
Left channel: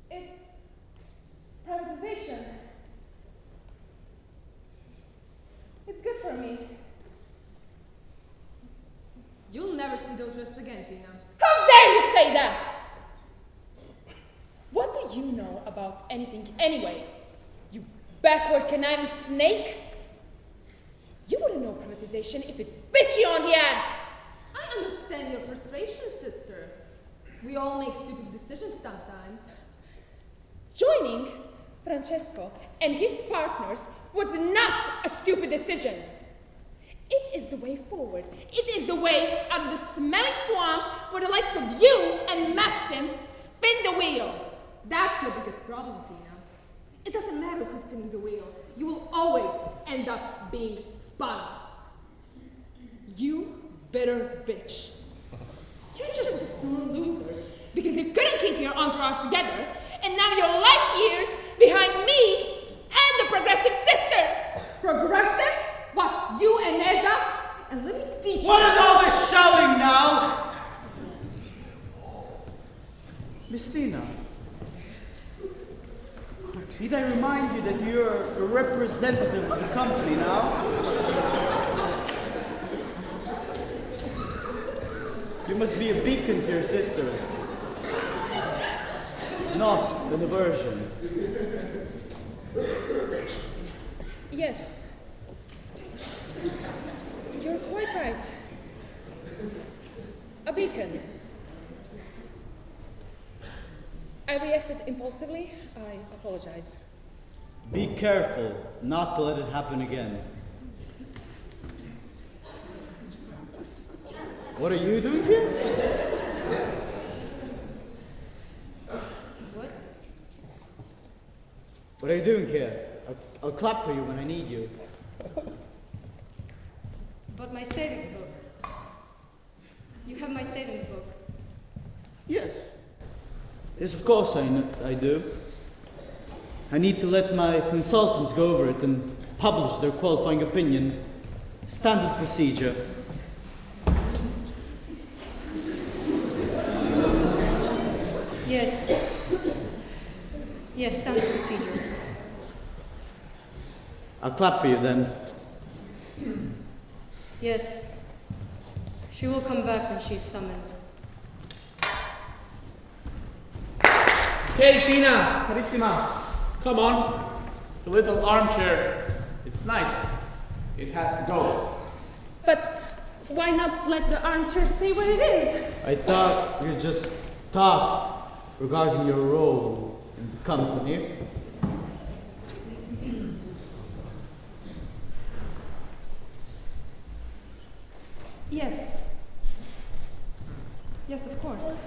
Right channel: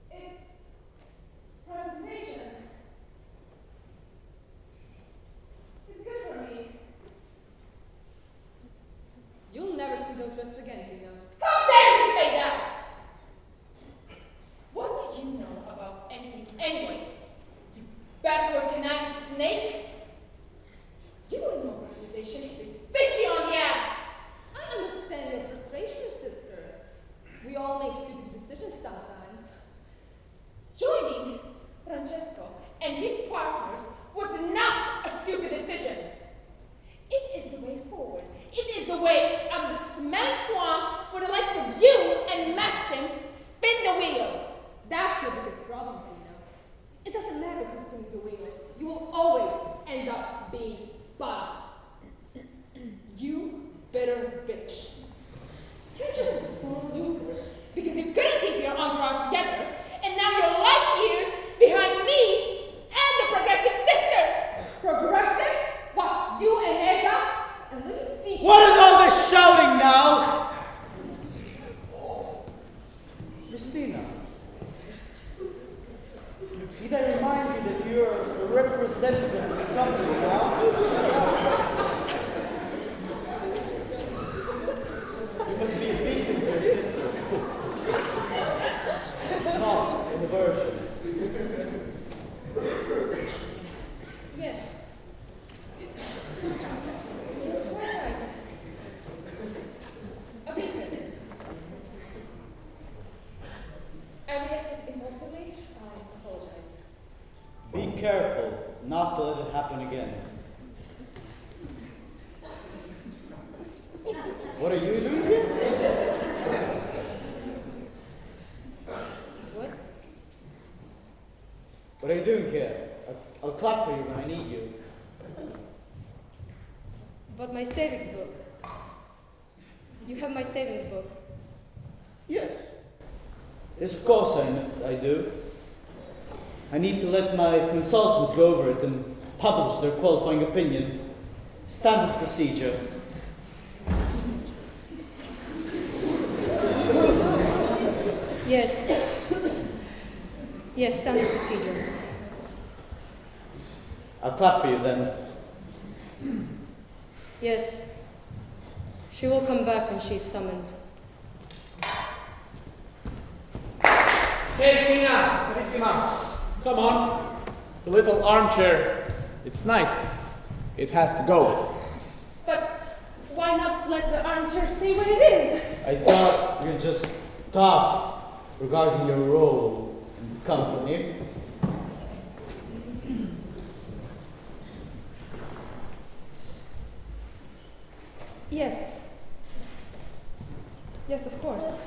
It's privatization. It's good for me. You'll never see those dresses again, Tina. How dare you say that? What do you know about anything anyway? You backward conniving snake? You wouldn't know privatization if it bit you on the ass. I understand your frustration, sister. We all make stupid decisions sometimes. Joining Francesco and his partners was not a stupid decision. It is the way forward. It is the way out of the smelly swamp where the likes of you and Maxim spin the wheel. That's your biggest problem, Tina. It doesn't matter who's spinning the wheel. You will always end up being spun. You bitter bitch. You're just a sore loser because you couldn't keep your entourage together, and now you're light years behind me and the progressive sisters. Progressive? What, you and Neja? And let me teach you. What is all this shouting now? Miss Tina, need I remind you that you're a representative of the company now? You must be a beacon to your sister, not an aversion. Yes. You're quite right. A beacon. I reacted impulsively. I apologize. Be careful not to let it happen again. What are you doing here? What? What are you doing here? I'll clap for you when I need you. But my savings book. You have my savings book. Yes. Yes, of course I do. I need to let my consultants go over it and publish their qualifying opinion. Standard procedure. Yes. Yes, standard procedure. I'll clap for you then. Yes. She will come back when she's summoned. Hey, Tina, carissima, come on. The little armchair, it's nice. It has to go. But why not let the armchair stay where it is? I thought you just talked regarding your role in the company. Yes. Yes, of course.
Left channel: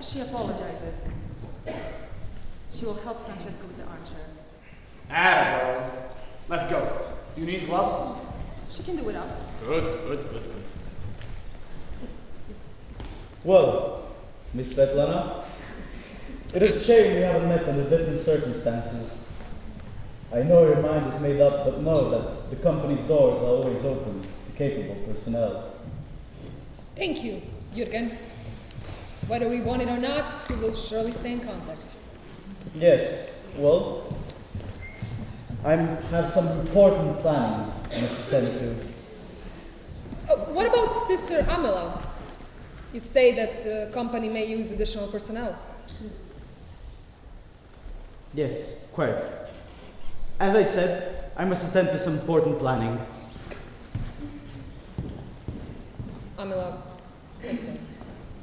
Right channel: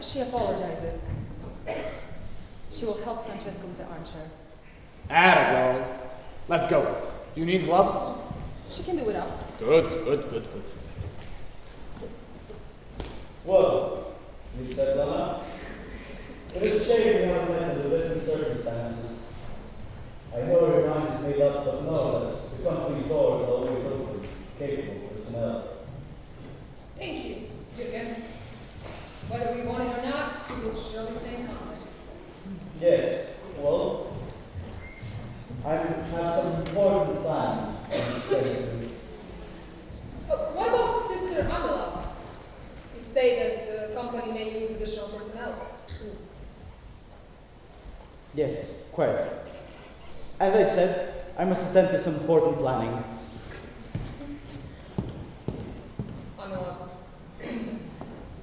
She apologizes. She will help Francesco with the armchair. Atta girl. Let's go. You need gloves? She can do it up. Good. Well, Miss Svetlana, it is a shame we haven't met under different circumstances. I know your mind is made up, but know that the company's doors are always open to capable personnel. Thank you, Jürgen. Whether we want it or not, we will surely stay in contact. Yes, well, I have some important planning I must attend to. What about Sister Amela? You say that the company may use additional personnel. Yes, quite. As I said, I must attend to some important planning. Amela, listen.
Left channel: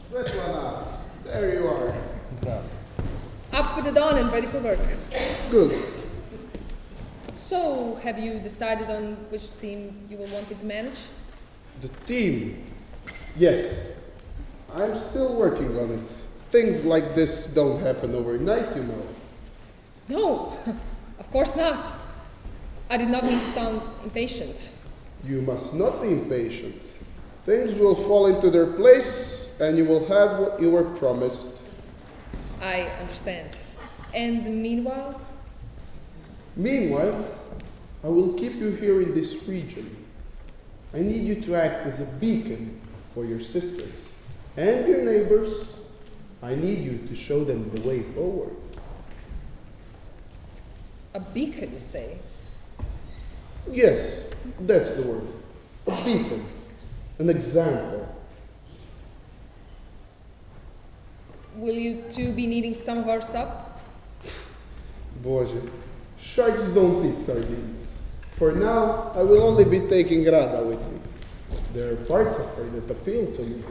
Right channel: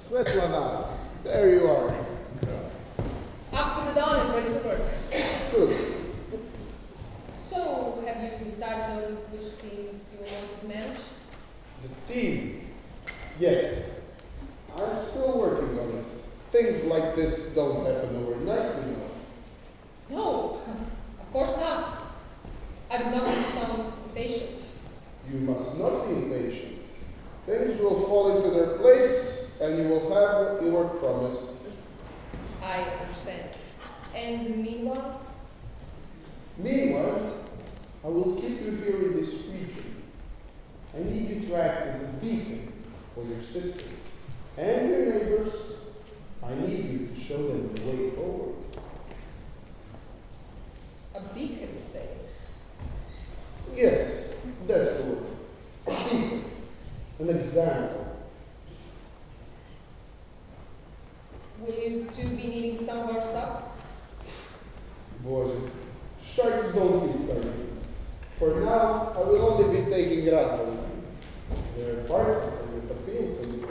Svetlana, there you are. Up with the dawn and ready for work. Good. So, have you decided on which theme you will want me to manage? The team. Yes. I'm still working on it. Things like this don't happen overnight, you know. No, of course not. I did not mean to sound impatient. You must not be impatient. Things will fall into their place and you will have what you were promised. I understand. And meanwhile? Meanwhile, I will keep you here in this region. I need you to act as a beacon for your sister and your neighbors. I need you to show them the way forward. A beacon, you say? Yes, that's the word. A beacon. An example. Will you two be needing some of our sub? Boże, sharks don't eat sardines. For now, I will only be taking Rada with me. There are parts of her that appeal to me.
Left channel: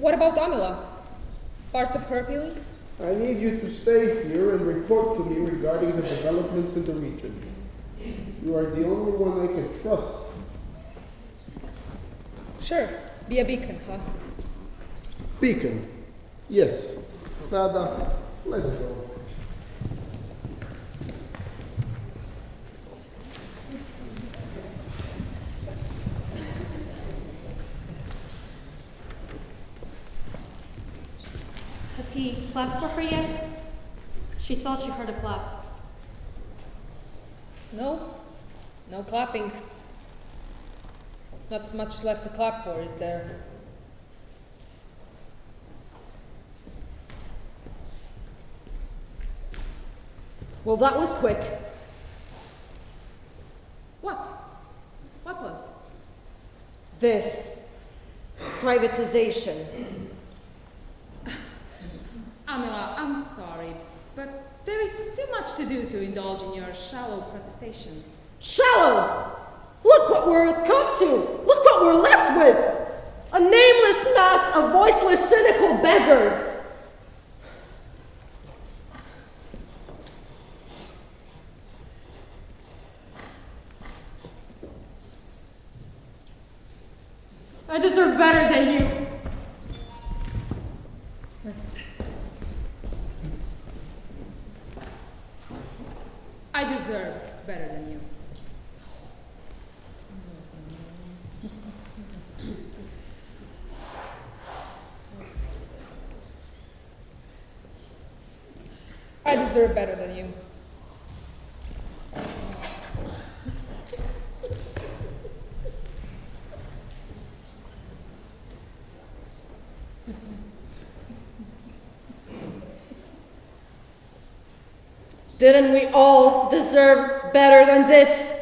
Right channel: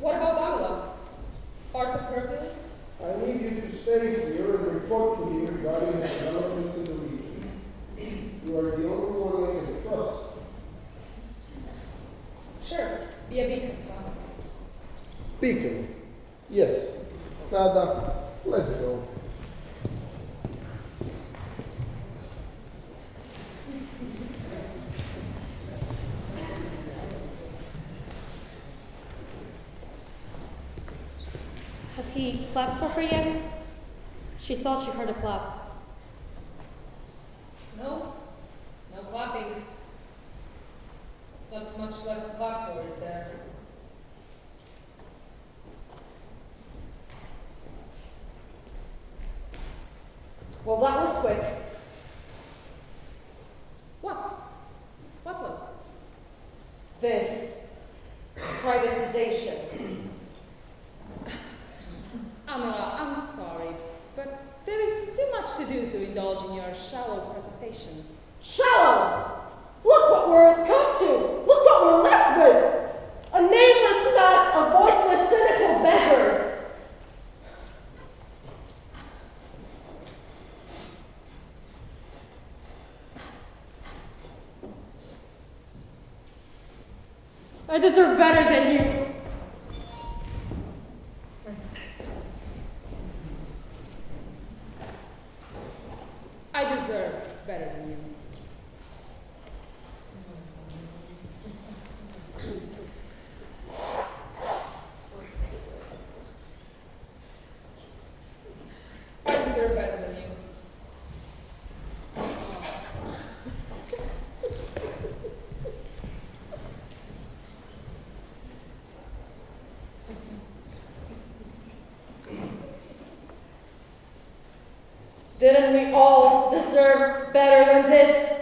What about Amila? Parts of her appealing? I need you to stay here and report to me regarding the developments in the region. You are the only one I can trust. Sure, be a beacon, huh? Beacon. Yes. Rada, let's go. Has he clapped for her yet? She thought she heard a clap. No, no clapping. Not much left to clap for, is there? Well, that was quick. What? What was? This privatization. Amila, I'm sorry, but there is too much to do to indulge in your shallow protestations. Shallow! Look what we're come to! Look what we're left with! A nameless mass of voiceless, cynical beggars! I deserve better than you. I deserve better than you. I deserve better than you. Didn't we all deserve better than this?